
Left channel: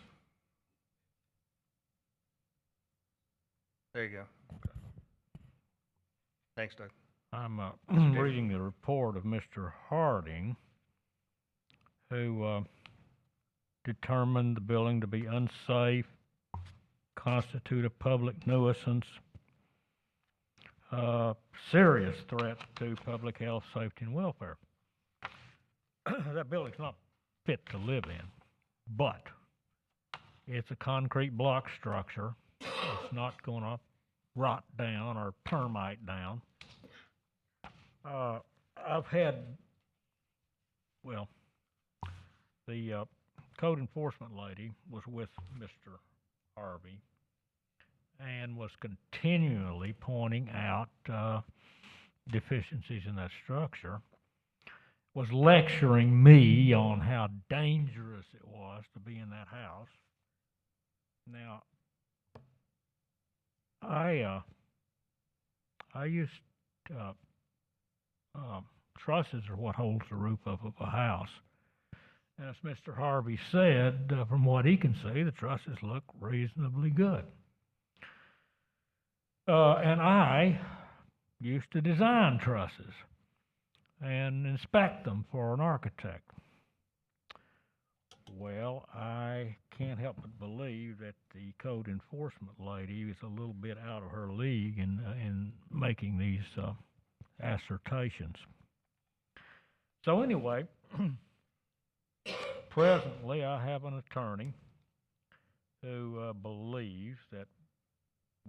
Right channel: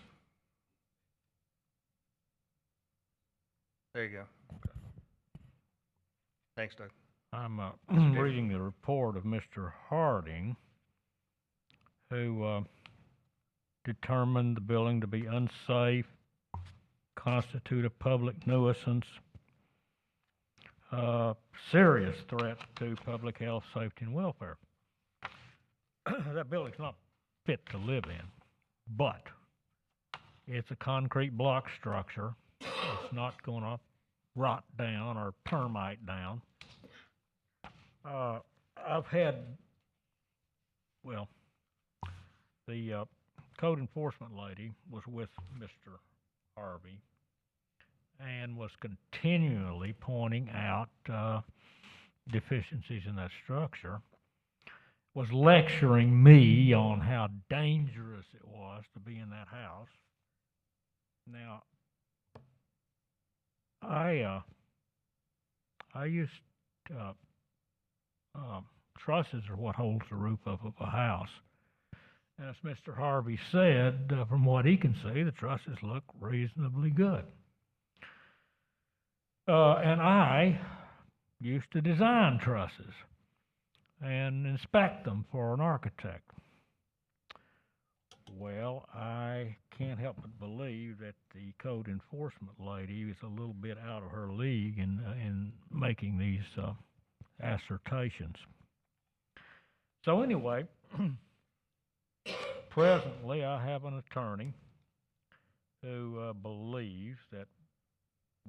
There you go. Thanks, Doug. I'm Davis. reading the report of Mr. Harding, who determined the building to be unsafe, constitute a public nuisance, serious threat to public health, safety, and welfare. That building's not fit to live in, but it's a concrete block structure. It's not going to rot down or termite down. I've had, well, the code enforcement lady was with Mr. Harvey and was continually pointing out deficiencies in that structure, was lecturing me on how dangerous it was to be in that house. Now, I used trusses are what holds the roof up of a house. As Mr. Harvey said, from what he can see, the trusses look reasonably good. And I used to design trusses and inspect them for an architect. Well, I can't help but believe that the code enforcement lady is a little bit out of her league in making these assertions. So anyway, presently I have an attorney who believes that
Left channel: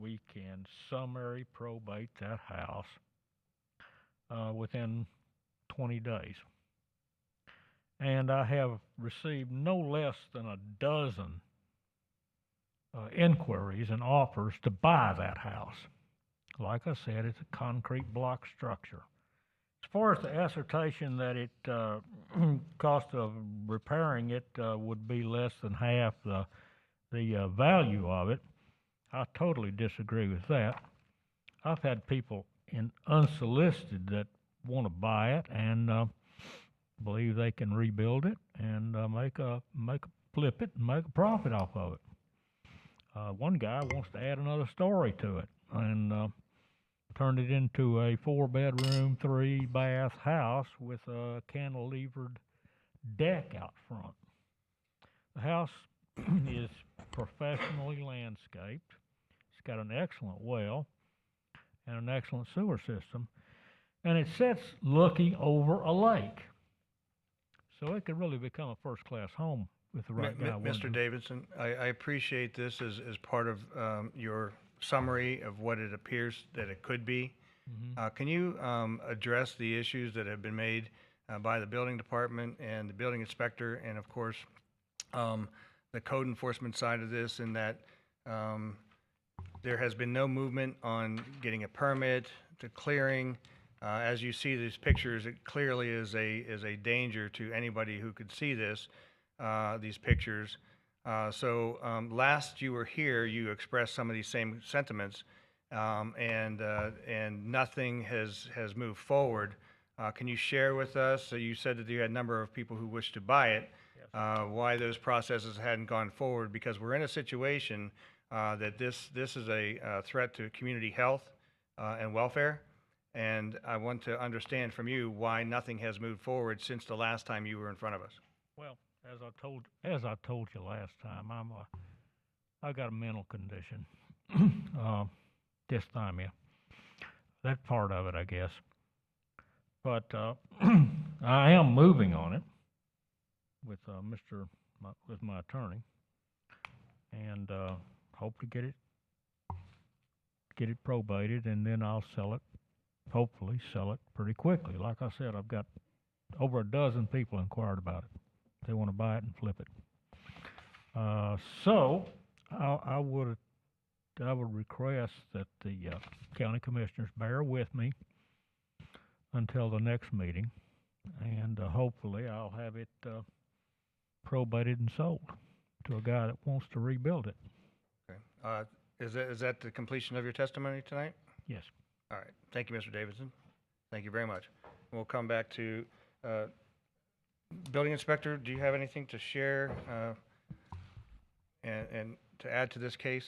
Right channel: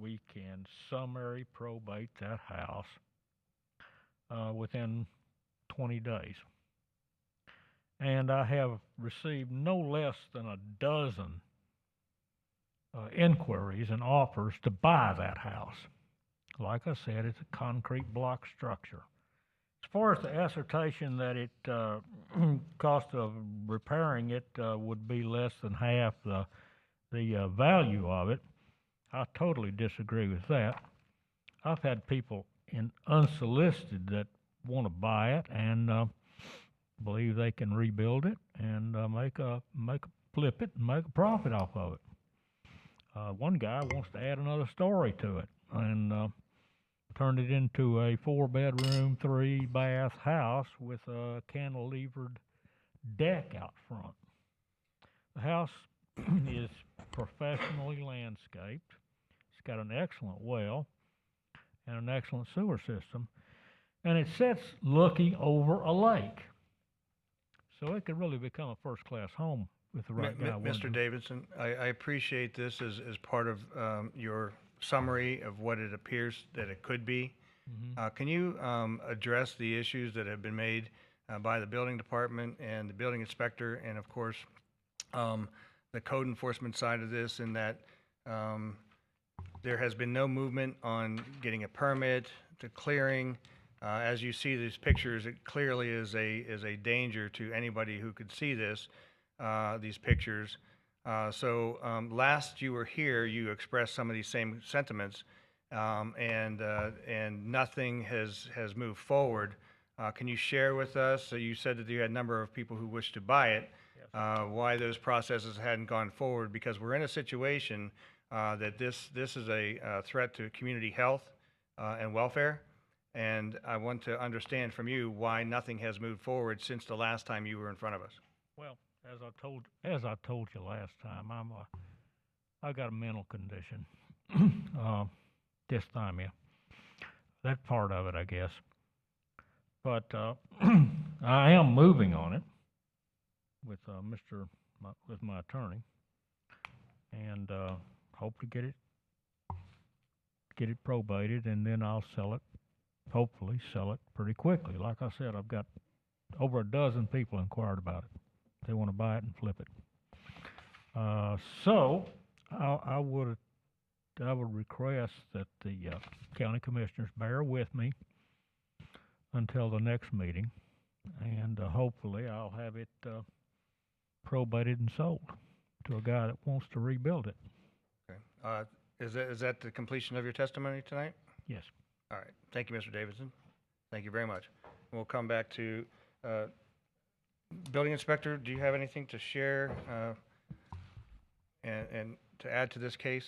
we can summary probate that house within 20 days. And I have received no less than a dozen inquiries and offers to buy that house. Like I said, it's a concrete block structure. As far as the assertion that it cost of repairing it would be less than half the value of it, I totally disagree with that. I've had people unsolicited that want to buy it and believe they can rebuild it and flip it and make a profit off of it. One guy wants to add another story to it and turned it into a 4-bedroom, 3-bath house with a cantilevered deck out front. The house is professionally landscaped. It's got an excellent well and an excellent sewer system, and it sits looking over a lake. So it could really become a first-class home with the right guy. Mr. Davidson, I appreciate this as part of your summary of what it appears that it could be. Can you address the issues that have been made by the building department and the building inspector, and of course the code enforcement side of this, in that there has been no movement on getting a permit to clearing? As you see these pictures, it clearly is a danger to anybody who could see this, these pictures. So last you were here, you expressed some of these same sentiments, and nothing has moved forward. Can you share with us? So you said that you had a number of people who wished to buy it. Why those processes hadn't gone forward? Because we're in a situation that this is a threat to community health and welfare. And I want to understand from you why nothing has moved forward since the last time you were in front of us. Well, as I told you last time, I got a mental condition, dysthymia. That's part of it, I guess. But I am moving on it with with my attorney, and hope to get it probated, and then I'll sell it. Hopefully sell it pretty quickly. Like I said, I've got over a dozen people inquired about it. They want to buy it and flip it. So I would request that the county commissioners bear with me until the next meeting, and hopefully I'll have it probated and sold to a guy that wants to rebuild it. Okay. Is that the completion of your testimony tonight? Yes. All right. Thank you, Mr. Davidson. Thank you very much. We'll come back to Building Inspector. Do you have anything to share and to add to this case?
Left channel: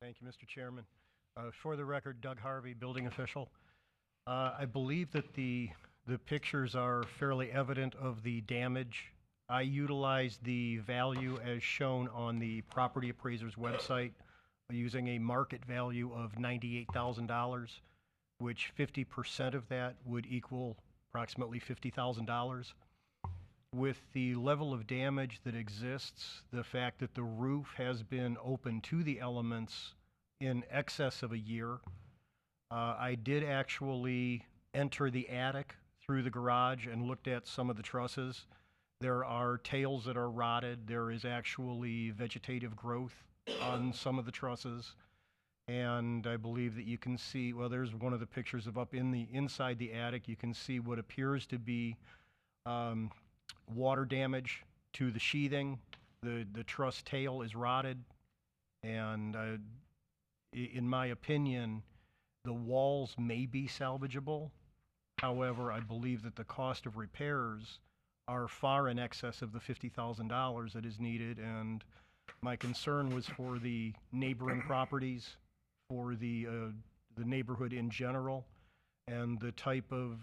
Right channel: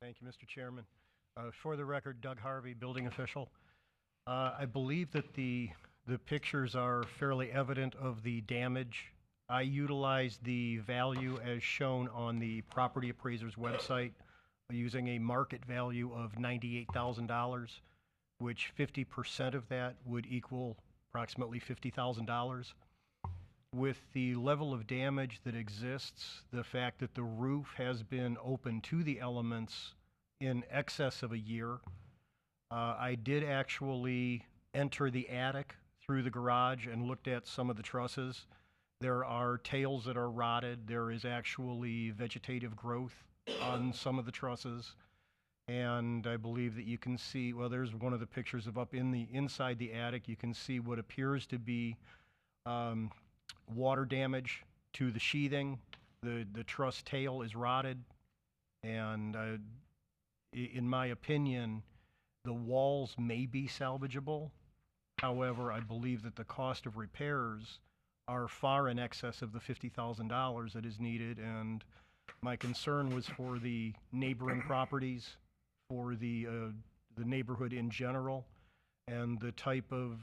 Thank you, Mr. Chairman. For the record, Doug Harvey, building official. I believe that the pictures are fairly evident of the damage. I utilized the value as shown on the property appraiser's website, using a market value of $98,000, which 50% of that would equal approximately $50,000. With the level of damage that exists, the fact that the roof has been open to the elements in excess of a year, I did actually enter the attic through the garage and looked at some of the trusses. There are tails that are rotted. There is actually vegetative growth on some of the trusses, and I believe that you can see, well, there's one of the pictures of up inside the attic. You can see what appears to be water damage to the sheathing. The truss tail is rotted, and in my opinion, the walls may be salvageable. However, I believe that the cost of repairs are far in excess of the $50,000 that is needed, and my concern was for the neighboring properties, for the neighborhood in general, and the type of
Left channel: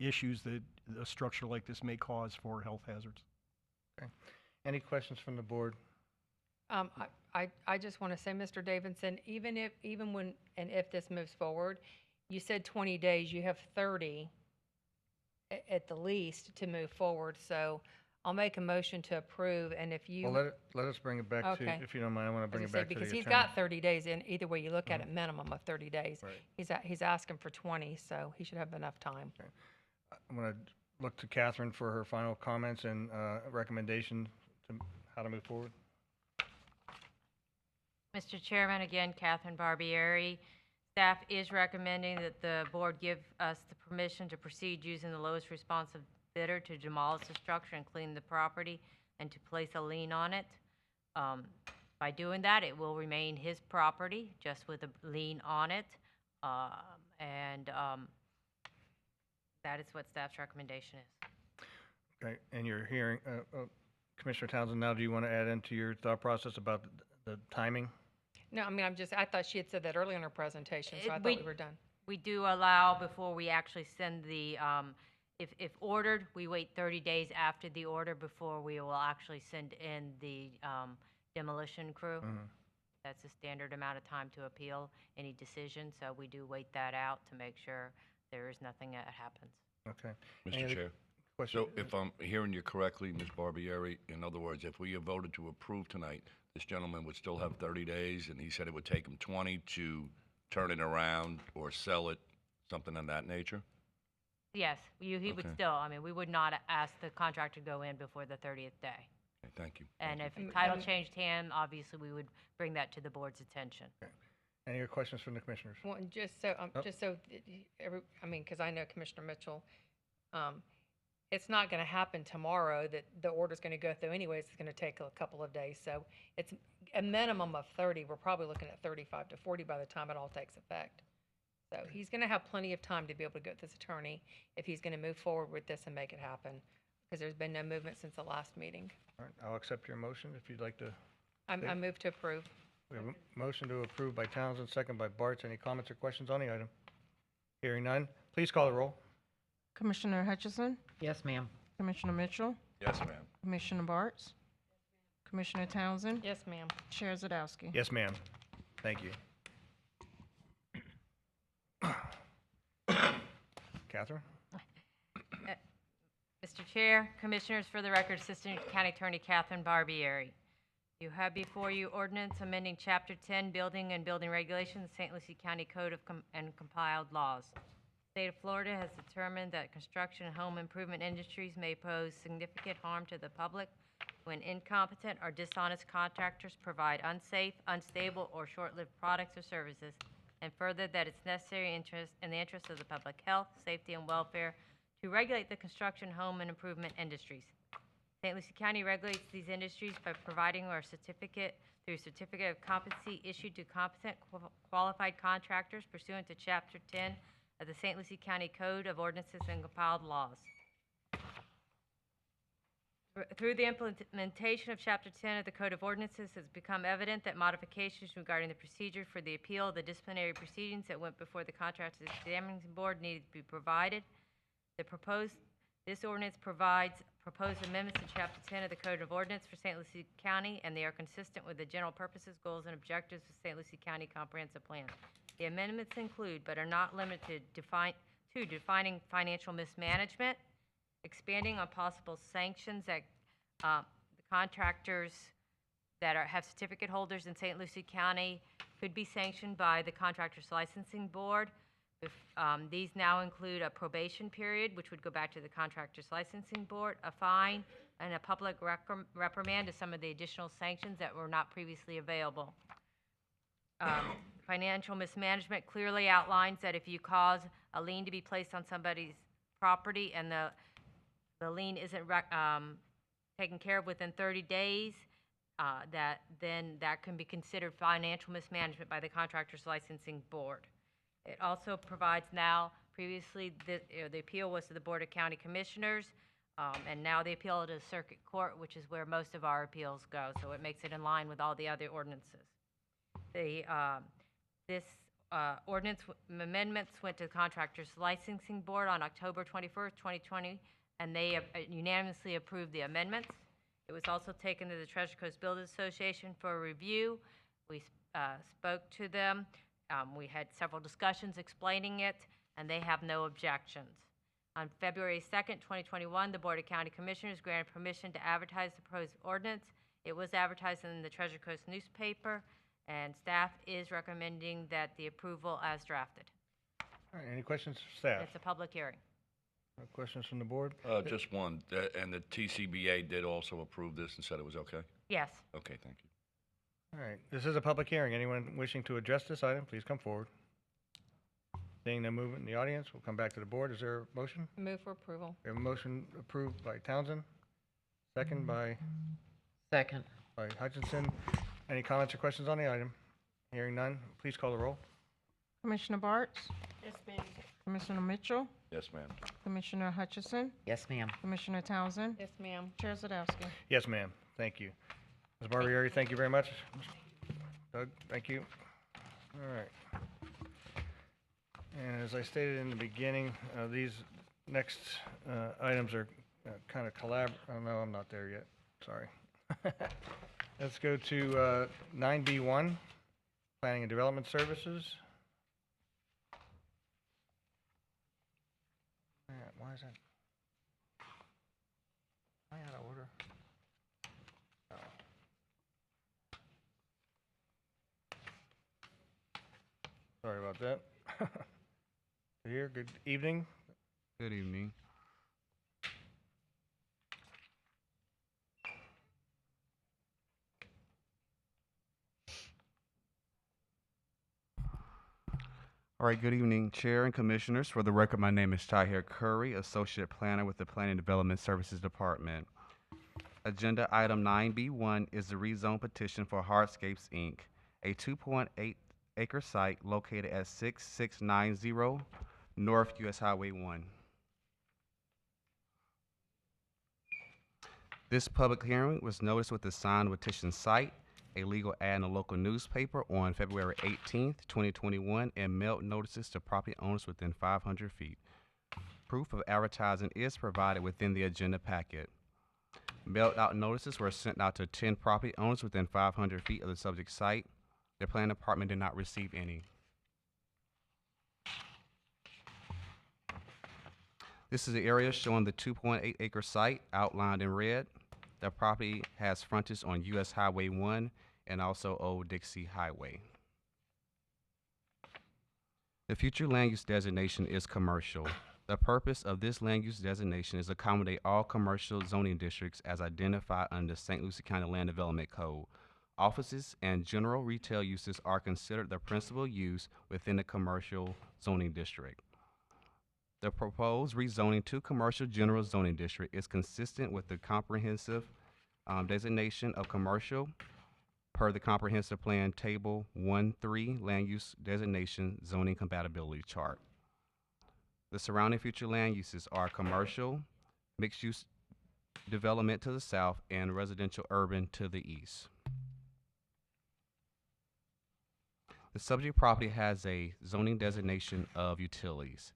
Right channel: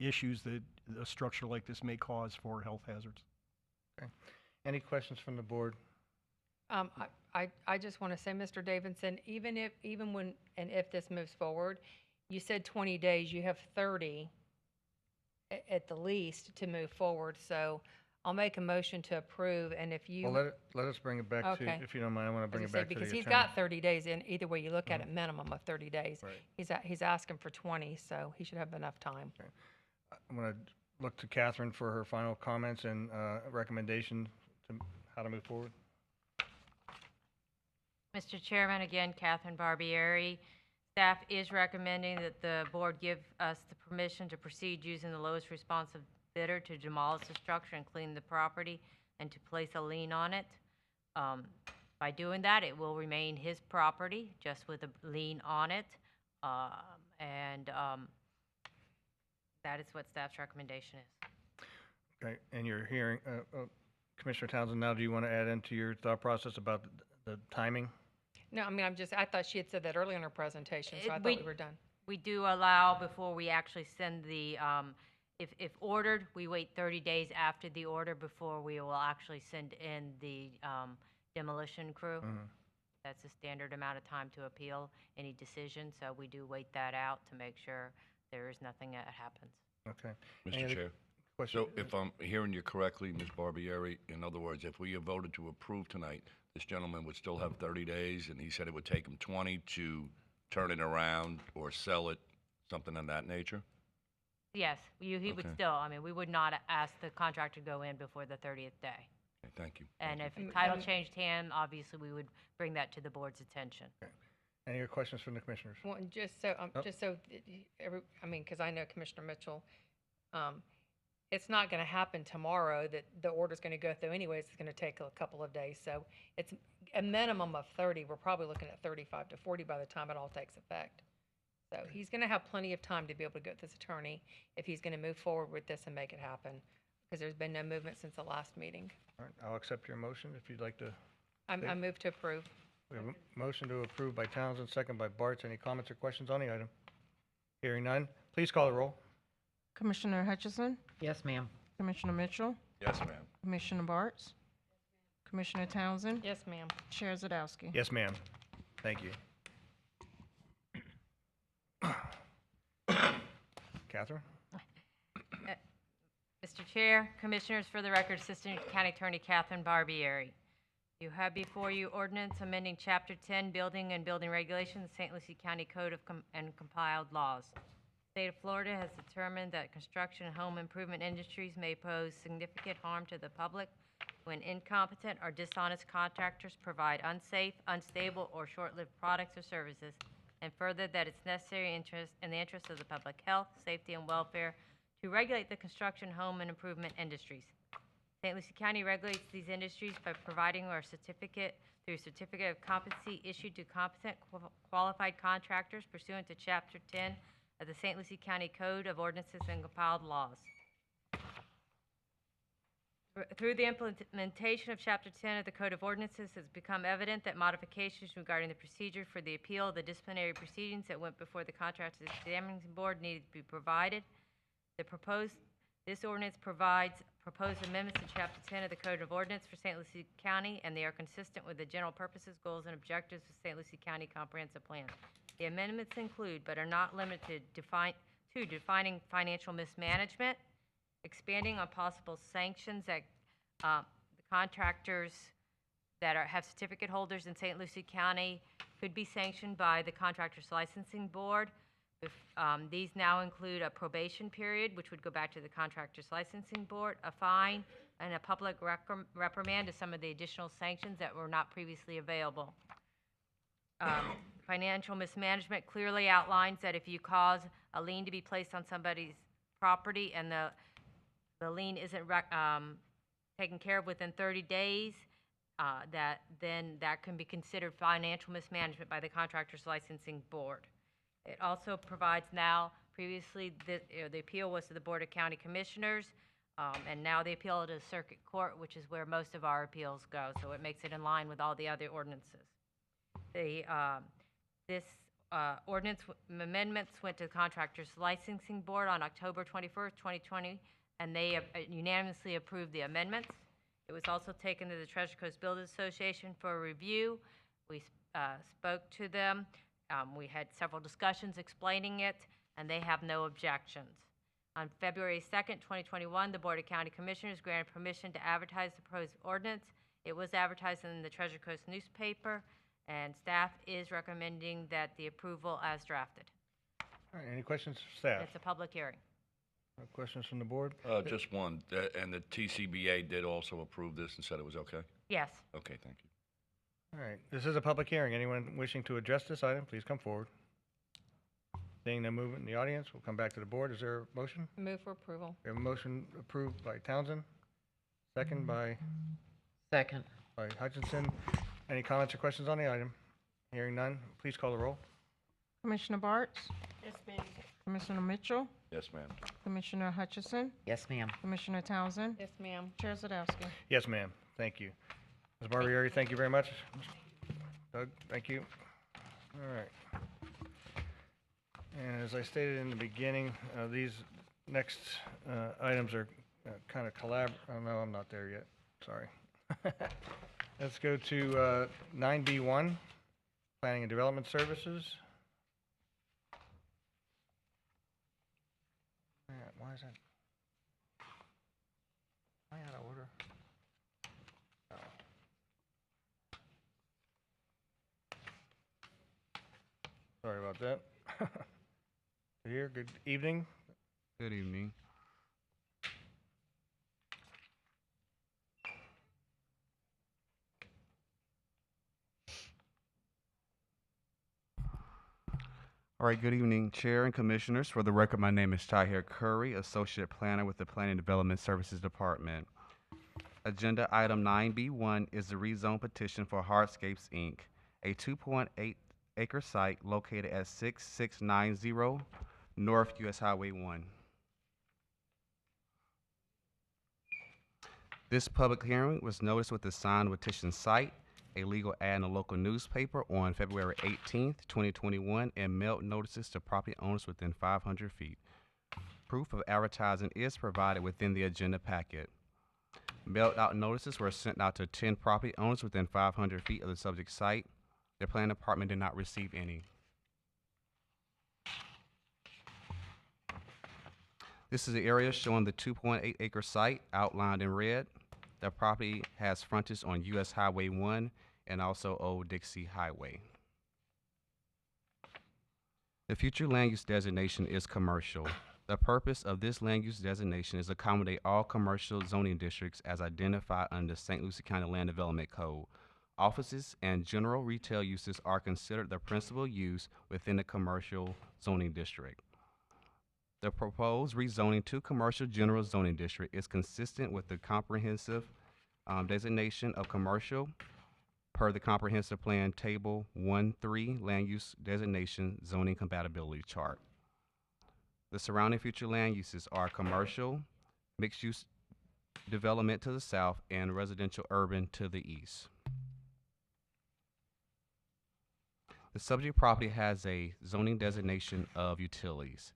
issues that a structure like this may cause for health hazards. Okay. Any questions from the board? I just want to say, Mr. Davidson, even when and if this moves forward, you said 20 days, you have 30 at the least to move forward. So I'll make a motion to approve, and if you... Well, let us bring it back to, if you don't mind, I want to bring it back to the attorney. Because he's got 30 days, and either way you look at it, minimum of 30 days. Right. He's asking for 20, so he should have enough time. Okay. I'm going to look to Catherine for her final comments and recommendation to how to move forward. Mr. Chairman, again, Catherine Barbieri. Staff is recommending that the board give us the permission to proceed using the lowest responsive bidder to demolish the structure and clean the property and to place a lien on it. By doing that, it will remain his property, just with a lien on it. That is what staff's recommendation is. Okay, and you're hearing, Commissioner Townsend, now do you want to add into your thought process about the timing? No, I mean, I thought she had said that earlier in her presentation, so I thought we were done. We do allow before we actually send the, if ordered, we wait 30 days after the order before we will actually send in the demolition crew. That's the standard amount of time to appeal any decision, so we do wait that out to make sure there is nothing that happens. Okay. Mr. Chair. So if I'm hearing you correctly, Ms. Barbieri, in other words, if we have voted to approve tonight, this gentleman would still have 30 days, and he said it would take him 20 to turn it around or sell it, something of that nature? Yes, he would Okay. still, I mean, we would not ask the contractor to go in before the 30th day. Okay, thank you. And if the title changed hand, obviously, we would bring that to the board's attention. Any other questions from the commissioners? Well, and just so, I mean, because I know Commissioner Mitchell, it's not going to happen tomorrow that the order's going to go through anyways. It's going to take a couple of days. So it's a minimum of 30. We're probably looking at 35 to 40 by the time it all takes effect. So he's going to have plenty of time to be able to go to this attorney if he's going to move forward with this and make it happen, because there's been no movement since the last meeting. All right, I'll accept your motion if you'd like to. I move to approve. We have a motion to approve by Townsend, second by Bartz. Any comments or questions on the item? Hearing none, please call the roll. Commissioner Hutchison, Yes, ma'am. Commissioner Mitchell, Yes, ma'am. Commissioner Bartz, Commissioner Townsend, Yes, ma'am. Chair Zadowski. Yes, ma'am. Thank you. Catherine? Mr. Chair, Commissioners, for the record, Assistant County Attorney Catherine Barbieri. You have before you ordinance amending Chapter 10, Building and Building Regulations, St. Lucie County Code of and compiled laws. The State of Florida has determined that construction and home improvement industries may pose significant harm to the public when incompetent or dishonest contractors provide unsafe, unstable, or short-lived products or services, and further that it's necessary in the interest of the public health, safety, and welfare to regulate the construction, home, and improvement industries. St. Lucie County regulates these industries by providing a certificate of competency issued to competent qualified contractors pursuant to Chapter 10 of the St. Lucie County Code of Ordinances and compiled laws. Through the implementation of Chapter 10 of the Code of Ordinances, it's become evident that modifications regarding the procedure for the appeal of the disciplinary proceedings that went before the Contractors Examining Board needed to be provided. This ordinance provides proposed amendments to Chapter 10 of the Code of Ordinance for St. Lucie County, and they are consistent with the general purposes, goals, and objectives of St. Lucie County Comprehensive Plan. The amendments include, but are not limited to, defining financial mismanagement, expanding on possible sanctions that the contractors that have certificate holders in St. Lucie County could be sanctioned by the Contractors Licensing Board. These now include a probation period, which would go back to the Contractors Licensing Board, a fine, and a public reprimand to some of the additional sanctions that were not previously available. Financial mismanagement clearly outlines that if you cause a lien to be placed on somebody's property and the lien isn't taken care of within 30 days, that can be considered financial mismanagement by the Contractors Licensing Board. It also provides now, previously the appeal was to the Board of County Commissioners, and now the appeal to the Circuit Court, which is where most of our appeals go, so it makes it in line with all the other ordinances. This ordinance amendments went to the Contractors Licensing Board on October 21st, 2020, and they unanimously approved the amendments. It was also taken to the Treasure Coast Builders Association for review. We spoke to them. We had several discussions explaining it, and they have no objections. On February 2nd, 2021, the Board of County Commissioners granted permission to advertise the proposed ordinance. It was advertised in the Treasure Coast newspaper, and staff is recommending that the approval as drafted. All right, any questions for staff? It's a public hearing. No questions from the board? Just one, and the TCBA did also approve this and said it was okay? Yes. Okay, thank you. All right, this is a public hearing. Anyone wishing to address this item, please come forward. Seeing no movement in the audience, we'll come back to the board. Is there a motion? Move for approval. We have a motion approved by Townsend, second by Hutchinson. Any comments or questions on the item? Hearing none, please call the roll. Commissioner Bartz? Yes, ma'am. Commissioner Mitchell? Yes, ma'am. Commissioner Hutchison? Yes, ma'am. Commissioner Townsend? Yes, ma'am. Chair Zadowski? Yes, ma'am. Thank you. Ms. Barbieri, thank you very much. Doug, thank you. All right. And as I stated in the beginning, these next items are kind of oh, no, I'm not there yet. Sorry. Let's go to 9B1, Planning and Development Services. Man, why is that? Am I out of order? Oh. Sorry about that. Here, good evening. Good evening. All right, good evening, Chair and Commissioners. For the record, my name is Tahir Curry, Associate Planner with the Planning and Development Services Department. Agenda item 9B1 is the rezone petition for Hardscapes, Inc., a 2.8-acre site located at 6690 North US Highway 1. This public hearing was noticed with the signed petition site, a legal ad in a local newspaper on February 18th, 2021, and mailed notices to property owners within 500 feet. Proof of advertising is provided within the agenda packet. Mailed out notices were sent out to 10 property owners within 500 feet of the subject site. The planning department did not receive any. This is the area showing the 2.8-acre site outlined in red. The property has frontage on US Highway 1 and also Old Dixie Highway. The future land use designation is commercial. The purpose of this land use designation is to accommodate all commercial zoning districts as identified under St. Lucie County Land Development Code. Offices and general retail uses are considered the principal use within the commercial zoning district. The proposed rezoning to commercial general zoning district is consistent with the comprehensive designation of commercial per the comprehensive plan table 1.3 land use designation zoning compatibility chart. The surrounding future land uses are commercial, mixed use development to the south, and residential urban to the east. The subject property has a zoning designation of utilities.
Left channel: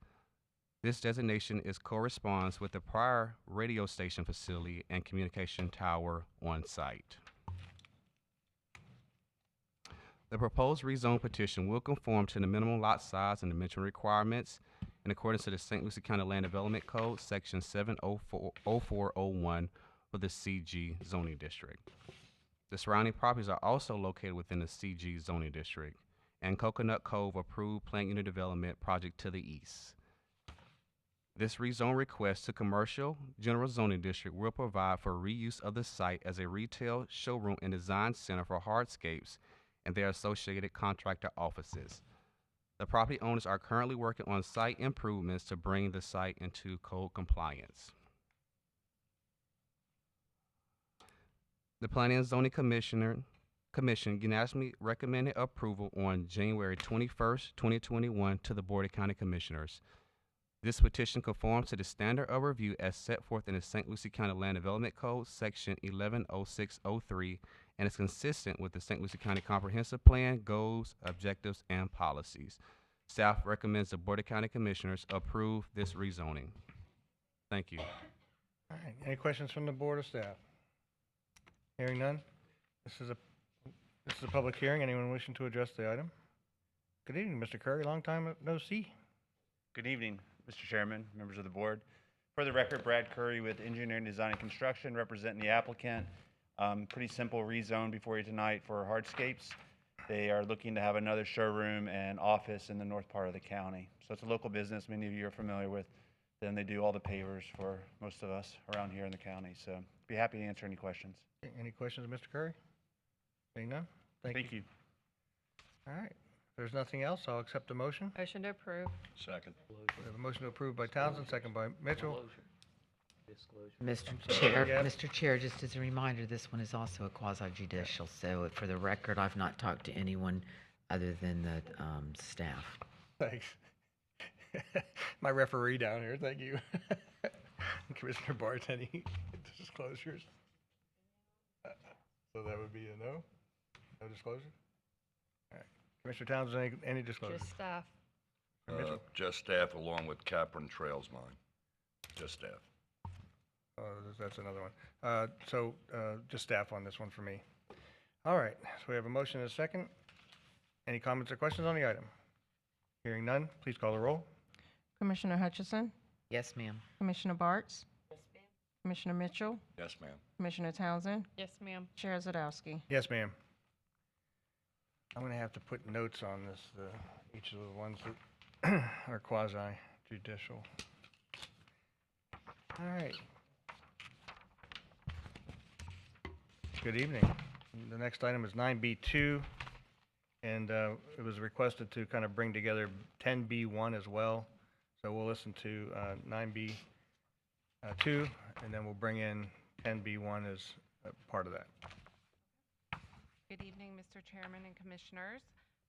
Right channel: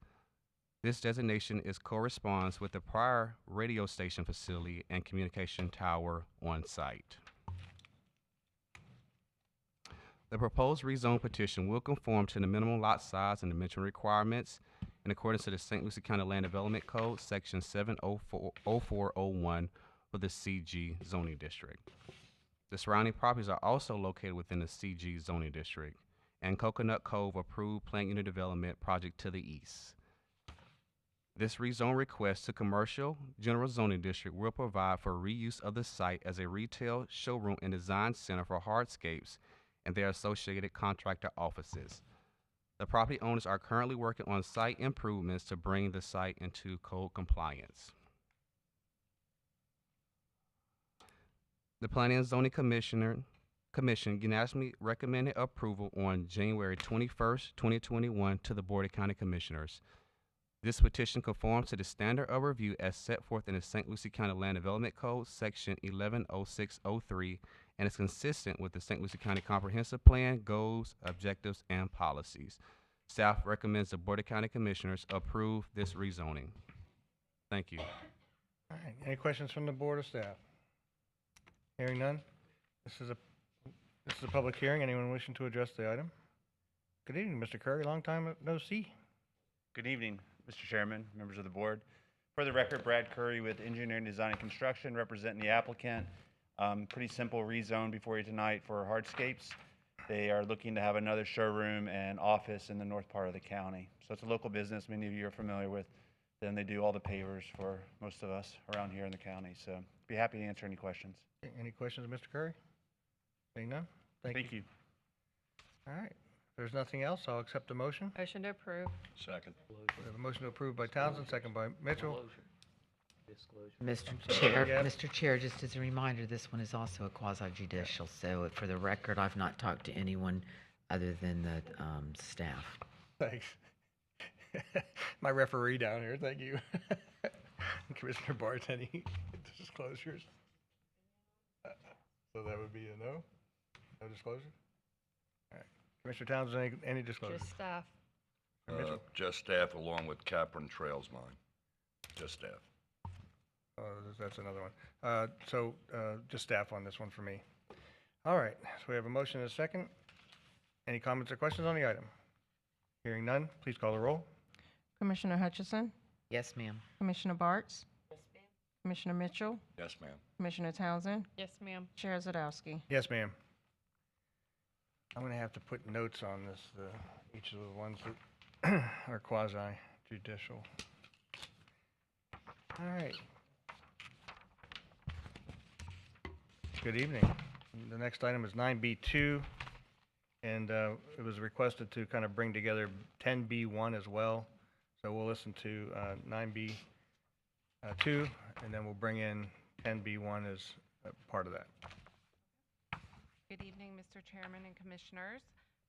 This designation corresponds with the prior radio station facility and communication tower on site. The proposed rezone petition will conform to the minimum lot size and dimension requirements in accordance to the St. Lucie County Land Development Code, Section 70401 for the CG zoning district. The surrounding properties are also located within the CG zoning district and Coconut Cove approved plant unit development project to the east. This rezone request to commercial general zoning district will provide for reuse of the site as a retail showroom and design center for hardscapes and their associated contractor offices. The property owners are currently working on site improvements to bring the site into code compliance. The Planning and Zoning Commission unanimously recommended approval on January 21st, 2021 to the Board of County Commissioners. This petition conforms to the standard of review as set forth in the St. Lucie County Land Development Code, Section 110603, and is consistent with the St. Lucie County Comprehensive Plan, goals, objectives, and policies. Staff recommends the Board of County Commissioners approve this rezoning. Thank you. All right, any questions from the board or staff? Hearing none, this is a public hearing. Anyone wishing to address the item? Good evening, Mr. Curry. Long time no see. Good evening, Mr. Chairman, members of the board. For the record, Brad Curry with Engineering, Design, and Construction, representing the applicant. Pretty simple rezone before you tonight for hardscapes. They are looking to have another showroom and office in the north part of the county. So it's a local business many of you are familiar with. Then they do all the pavers for most of us around here in the county. So be happy to answer any questions. Any questions of Mr. Curry? Seeing none? Thank you. All right. If there's nothing else, I'll accept the motion. Motion to approve. Second. We have a motion to approve by Townsend, second by Mitchell. Mr. sorry, Chair, yeah. Mr. Chair, just as a reminder, this one is also a quasi-judicial, so for the record, I've not talked to anyone other than the staff. Thanks. My referee down here, thank you. Commissioner Barth, any disclosures? So that would be a no? No disclosure? All right. Commissioner Townsend, any disclosures? Just staff. Mitchell? Just staff along with Capron Trails mine. Just staff. Oh, that's another one. Just staff on this one for me. All right, so we have a motion and a second. Any comments or questions on the item? Hearing none, please call the roll. Commissioner Hutchison, Yes, ma'am. Commissioner Bartz, Commissioner Mitchell, Yes, ma'am. Commissioner Townsend, Yes, ma'am. Chair Zadowski. Yes, ma'am. I'm gonna have to put notes on this, each of the ones that are quasi judicial. All right. Good evening. The next item is 9B2, and it was requested to kind of bring together 10B1 as well. So we'll listen to 9B2, and then we'll bring in 10B1 as a part of that. Good evening, Mr. Chairman and Commissioners.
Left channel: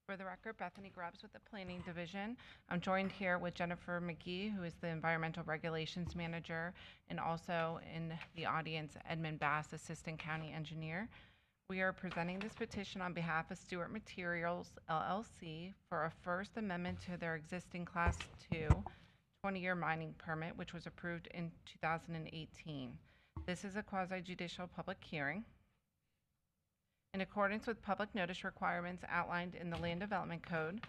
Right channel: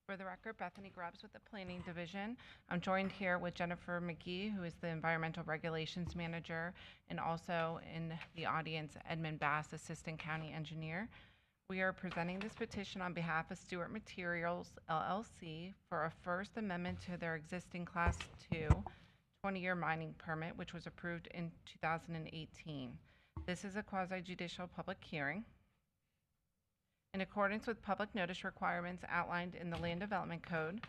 For the record, Bethany Grubbs with the Planning Division. I'm joined here with Jennifer McGee, who is the Environmental Regulations Manager, and also in the audience, Edmund Bass, Assistant County Engineer. We are presenting this petition on behalf of Stewart Materials, LLC, for a First Amendment to their existing Class 2 20-year mining permit, which was approved in 2018. This is a quasi-judicial public hearing. In accordance with public notice requirements outlined in the Land Development Code,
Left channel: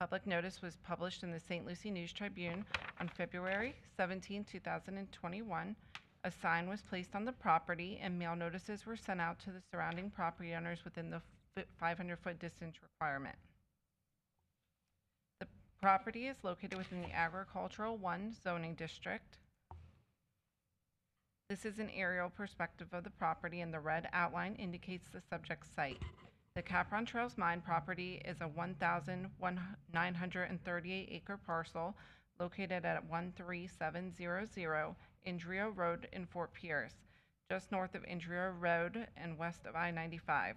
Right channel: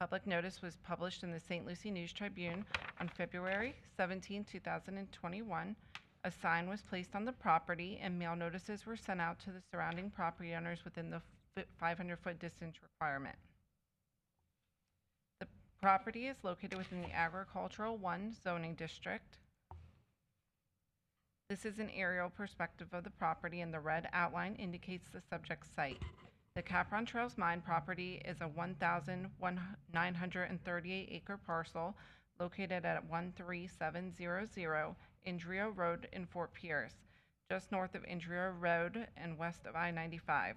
public notice was published in the St. Lucie News Tribune on February 17, 2021. A sign was placed on the property and mail notices were sent out to the surrounding property owners within the 500-foot distance requirement. The property is located within the Agricultural 1 zoning district. This is an aerial perspective of the property, and the red outline indicates the subject site. The Capron Trails mine property is a 1,938-acre parcel located at 13700 Indrio Road in Fort Pierce, just north of Indrio Road and west of I-95.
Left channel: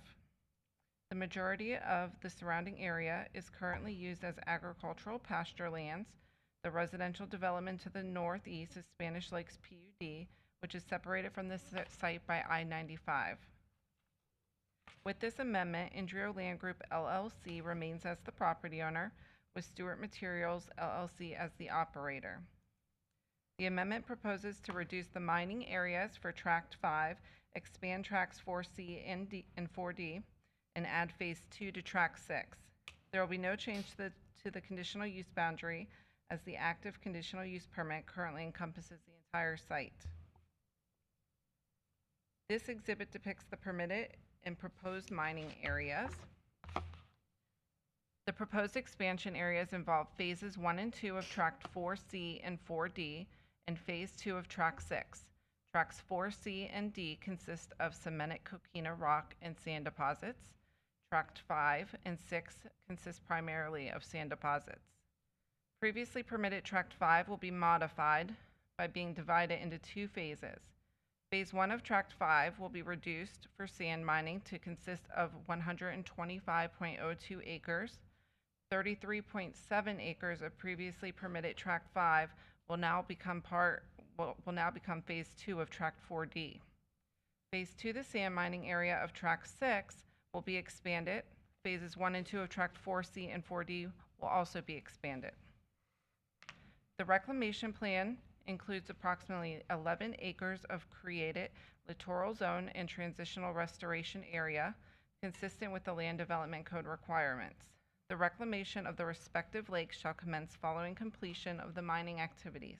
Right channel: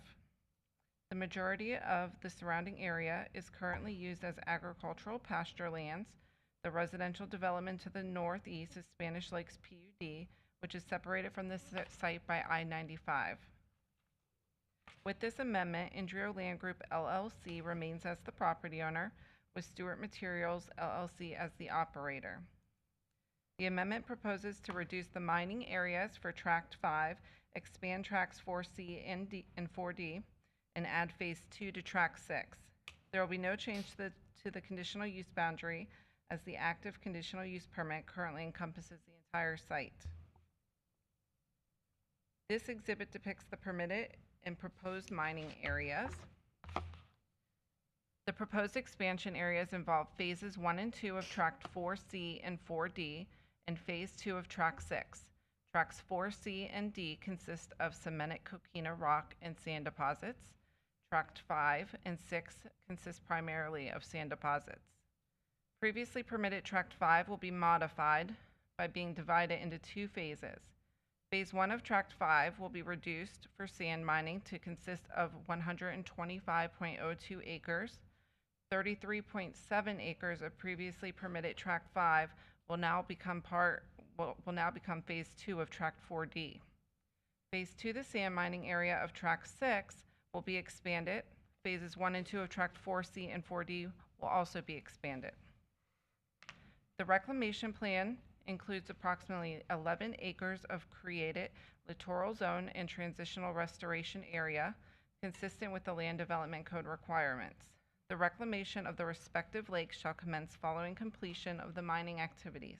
The majority of the surrounding area is currently used as agricultural pasture lands. The residential development to the northeast is Spanish Lakes PUD, which is separated from this site by I-95. With this amendment, Indrio Land Group LLC remains as the property owner, with Stewart Materials LLC as the operator. The amendment proposes to reduce the mining areas for Tract 5, expand Tracts 4C and 4D, and add Phase 2 to Tract 6. There will be no change to the conditional use boundary, as the active conditional use permit currently encompasses the entire site. This exhibit depicts the permitted and proposed mining areas. The proposed expansion areas involve phases 1 and 2 of Tract 4C and 4D and Phase 2 of Tract 6. Tracts 4C and D consist of cemented coquina rock and sand deposits. Tract 5 and 6 consist primarily of sand deposits. Previously permitted Tract 5 will be modified by being divided into 2 phases. Phase 1 of Tract 5 will be reduced for sand mining to consist of 125.02 acres. 33.7 acres of previously permitted Tract 5 will now become Phase 2 of Tract 4D. Phase 2, the sand mining area of Tract 6, will be expanded. Phases 1 and 2 of Tract 4C and 4D will also be expanded. The reclamation plan includes approximately 11 acres of created littoral zone and transitional restoration area consistent with the Land Development Code requirements. The reclamation of the respective lakes shall commence following completion of the mining activities.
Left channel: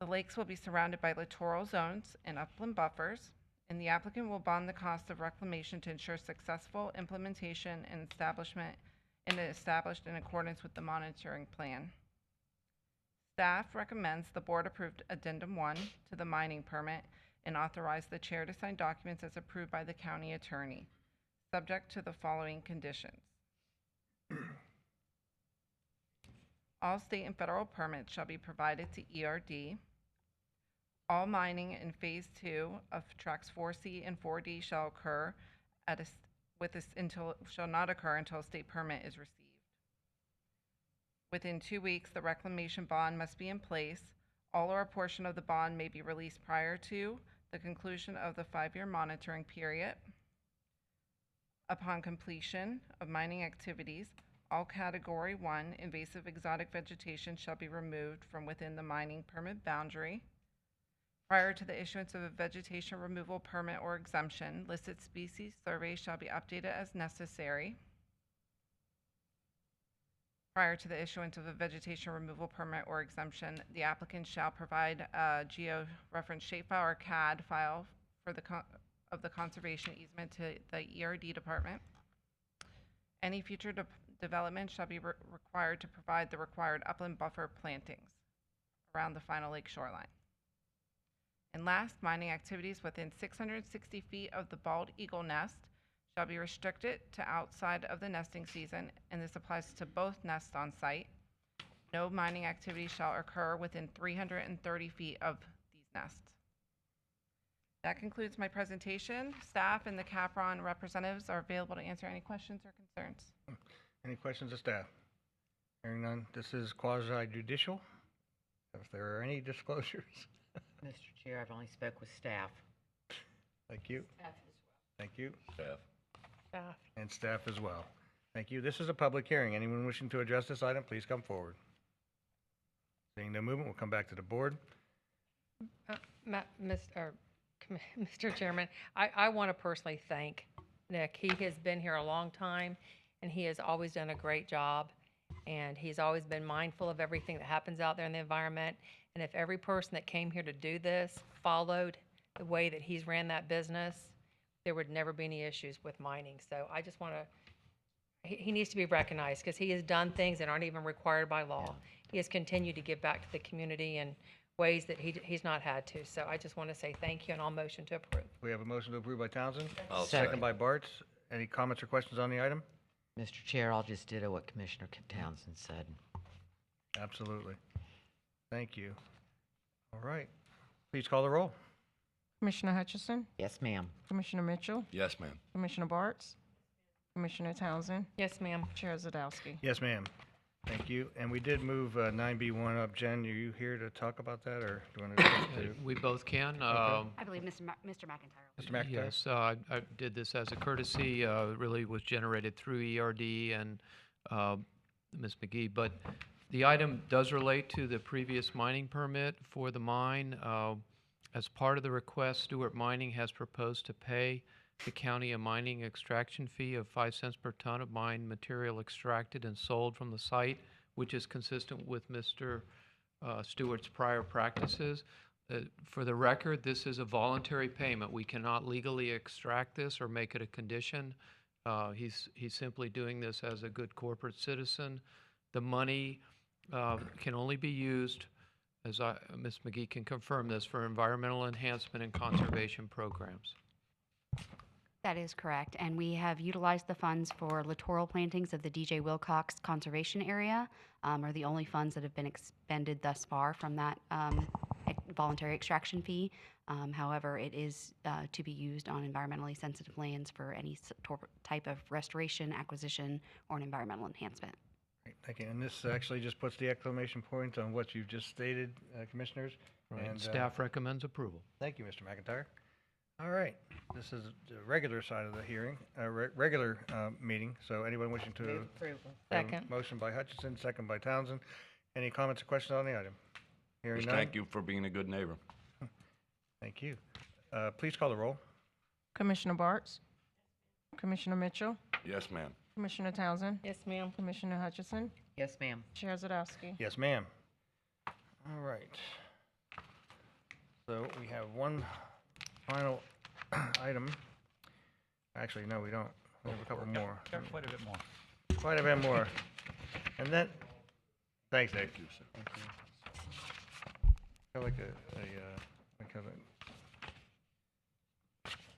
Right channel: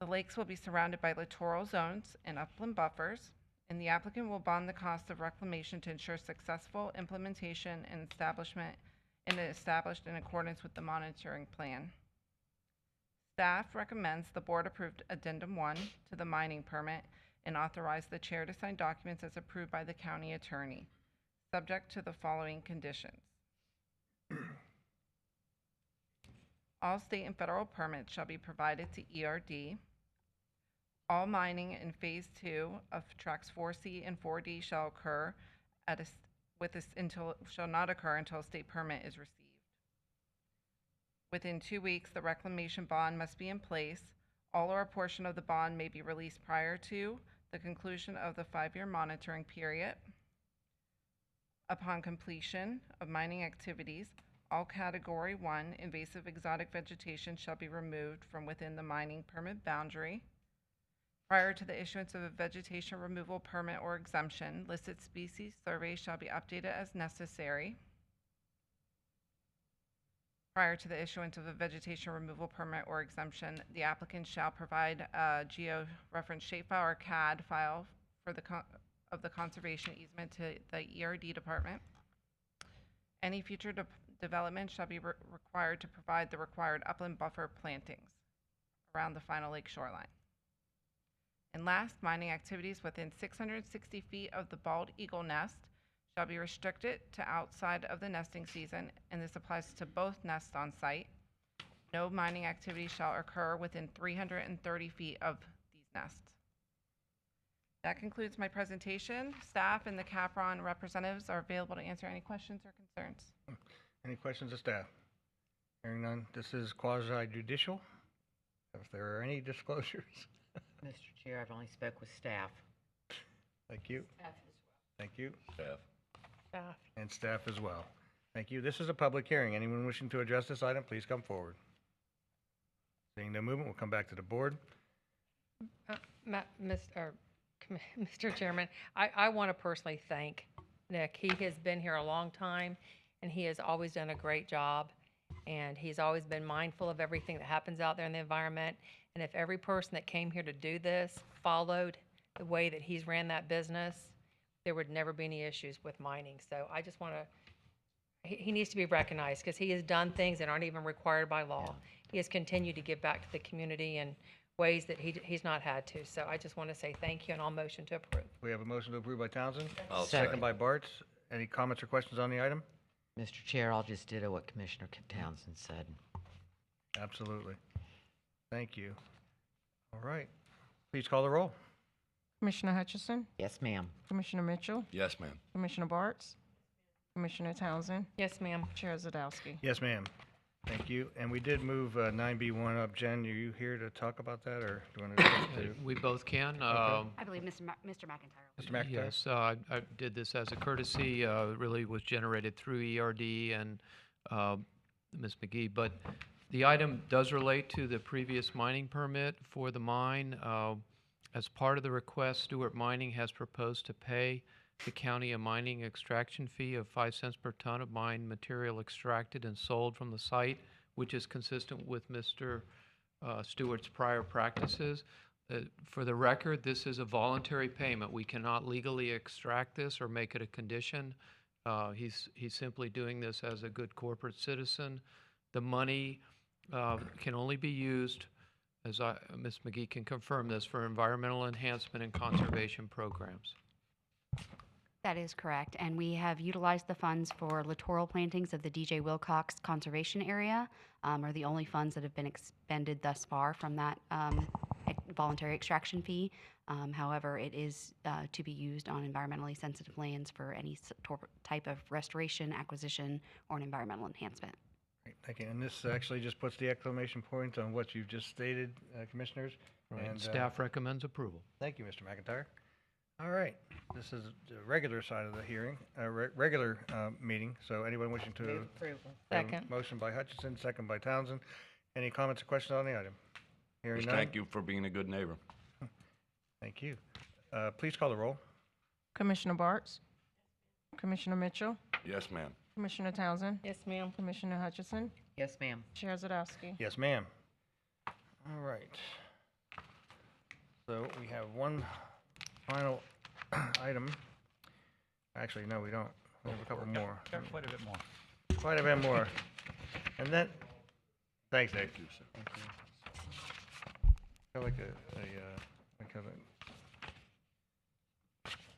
The lakes will be surrounded by littoral zones and upland buffers, and the applicant will bond the cost of reclamation to ensure successful implementation and established in accordance with the monitoring plan. Staff recommends the board approved Addendum 1 to the mining permit and authorize the chair to sign documents as approved by the county attorney, subject to the following conditions. All state and federal permits shall be provided to ERD. All mining in Phase 2 of Tracts 4C and 4D shall not occur until a state permit is received. Within 2 weeks, the reclamation bond must be in place. All or a portion of the bond may be released prior to the conclusion of the 5-year monitoring period. Upon completion of mining activities, all Category 1 invasive exotic vegetation shall be removed from within the mining permit boundary. Prior to the issuance of a vegetation removal permit or exemption, listed species surveys shall be updated as necessary. Prior to the issuance of a vegetation removal permit or exemption, the applicant shall provide a geo-reference shapefile or CAD file for of the conservation easement to the ERD department. Any future development shall be required to provide the required upland buffer plantings around the final lake shoreline. And last, mining activities within 660 feet of the bald eagle nest shall be restricted to outside of the nesting season, and this applies to both nests on site. No mining activity shall occur within 330 feet of these nests. That concludes my presentation. Staff and the Capron representatives are available to answer any questions or concerns. Any questions of staff? Hearing none, this is quasi judicial. If there are any disclosures. Mr. Chair, I've only spoke with staff. Thank you. Thank you. Staff. Staff. And staff as well. Thank you. This is a public hearing. Anyone wishing to address this item, please come forward. Seeing no movement, we'll come back to the board. Mr. Chairman, I want to personally thank Nick. He has been here a long time, and he has always done a great job, and he's always been mindful of everything that happens out there in the environment. And if every person that came here to do this followed the way that he's ran that business, there would never be any issues with mining. So I just want to, he needs to be recognized because he has done things that aren't even required by law. He has continued to give back to the community in ways that he's not had to. So I just want to say thank you, and I'll motion to approve. We have a motion to approve by Townsend. I'll Second second. by Bartz. Any comments or questions on the item? Mr. Chair, I'll just ditto what Commissioner Townsend said. Absolutely. Thank you. All right. Please call the roll. Commissioner Hutchison, Yes, ma'am. Commissioner Mitchell, Yes, ma'am. Commissioner Bartz, Commissioner Townsend, Yes, ma'am. Chair Zadowski. Yes, ma'am. Thank you. And we did move 9B1 up. Jen, are you here to talk about that, or do you want to? We both can. I believe Mr. McIntyre. Mr. McIntyre? Yes, I did this as a courtesy. Really was generated through ERD and Ms. McGee. But the item does relate to the previous mining permit for the mine. As part of the request, Stewart Mining has proposed to pay the county a mining extraction fee of 5 cents per ton of mine material extracted and sold from the site, which is consistent with Mr. Stewart's prior practices. For the record, this is a voluntary payment. We cannot legally extract this or make it a condition. He's simply doing this as a good corporate citizen. The money can only be used, as Ms. McGee can confirm this, for environmental enhancement and conservation programs. That is correct, and we have utilized the funds for littoral plantings of the DJ Wilcox Conservation Area, are the only funds that have been expended thus far from that voluntary extraction fee. However, it is to be used on environmentally sensitive lands for any type of restoration, acquisition, or an environmental enhancement. Great, thank you. And this actually just puts the exclamation point on what you've just stated, Commissioners. Right. And Staff recommends approval. Thank you, Mr. McIntyre. All right, this is the regular side of the hearing, regular meeting. So anyone wishing to Move approval. have a Second. motion by Hutchison, second by Townsend. Any comments or questions on the item? Hearing Just none. thank you for being a good neighbor. Thank you. Please call the roll. Commissioner Bartz, Commissioner Mitchell, Yes, ma'am. Commissioner Townsend, Yes, ma'am. Commissioner Hutchison, Yes, ma'am. Chair Zadowski. Yes, ma'am. All right. So we have one final item. Actually, no, we don't. We have a couple more. Got quite a bit more. Quite a bit more. And then, thanks, Dave. Thank you, sir. Thank you. I feel like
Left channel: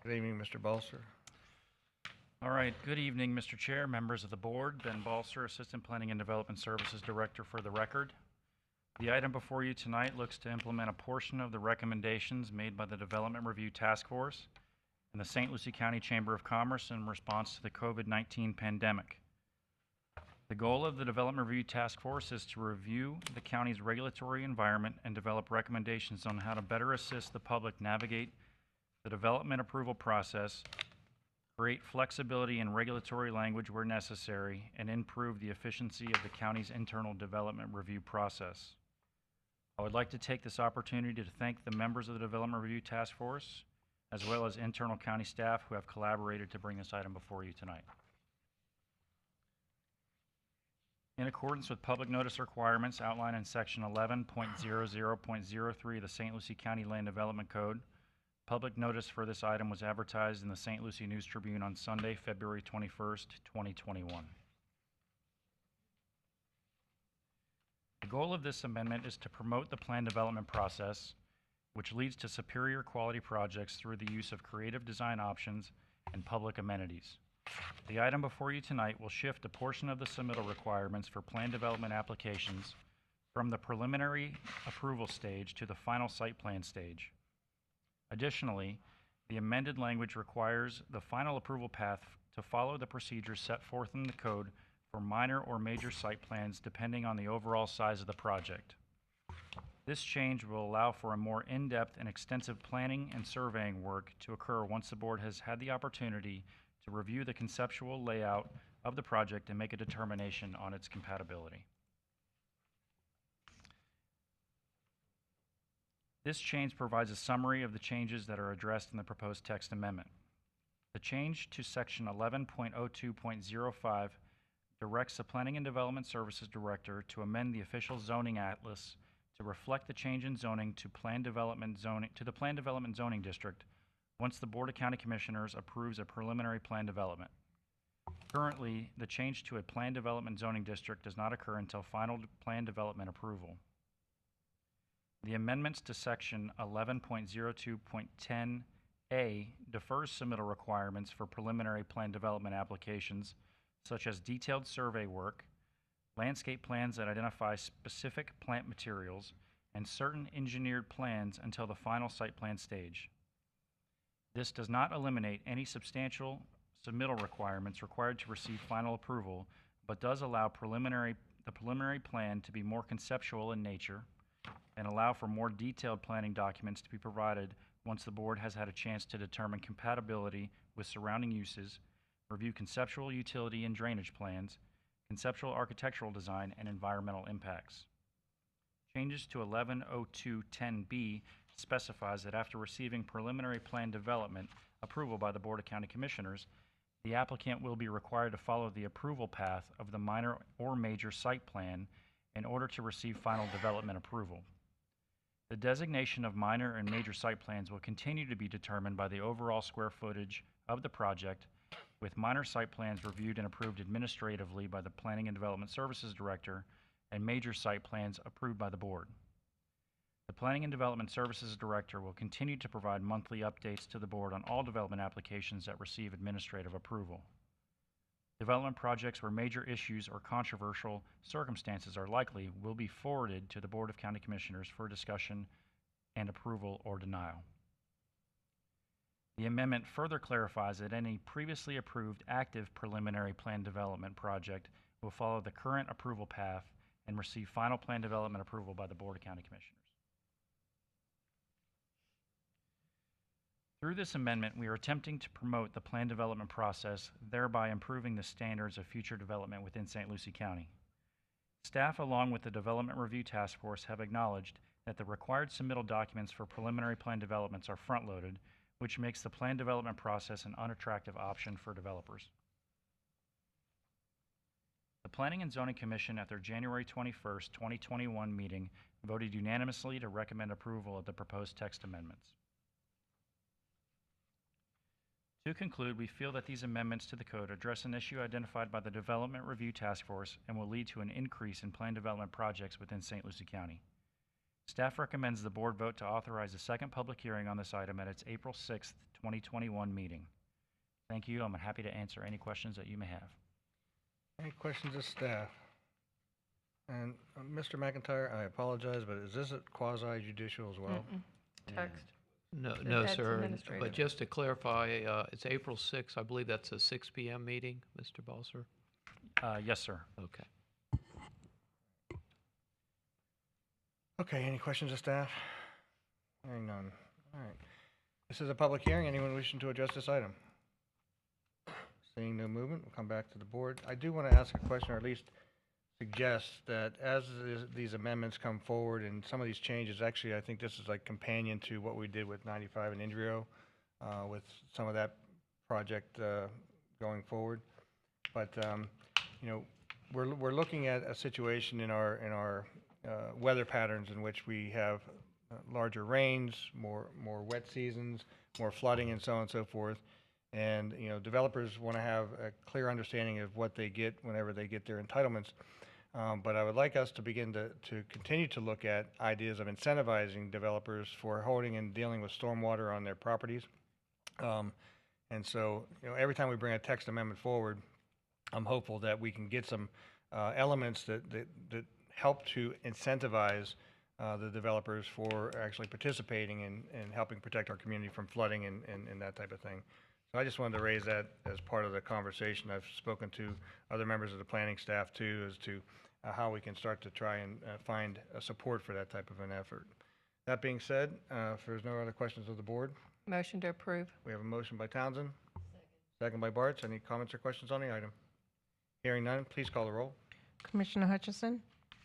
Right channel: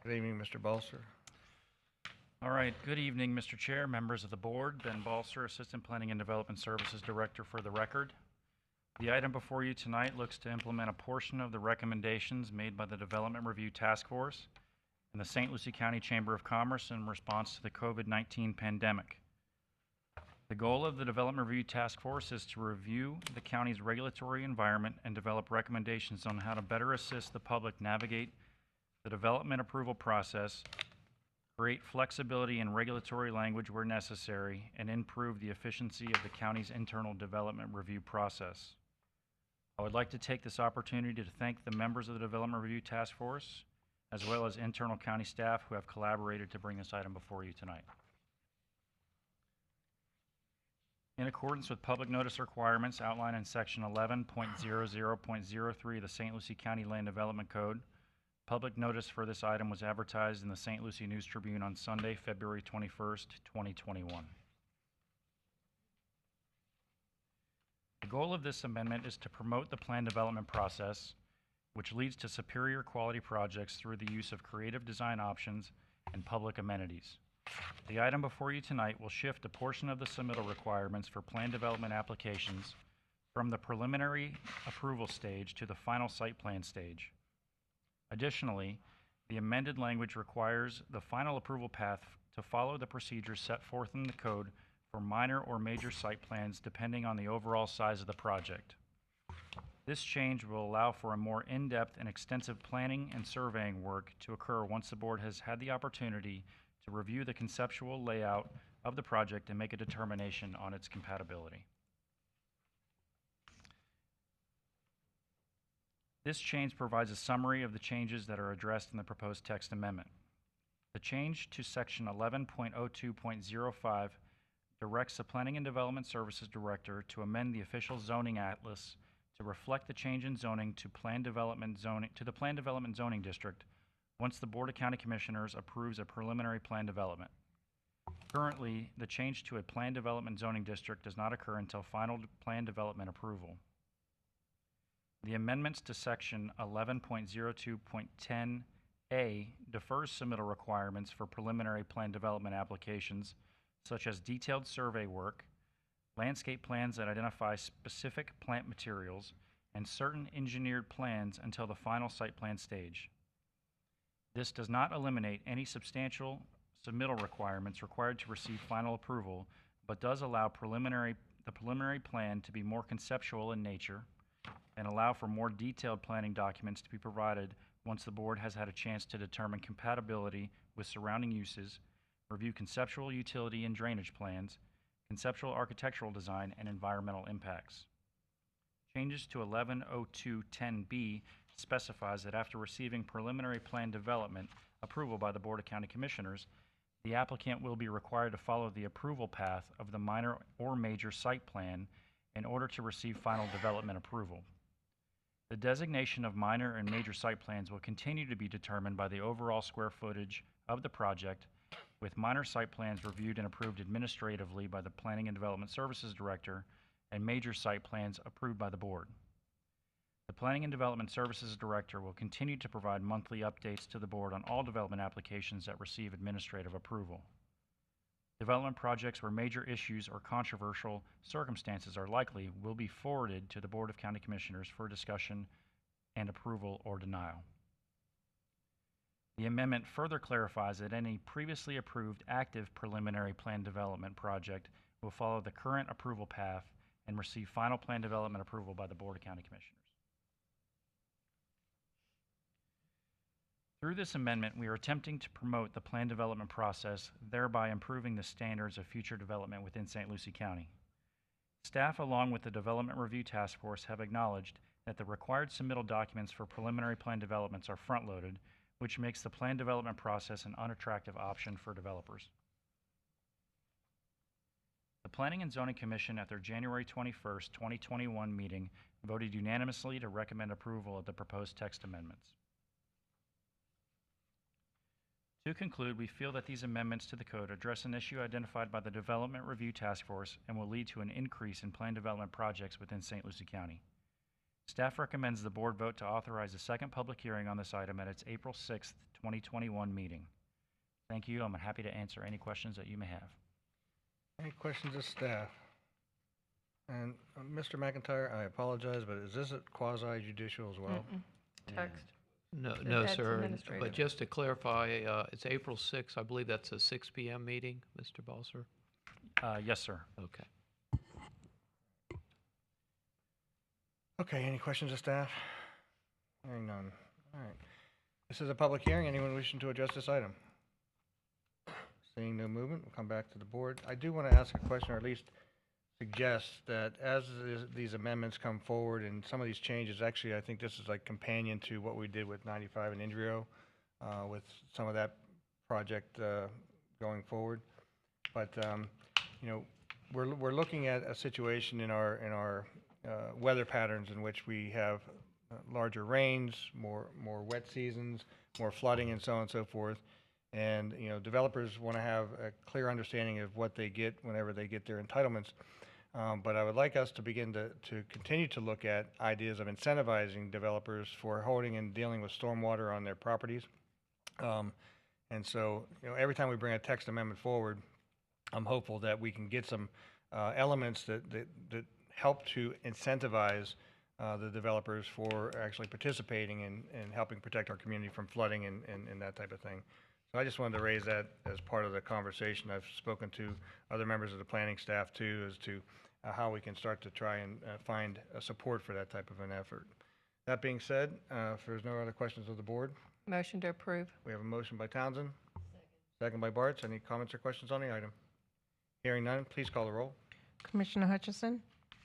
good evening, Mr. Balser. All right, good evening, Mr. Chair, members of the board. Ben Balser, Assistant Planning and Development Services Director for the record. The item before you tonight looks to implement a portion of the recommendations made by the Development Review Task Force and the St. Lucie County Chamber of Commerce in response to the COVID-19 pandemic. The goal of the Development Review Task Force is to review the county's regulatory environment and develop recommendations on how to better assist the public navigate the development approval process, create flexibility in regulatory language where necessary, and improve the efficiency of the county's internal development review process. I would like to take this opportunity to thank the members of the Development Review Task Force, as well as internal county staff who have collaborated to bring this item before you tonight. In accordance with public notice requirements outlined in Section 11.00.03 of the St. Lucie County Land Development Code, public notice for this item was advertised in the St. Lucie News Tribune on Sunday, February 21st, 2021. The goal of this amendment is to promote the plan development process, which leads to superior quality projects through the use of creative design options and public amenities. The item before you tonight will shift a portion of the submittal requirements for plan development applications from the preliminary approval stage to the final site plan stage. Additionally, the amended language requires the final approval path to follow the procedures set forth in the code for minor or major site plans depending on the overall size of the project. This change will allow for a more in-depth and extensive planning and surveying work to occur once the board has had the opportunity to review the conceptual layout of the project and make a determination on its compatibility. This change provides a summary of the changes that are addressed in the proposed text amendment. The change to Section 11.02.05 directs the Planning and Development Services Director to amend the official zoning atlas to reflect the change in zoning to the Plan Development Zoning District once the Board of County Commissioners approves a preliminary plan development. Currently, the change to a Plan Development Zoning District does not occur until final plan development approval. The amendments to Section 11.02.10A defers submittal requirements for preliminary plan development applications, such as detailed survey work, landscape plans that identify specific plant materials, and certain engineered plans until the final site plan stage. This does not eliminate any substantial submittal requirements required to receive final approval, but does allow the preliminary plan to be more conceptual in nature and allow for more detailed planning documents to be provided once the board has had a chance to determine compatibility with surrounding uses, review conceptual utility and drainage plans, conceptual architectural design, and environmental impacts. Changes to 11.02.10b specifies that after receiving preliminary plan development approval by the Board of County Commissioners, the applicant will be required to follow the approval path of the minor or major site plan in order to receive final development approval. The designation of minor and major site plans will continue to be determined by the overall square footage of the project, with minor site plans reviewed and approved administratively by the Planning and Development Services Director and major site plans approved by the board. The Planning and Development Services Director will continue to provide monthly updates to the board on all development applications that receive administrative approval. Development projects where major issues or controversial circumstances are likely will be forwarded to the Board of County Commissioners for discussion and approval or denial. The amendment further clarifies that any previously approved active preliminary plan development project will follow the current approval path and receive final plan development approval by the Board of County Commissioners. Through this amendment, we are attempting to promote the plan development process, thereby improving the standards of future development within St. Lucie County. Staff, along with the Development Review Task Force, have acknowledged that the required submittal documents for preliminary plan developments are front-loaded, which makes the plan development process an unattractive option for developers. The Planning and Zoning Commission, at their January 21st, 2021 meeting, voted unanimously to recommend approval of the proposed text amendments. To conclude, we feel that these amendments to the code address an issue identified by the Development Review Task Force and will lead to an increase in plan development projects within St. Lucie County. Staff recommends the board vote to authorize a second public hearing on this item at its April 6th, 2021 meeting. Thank you. I'm happy to answer any questions that you may have. Any questions of staff? And Mr. McIntyre, I apologize, but is this a quasi judicial as well? Text. No, That's sir. administrative. But just to clarify, it's April 6th. I believe that's a 6 p.m. meeting, Mr. Balser. Yes, sir. Okay. Okay, any questions of staff? Hearing none. All right. This is a public hearing. Anyone wishing to address this item? Seeing no movement, we'll come back to the board. I do want to ask a question, or at least suggest that as these amendments come forward and some of these changes, actually, I think this is like companion to what we did with 95 and Indrio, with some of that project going forward. But you know, we're looking at a situation in our weather patterns in which we have larger rains, more wet seasons, more flooding, and so on and so forth. And you know, developers want to have a clear understanding of what they get whenever they get their entitlements. But I would like us to begin to continue to look at ideas of incentivizing developers for holding and dealing with stormwater on their properties. And so, you know, every time we bring a text amendment forward, I'm hopeful that we can get some elements that help to incentivize the developers for actually participating in helping protect our community from flooding and that type of thing. So I just wanted to raise that as part of the conversation. I've spoken to other members of the planning staff too, as to how we can start to try and find support for that type of an effort. That being said, if there's no other questions of the board, Motion to approve. we have a motion by Townsend, second by Bartz. Any comments or questions on the item? Hearing none, please call the roll. Commissioner Hutchison,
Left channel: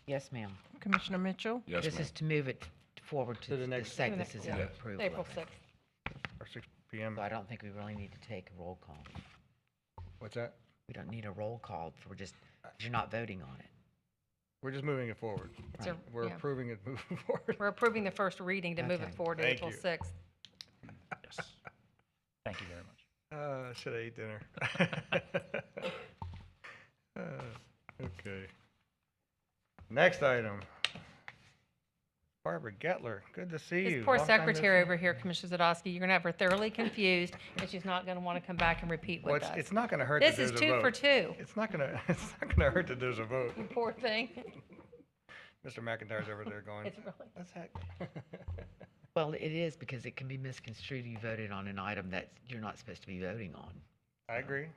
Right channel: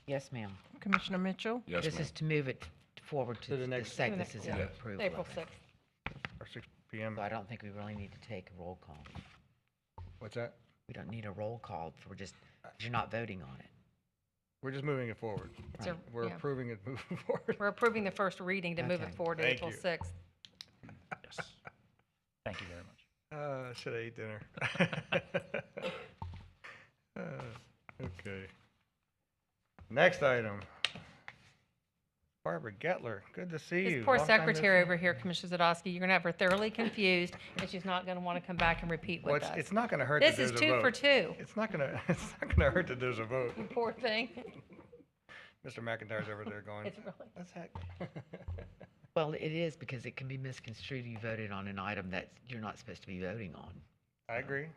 Yes, ma'am. Commissioner Mitchell, Yes, This ma'am. is to move it forward to To the the next- sec. To the This next- is an yeah. approval. April of it. 6th. Or 6 p.m. So I don't think we really need to take a roll call. What's that? We don't need a roll call. We're just, you're not voting on it. We're just moving it forward. It's a- We're yeah. approving it moving forward. We're approving the first reading to move it Okay. forward to Thank April you. 6th. Yes. Thank you very much. Should I eat dinner? Okay. Next item. Barbara Gettler, good to see you. This poor Long time no secretary see. over here, Commissioner Zadowski, you're gonna have her thoroughly confused, and she's not gonna wanna come back and repeat Well, with us. it's not gonna hurt This that is there's a 2 vote. for 2. It's not gonna hurt that there's a vote. You poor thing. Mr. McIntyre's over there going, It's really. what's that? Well, it is because it can be misconstrued. You voted on an item that you're not supposed to be voting on. I agree.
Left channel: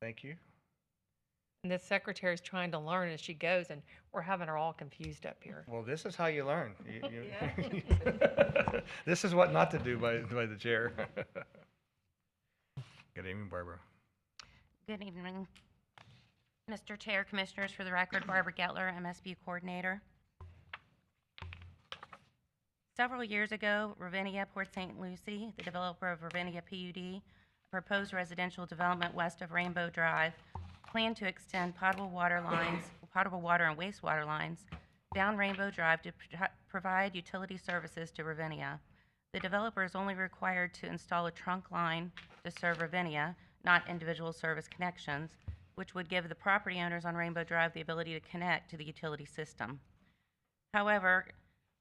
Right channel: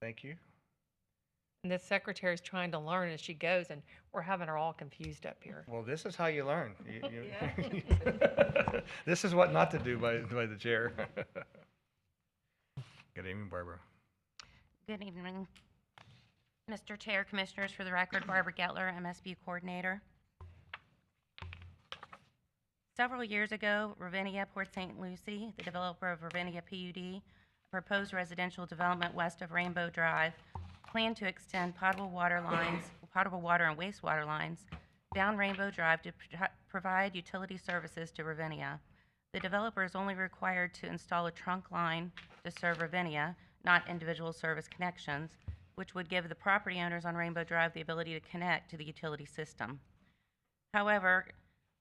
Thank you. And this secretary's trying to learn as she goes, and we're having her all confused up here. Well, this is how you learn. This is what not to do by the chair. Good evening, Barbara. Good evening, Mr. Chair, Commissioners. For the record, Barbara Gettler, MSB Coordinator. Several years ago, Ravinia Port St. Lucie, the developer of Ravinia PUD, a proposed residential development west of Rainbow Drive, planned to extend potable water and wastewater lines down Rainbow Drive to provide utility services to Ravinia. The developer is only required to install a trunk line to serve Ravinia, not individual service connections, which would give the property owners on Rainbow Drive the ability to connect to the utility system. However,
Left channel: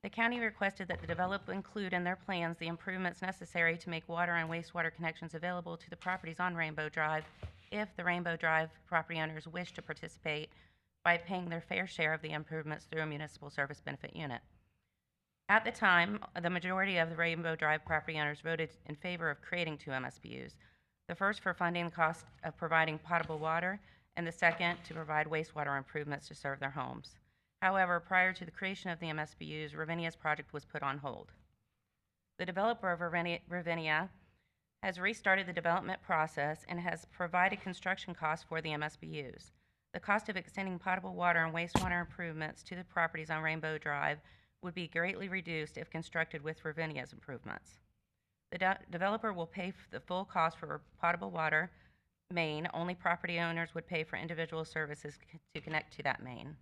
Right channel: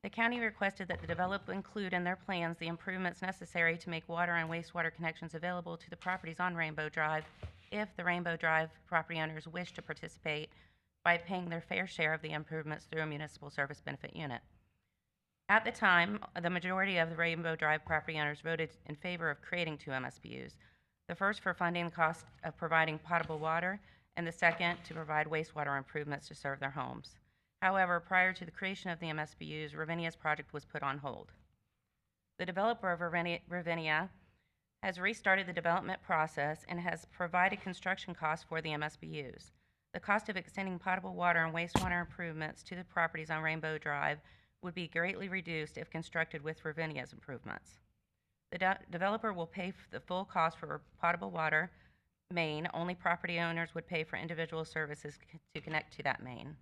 the county requested that the developer include in their plans the improvements necessary to make water and wastewater connections available to the properties on Rainbow Drive if the Rainbow Drive property owners wish to participate by paying their fair share of the improvements through a municipal service benefit unit. At the time, the majority of the Rainbow Drive property owners voted in favor of creating 2 MSBUs, the first for funding the cost of providing potable water, and the second to provide wastewater improvements to serve their homes. However, prior to the creation of the MSBUs, Ravinia's project was put on hold. The developer of Ravinia has restarted the development process and has provided construction costs for the MSBUs. The cost of extending potable water and wastewater improvements to the properties on Rainbow Drive would be greatly reduced if constructed with Ravinia's improvements. The developer will pay the full cost for potable water main. Only property owners would pay for individual services to connect to that main.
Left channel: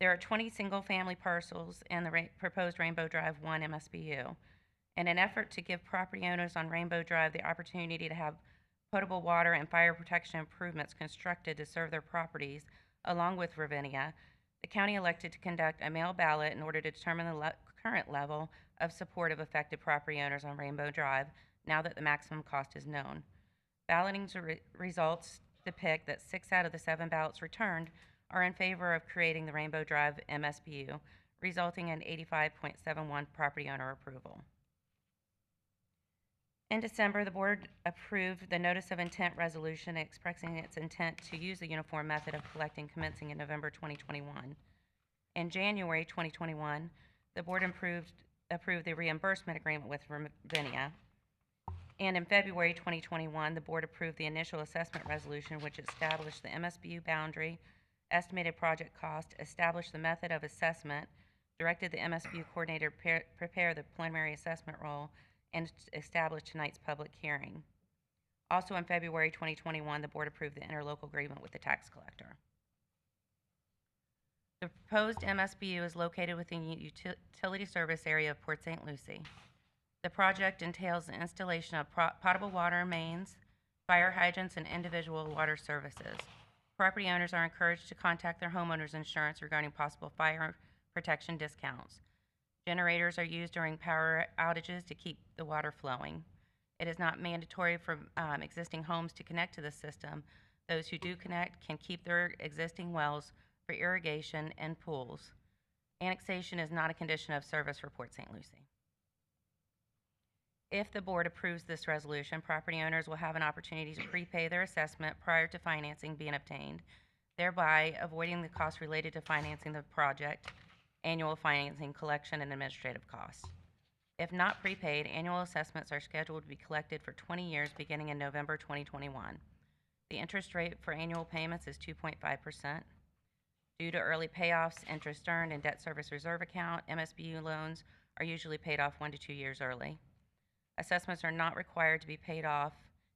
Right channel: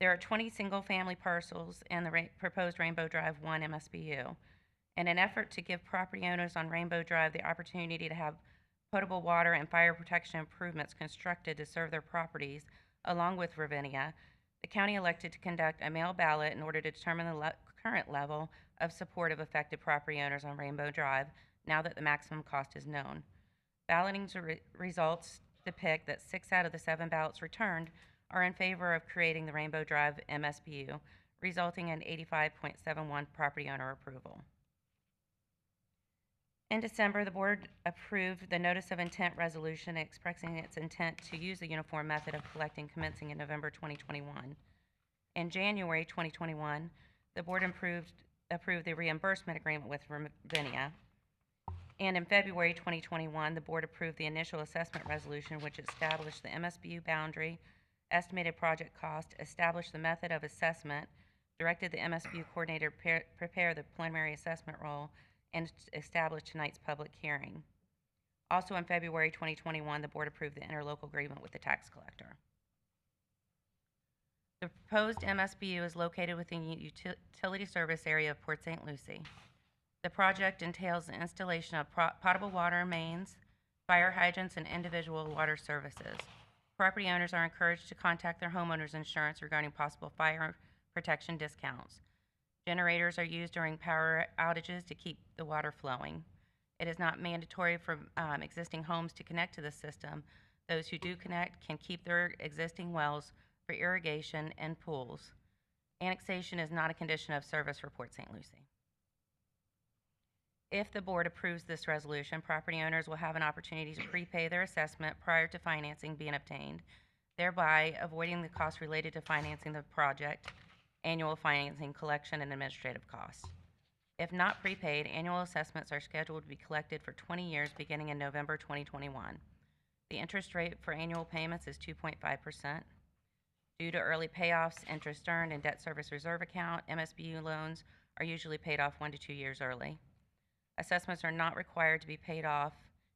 There are 20 single-family parcels in the proposed Rainbow Drive 1 MSBU. In an effort to give property owners on Rainbow Drive the opportunity to have potable water and fire protection improvements constructed to serve their properties, along with Ravinia, the county elected to conduct a mail ballot in order to determine the current level of support of affected property owners on Rainbow Drive, now that the maximum cost is known. Balloting results depict that 6 out of the 7 ballots returned are in favor of creating the Rainbow Drive MSBU, resulting in 85.71% property owner approval. In December, the board approved the notice of intent resolution expressing its intent to use the uniform method of collecting commencing in November 2021. In January 2021, the board approved the reimbursement agreement with Ravinia. And in February 2021, the board approved the initial assessment resolution, which established the MSBU boundary, estimated project cost, established the method of assessment, directed the MSBU coordinator to prepare the preliminary assessment roll, and established tonight's public hearing. Also in February 2021, the board approved the interlocal agreement with the tax collector. The proposed MSBU is located within the utility service area of Port St. Lucie. The project entails the installation of potable water mains, fire hydrants, and individual water services. Property owners are encouraged to contact their homeowner's insurance regarding possible fire protection discounts. Generators are used during power outages to keep the water flowing. It is not mandatory for existing homes to connect to the system. Those who do connect can keep their existing wells for irrigation and pools. Annexation is not a condition of service for Port St. Lucie. If the board approves this resolution, property owners will have an opportunity to prepay their assessment prior to financing being obtained, thereby avoiding the costs related to financing the project, annual financing, collection, and administrative costs. If not prepaid, annual assessments are scheduled to be collected for 20 years beginning in November 2021. The interest rate for annual payments is 2.5%. Due to early payoffs, interest earned, and debt service reserve account, MSBU loans are usually paid off 1 to 2 years early. Assessments are not required to be paid off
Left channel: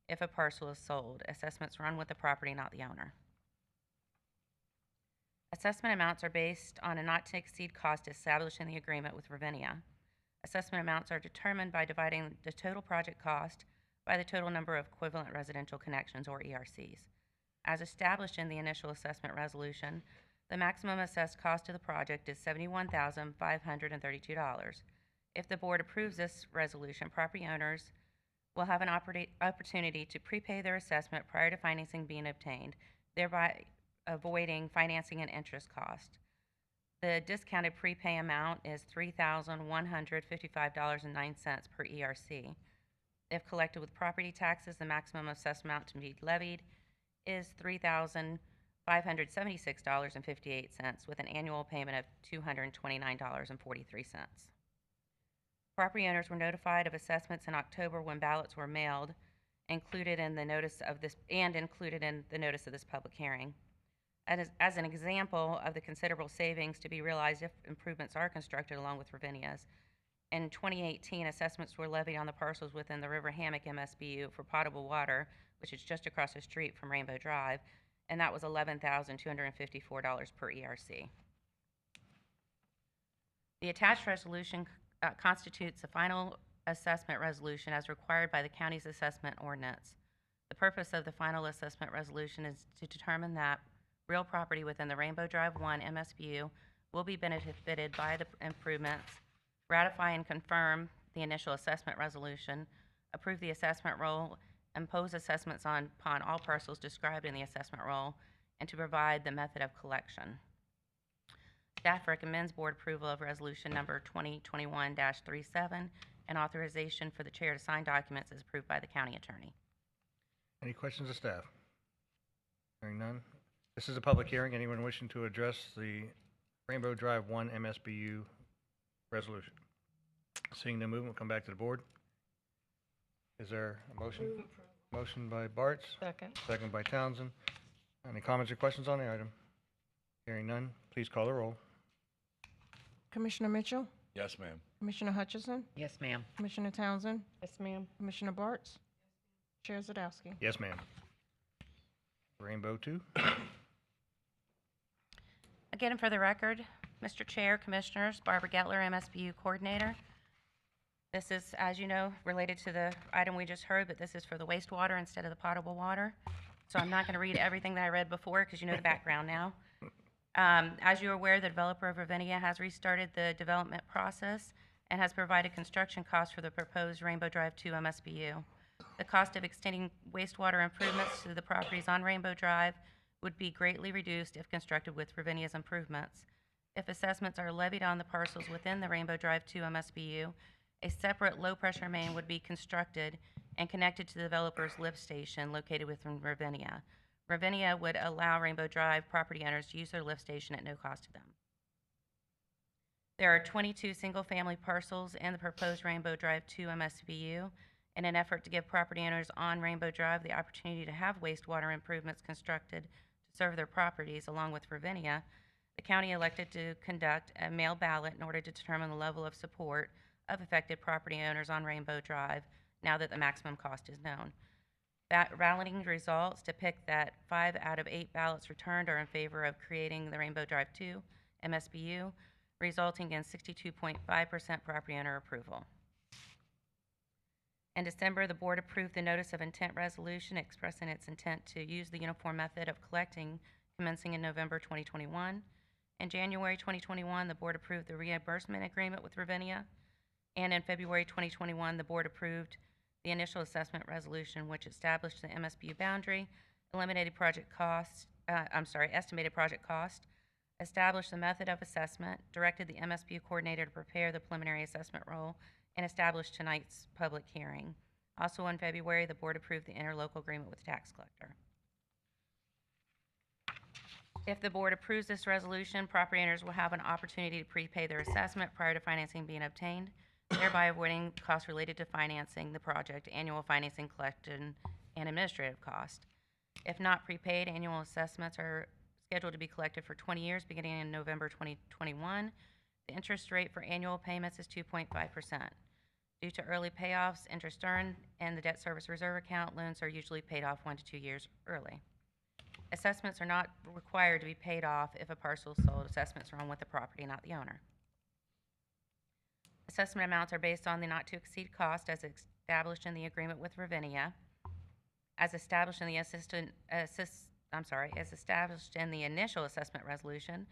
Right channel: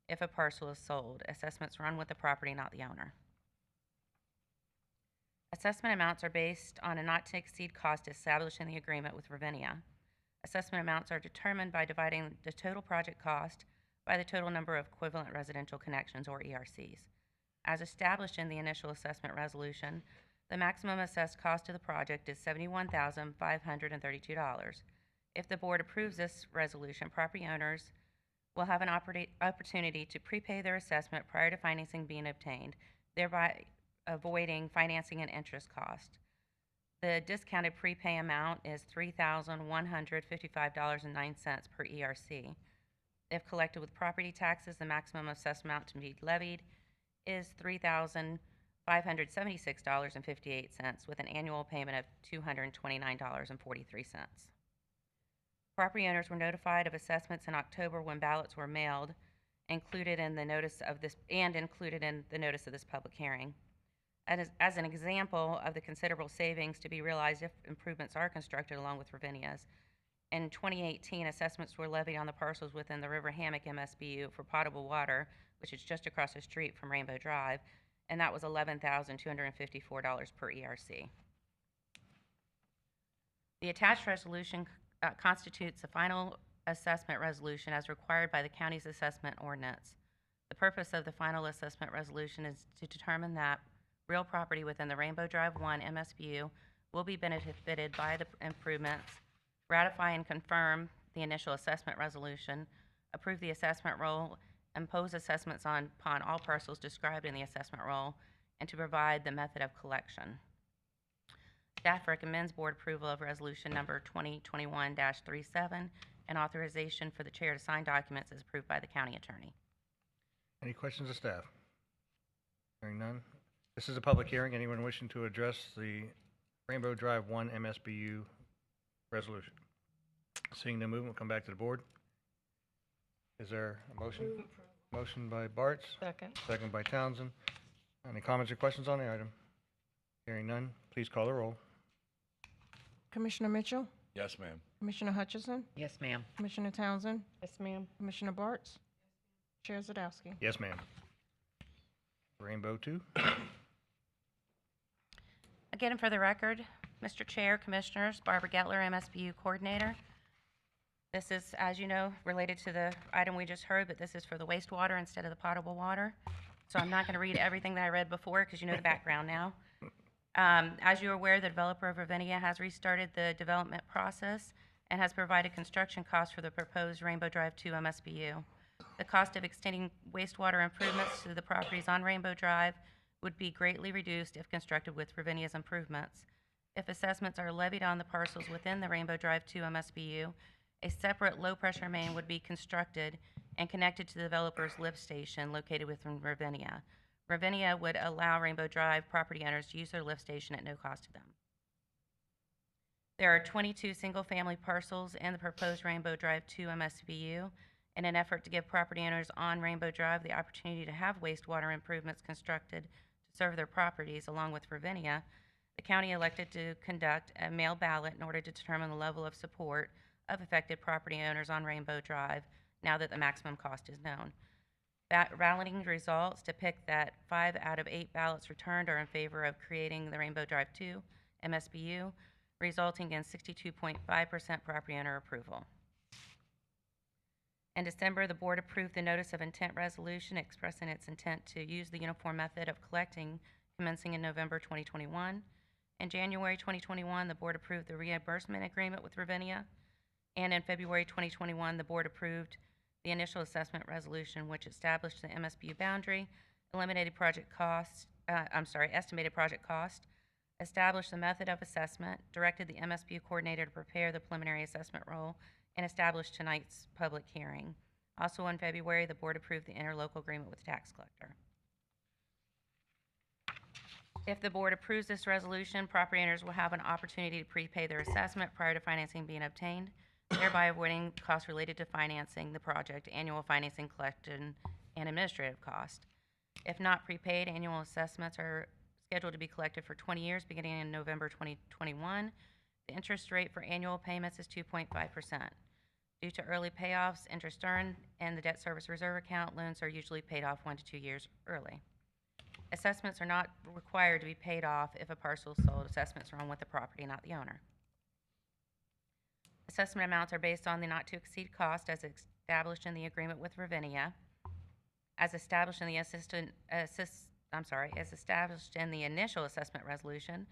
if a parcel is sold. Assessments run with the property, not the owner. Assessment amounts are based on a not-to-exceed cost established in the agreement with Ravinia. Assessment amounts are determined by dividing the total project cost by the total number of equivalent residential connections, or ERCs. As established in the initial assessment resolution, the maximum assessed cost of the project is $71,532. If the board approves this resolution, property owners will have an opportunity to prepay their assessment prior to financing being obtained, thereby avoiding financing and interest cost. The discounted prepay amount is $3,155.09 per ERC. If collected with property taxes, the maximum assessed amount to be levied is $3,576.58 with an annual payment of $229.43. Property owners were notified of assessments in October when ballots were mailed, included in the notice of this public hearing. As an example of the considerable savings to be realized if improvements are constructed along with Ravinia's, in 2018, assessments were levied on the parcels within the River Hammock MSBU for potable water, which is just across the street from Rainbow Drive, and that was $11,254 per ERC. The attached resolution constitutes a final assessment resolution as required by the county's assessment ordinance. The purpose of the final assessment resolution is to determine that real property within the Rainbow Drive 1 MSBU will be benefited by the improvements, ratify and confirm the initial assessment resolution, approve the assessment roll, impose assessments upon all parcels described in the assessment roll, and to provide the method of collection. Staff recommends board approval of resolution number 2021-37 and authorization for the chair to sign documents as approved by the county attorney. Any questions of staff? Hearing none. This is a public hearing. Anyone wishing to address the Rainbow Drive 1 MSBU resolution? Seeing no movement, come back to the board. Is there a motion? Motion by Bartz. Second. Second by Townsend. Any comments or questions on the item? Hearing none, please call the roll. Commissioner Mitchell? Yes, ma'am. Commissioner Hutchison? Yes, ma'am. Commissioner Townsend? Yes, ma'am. Commissioner Bartz? Chair Zadowski? Yes, ma'am. Rainbow 2. Again, for the record, Mr. Chair, Commissioners, Barbara Gettler, MSBU Coordinator. This is, as you know, related to the item we just heard, but this is for the wastewater instead of the potable water. So I'm not going to read everything that I read before because you know the background now. As you're aware, the developer of Ravinia has restarted the development process and has provided construction costs for the proposed Rainbow Drive 2 MSBU. The cost of extending wastewater improvements to the properties on Rainbow Drive would be greatly reduced if constructed with Ravinia's improvements. If assessments are levied on the parcels within the Rainbow Drive 2 MSBU, A separate low-pressure main would be constructed and connected to the developer's lift station located within Ravinia. Ravinia would allow Rainbow Drive property owners to use their lift station at no cost to them. There are 22 single-family parcels in the proposed Rainbow Drive 2 MSBU. In an effort to give property owners on Rainbow Drive the opportunity to have wastewater improvements constructed to serve their properties along with Ravinia, the county elected to conduct a mail ballot in order to determine the level of support of affected property owners on Rainbow Drive now that the maximum cost is known. Balloting results depict that 5 out of 8 ballots returned are in favor of creating the Rainbow Drive 2 MSBU, resulting in 62.5% property owner approval. In December, the board approved the notice of intent resolution expressing its intent to use the uniform method of collecting commencing in November 2021. In January 2021, the board approved the reimbursement agreement with Ravinia, and in February 2021, the board approved the initial assessment resolution, which established the MSBU boundary, estimated project cost, established the method of assessment, directed the MSBU coordinator to prepare the preliminary assessment roll, and established tonight's public hearing. Also in February, the board approved the interlocal agreement with the tax collector. If the board approves this resolution, property owners will have an opportunity to prepay their assessment prior to financing being obtained, thereby avoiding costs related to financing the project, annual financing collection, and administrative costs. If not prepaid, annual assessments are scheduled to be collected for 20 years beginning in November 2021. The interest rate for annual payments is 2.5%. Due to early payoffs, interest earned, and the debt service reserve account, loans are usually paid off 1 to 2 years early. Assessments are not required to be paid off if a parcel is sold. Assessments are on with the property, not the owner. Assessment amounts are based on the not-to-exceed cost as established in the agreement with Ravinia, as established in the as established in the initial assessment resolution.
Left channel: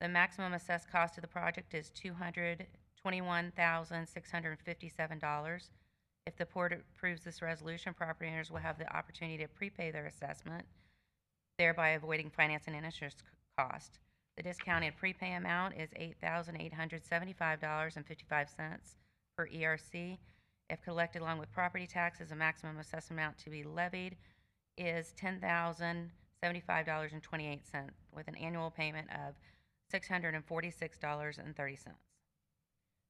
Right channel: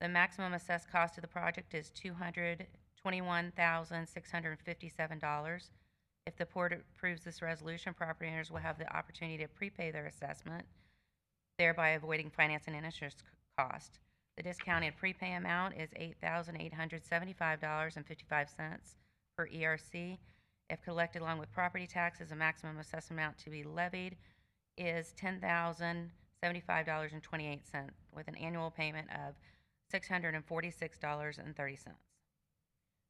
The maximum assessed cost of the project is $221,657. If the board approves this resolution, property owners will have the opportunity to prepay their assessment, thereby avoiding finance and interest cost. The discounted prepay amount is $8,875.55 per ERC. If collected along with property taxes, the maximum assessment amount to be levied is $10,075.28, with an annual payment of $646.30.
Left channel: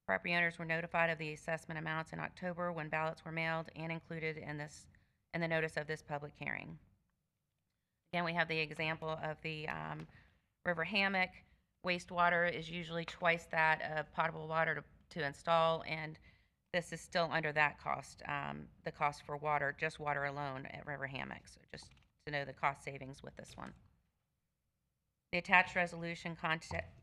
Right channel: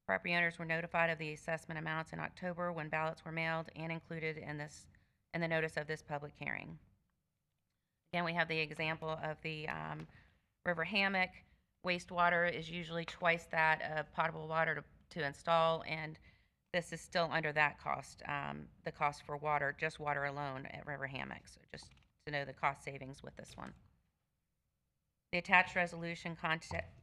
Property owners were notified of the assessment amounts in October when ballots were mailed and included in the notice of this public hearing. Again, we have the example of the River Hammock. Wastewater is usually twice that of potable water to install, and this is still under that cost, the cost for water, just water alone at River Hammock. So just to know the cost savings with this one. The attached resolution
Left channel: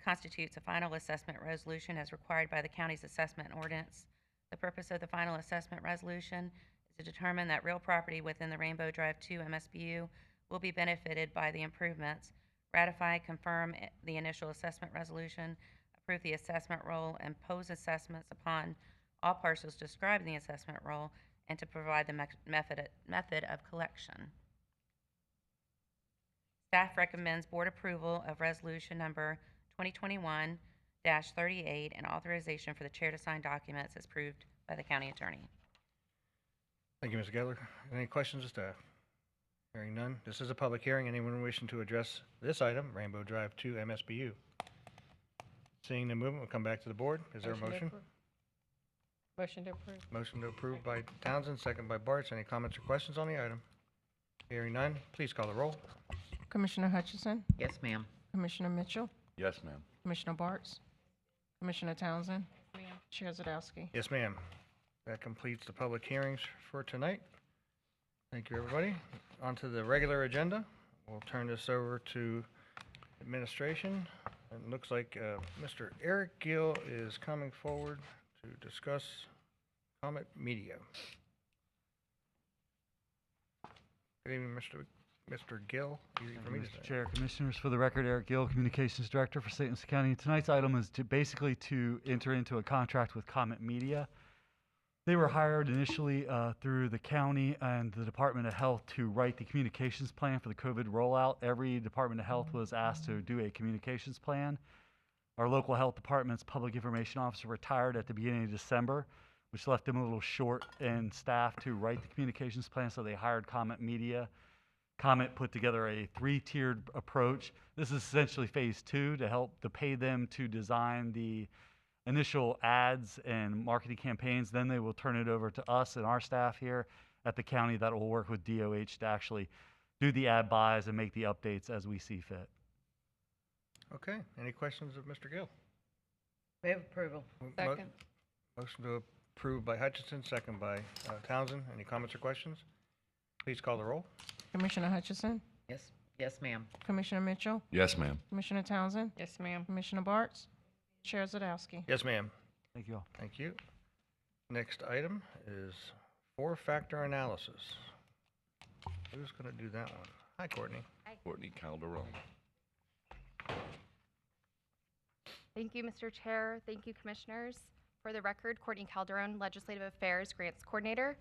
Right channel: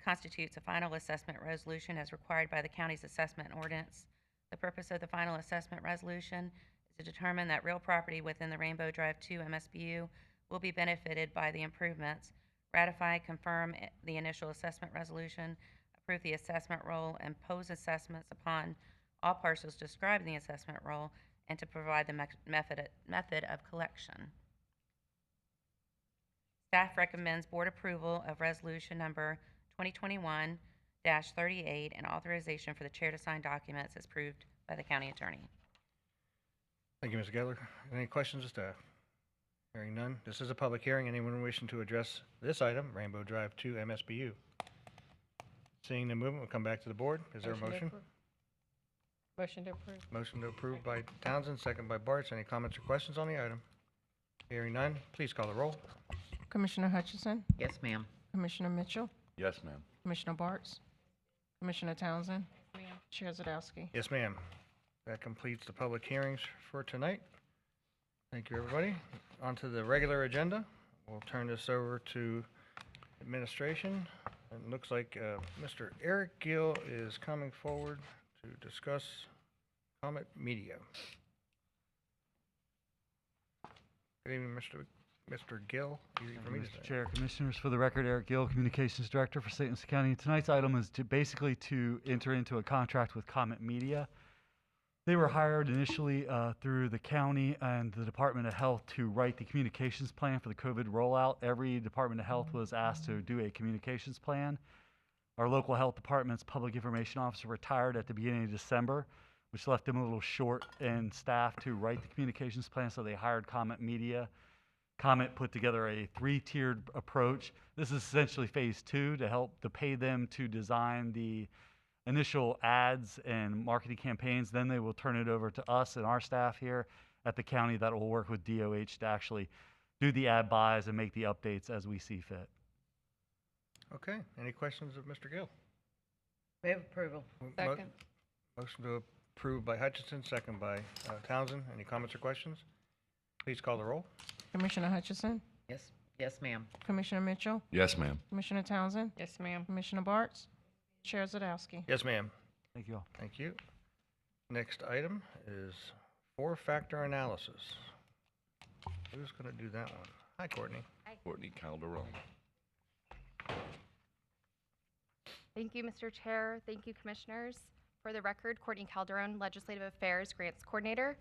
constitutes a final assessment resolution as required by the county's assessment ordinance. The purpose of the final assessment resolution is to determine that real property within the Rainbow Drive 2 MSBU will be benefited by the improvements, ratify, confirm the initial assessment resolution, approve the assessment roll, impose assessments upon all parcels described in the assessment roll, and to provide the method of collection. Staff recommends board approval of resolution number 2021-38 and authorization for the chair to sign documents as approved by the county attorney. Thank you, Mr. Gettler. Any questions of staff? Hearing none. This is a public hearing. Anyone wishing to address this item, Rainbow Drive 2 MSBU? Seeing the movement, we'll come back to the board. Is there a motion? Motion to approve. Motion to approve by Townsend, second by Bartz. Any comments or questions on the item? Hearing none. Please call the roll. Commissioner Hutchison, Yes, ma'am. Commissioner Mitchell, Yes, ma'am. Commissioner Bartz, Commissioner Townsend, Chair Zadowski. Yes, ma'am. That completes the public hearings for tonight. Thank you, everybody. On to the regular agenda. We'll turn this over to administration. It looks like Mr. Eric Gill is coming forward to discuss Comet Media. Good evening, Mr. Gill. Easy for me to say. Mr. Chair, Commissioners, for the record, Eric Gill, Communications Director for St. Lucie County. Tonight's item is to basically to enter into a contract with Comet Media. They were hired initially through the county and the Department of Health to write the communications plan for the COVID rollout. Every Department of Health was asked to do a communications plan. Our local health department's public information officer retired at the beginning of December. which left them a little short in staff to write the communications plan, so they hired Comet Media. Comet put together a 3-tiered approach. This is essentially phase 2 to pay them to design the initial ads and marketing campaigns. Then they will turn it over to us and our staff here at the county that will work with DOH to actually do the ad buys and make the updates as we see fit. Okay, any questions of Mr. Gill? Move approval. Second. Motion to approve by Hutchinson, second by Townsend. Any comments or questions? Please call the roll. Commissioner Hutchison, Yes, yes, ma'am. Commissioner Mitchell, Yes, ma'am. Commissioner Townsend, Yes, ma'am. Commissioner Bartz, Chair Zadowski. Yes, ma'am. Thank you all. Thank you. Next item is 4-factor analysis. Who's going to do that one? Hi, Courtney. Courtney Calderon. Thank you, Mr. Chair. Thank you, Commissioners. For the record, Courtney Calderon, Legislative Affairs Grants Coordinator.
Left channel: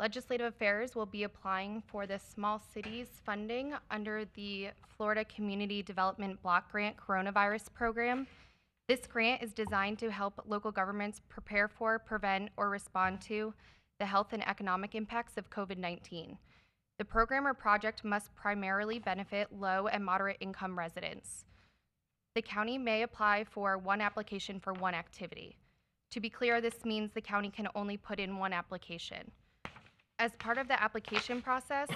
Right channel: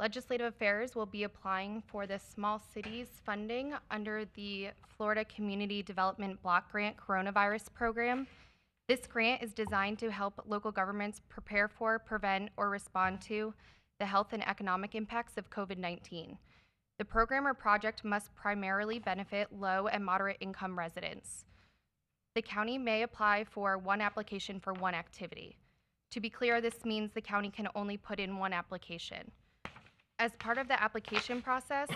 Legislative Affairs will be applying for the Small Cities funding under the Florida Community Development Block Grant Coronavirus Program. This grant is designed to help local governments prepare for, prevent, or respond to the health and economic impacts of COVID-19. The program or project must primarily benefit low and moderate income residents. The county may apply for one application for one activity. To be clear, this means the county can only put in one application. As part of the application process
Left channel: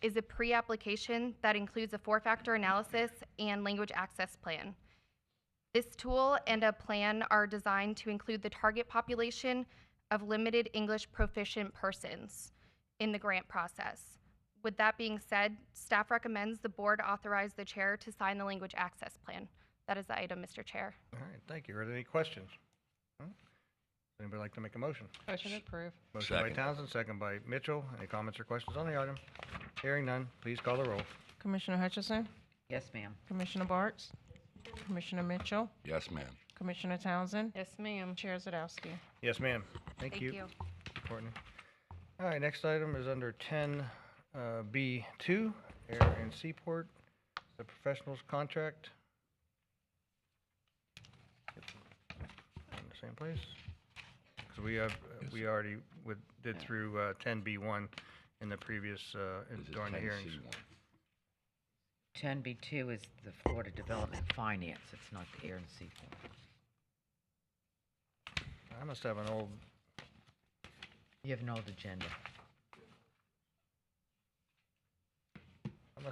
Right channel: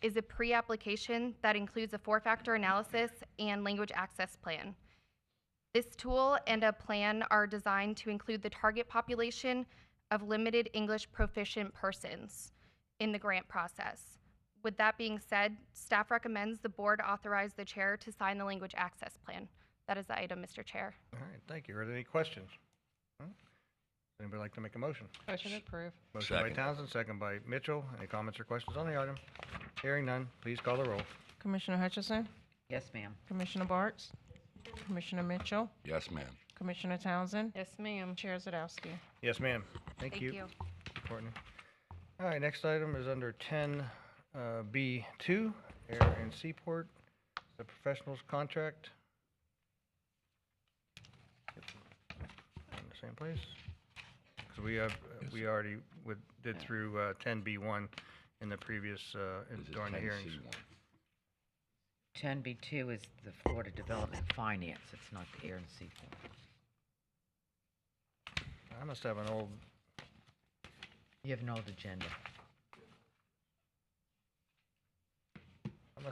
is a pre-application that includes a 4-factor analysis and language access plan. This tool and a plan are designed to include the target population of limited English proficient persons in the grant process. With that being said, staff recommends the board authorize the chair to sign the language access plan. That is the item, Mr. Chair. All right, thank you. Are there any questions? Anybody like to make a motion? Motion to approve. Motion by Townsend, second by Mitchell. Any comments or questions on the item? Hearing none, please call the roll. Commissioner Hutchison, Yes, ma'am. Commissioner Bartz, Commissioner Mitchell, Yes, ma'am. Commissioner Townsend, Yes, ma'am. Chair Zadowski. Yes, ma'am. Thank you. Courtney. All right, next item is under 10B2, Air and Seaport, the professionals contract. In the same place? Because we already did through 10B1 in the previous, during the hearings. 10B2 is the Florida Development Finance. It's not the Air and Seaport. I must have an old, You have an old agenda. I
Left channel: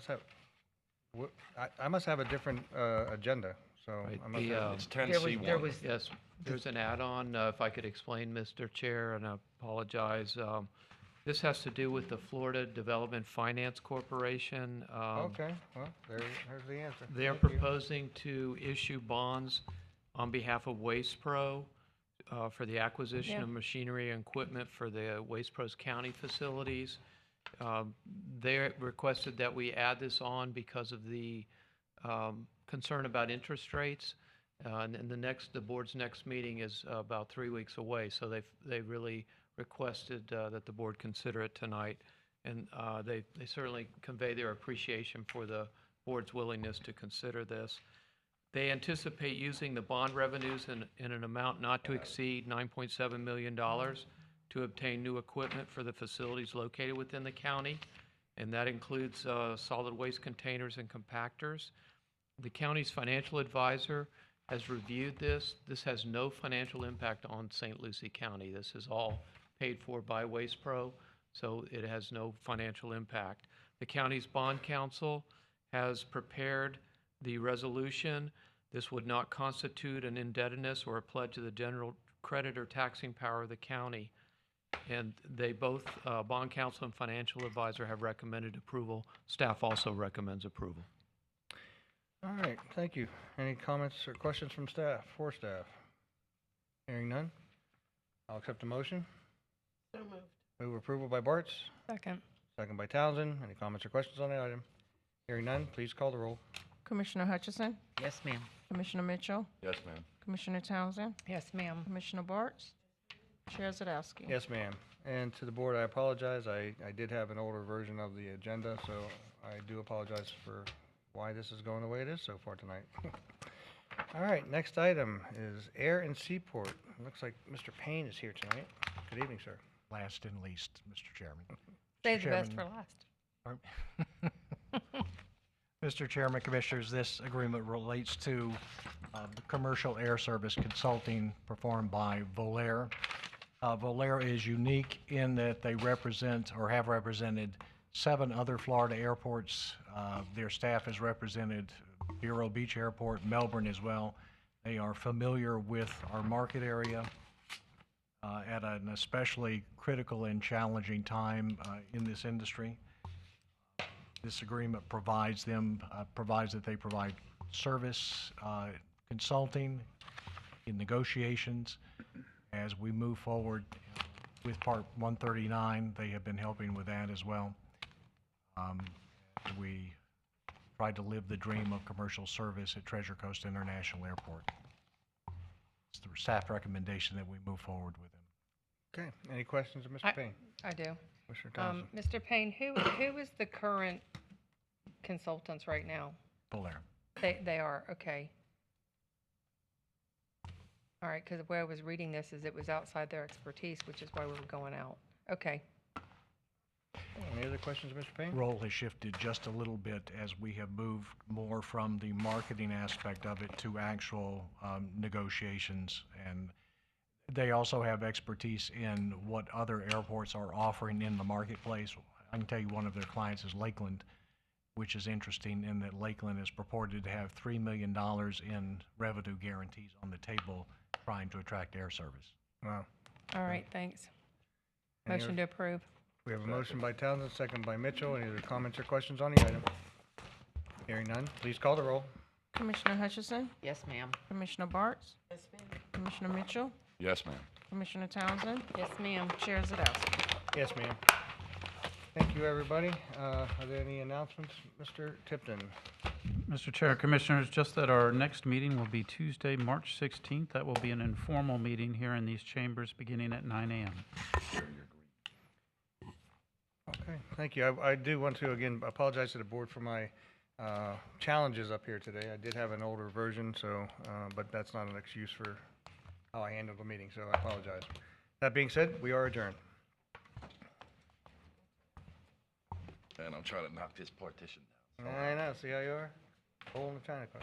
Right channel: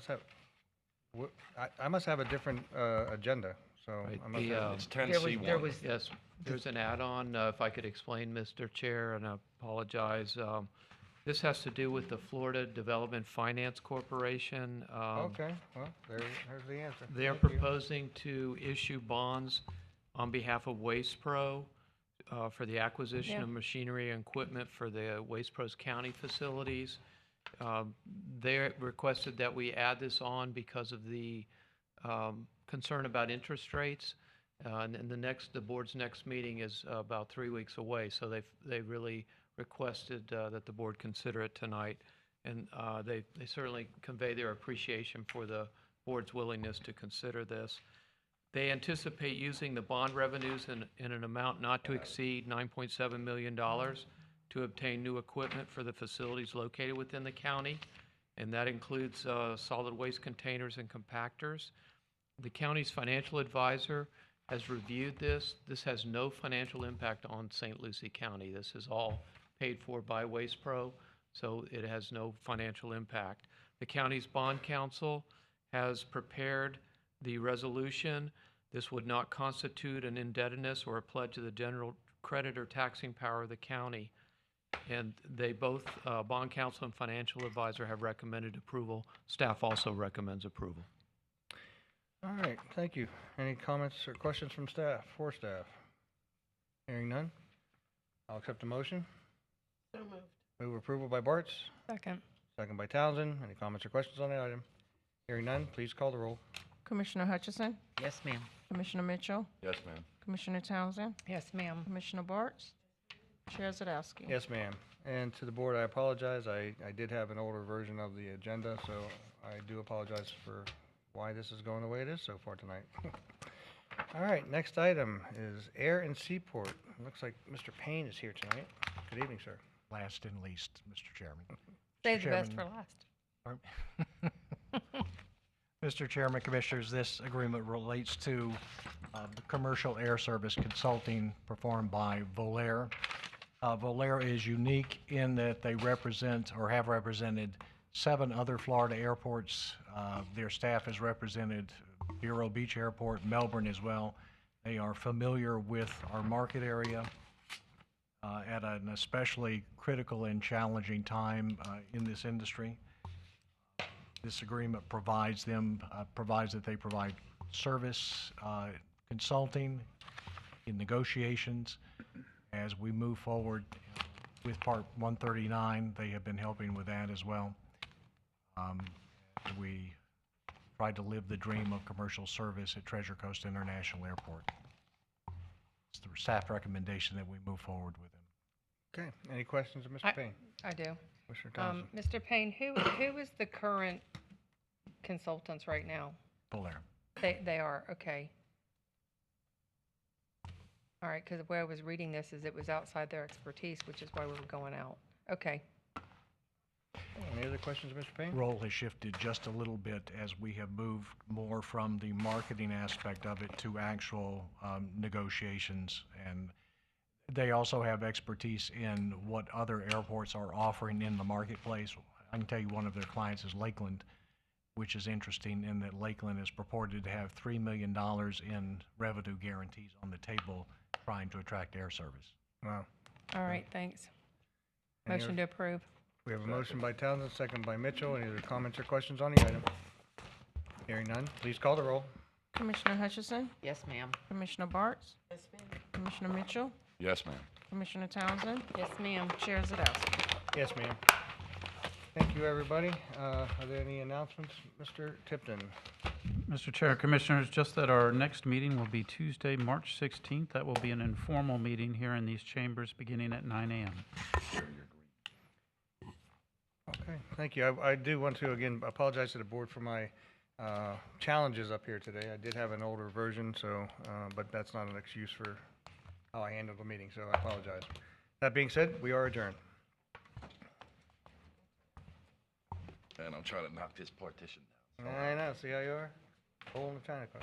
must have a different agenda, so I must have. It's 10C1. Yes, there's an add-on, if I could explain, Mr. Chair, and I apologize. This has to do with the Florida Development Finance Corporation. Okay, well, there's the answer. They're Thank you. proposing to issue bonds on behalf of Waste Pro for the acquisition of machinery and equipment for the Waste Pros County facilities. They requested that we add this on because of the concern about interest rates. And the board's next meeting is about 3 weeks away, so they really requested that the board consider it tonight. And they certainly convey their appreciation for the board's willingness to consider this. They anticipate using the bond revenues in an amount not to exceed $9.7 million to obtain new equipment for the facilities located within the county, and that includes solid waste containers and compactors. The county's financial advisor has reviewed this. This has no financial impact on St. Lucie County. This is all paid for by Waste Pro, so it has no financial impact. The county's bond counsel has prepared the resolution. This would not constitute an indebtedness or a pledge of the general credit or taxing power of the county. And they both, bond counsel and financial advisor, have recommended approval. Staff also recommends approval. All right, thank you. Any comments or questions from staff, for staff? Hearing none, I'll accept the motion. So moved. Move approval by Bartz, Second. second by Townsend. Any comments or questions on the item? Hearing none, please call the roll. Commissioner Hutchison, Yes, ma'am. Commissioner Mitchell, Yes, ma'am. Commissioner Townsend, Yes, ma'am. Commissioner Bartz, Chair Zadowski. Yes, ma'am. And to the board, I apologize. I did have an older version of the agenda, so I do apologize for why this is going the way it is so far tonight. All right, next item is Air and Seaport. Looks like Mr. Payne is here tonight. Good evening, sir. Last and least, Mr. Chairman. Save the best for Chairman- last. Mr. Chairman, Commissioners, this agreement relates to the commercial air service consulting performed by Volair. Volair is unique in that they represent or have represented 7 other Florida airports. Their staff has represented Vero Beach Airport, Melbourne as well. They are familiar with our market area at an especially critical and challenging time in this industry. This agreement provides that they provide service, consulting in negotiations. As we move forward with Part 139, they have been helping with that as well. We try to live the dream of commercial service at Treasure Coast International Airport. It's the staff recommendation that we move forward with them. Okay, any questions of Mr. Payne? I do. Commissioner Townsend? Mr. Payne, who is the current consultants right now? Volair. They are, okay. All right, because the way I was reading this is it was outside their expertise, which is why we were going out. Okay. Any other questions of Mr. Payne? Role has shifted just a little bit as we have moved more from the marketing aspect of it to actual negotiations. And they also have expertise in what other airports are offering in the marketplace. I can tell you one of their clients is Lakeland, which is interesting in that Lakeland is purported to have $3 million in revenue guarantees on the table trying to attract air service. Wow. All right, thanks. Any Motion to approve. We have a motion by Townsend, second by Mitchell. Any other comments or questions on the item? Hearing none, please call the roll. Commissioner Hutchison, Yes, ma'am. Commissioner Bartz, Commissioner Mitchell, Yes, ma'am. Commissioner Townsend, Yes, ma'am. Chair Zadowski. Yes, ma'am. Thank you, everybody. Are there any announcements, Mr. Tipton? Mr. Chair, Commissioners, just that our next meeting will be Tuesday, March 16th. That will be an informal meeting here in these chambers beginning at 9 a.m. Okay, thank you. I do want to, again, apologize to the board for my challenges up here today. I did have an older version, so, but that's not an excuse for how I handled the meeting, so I apologize. That being said, we are adjourned. And I'm trying to knock this partition down. I know, see how you are? Hole in the china cup.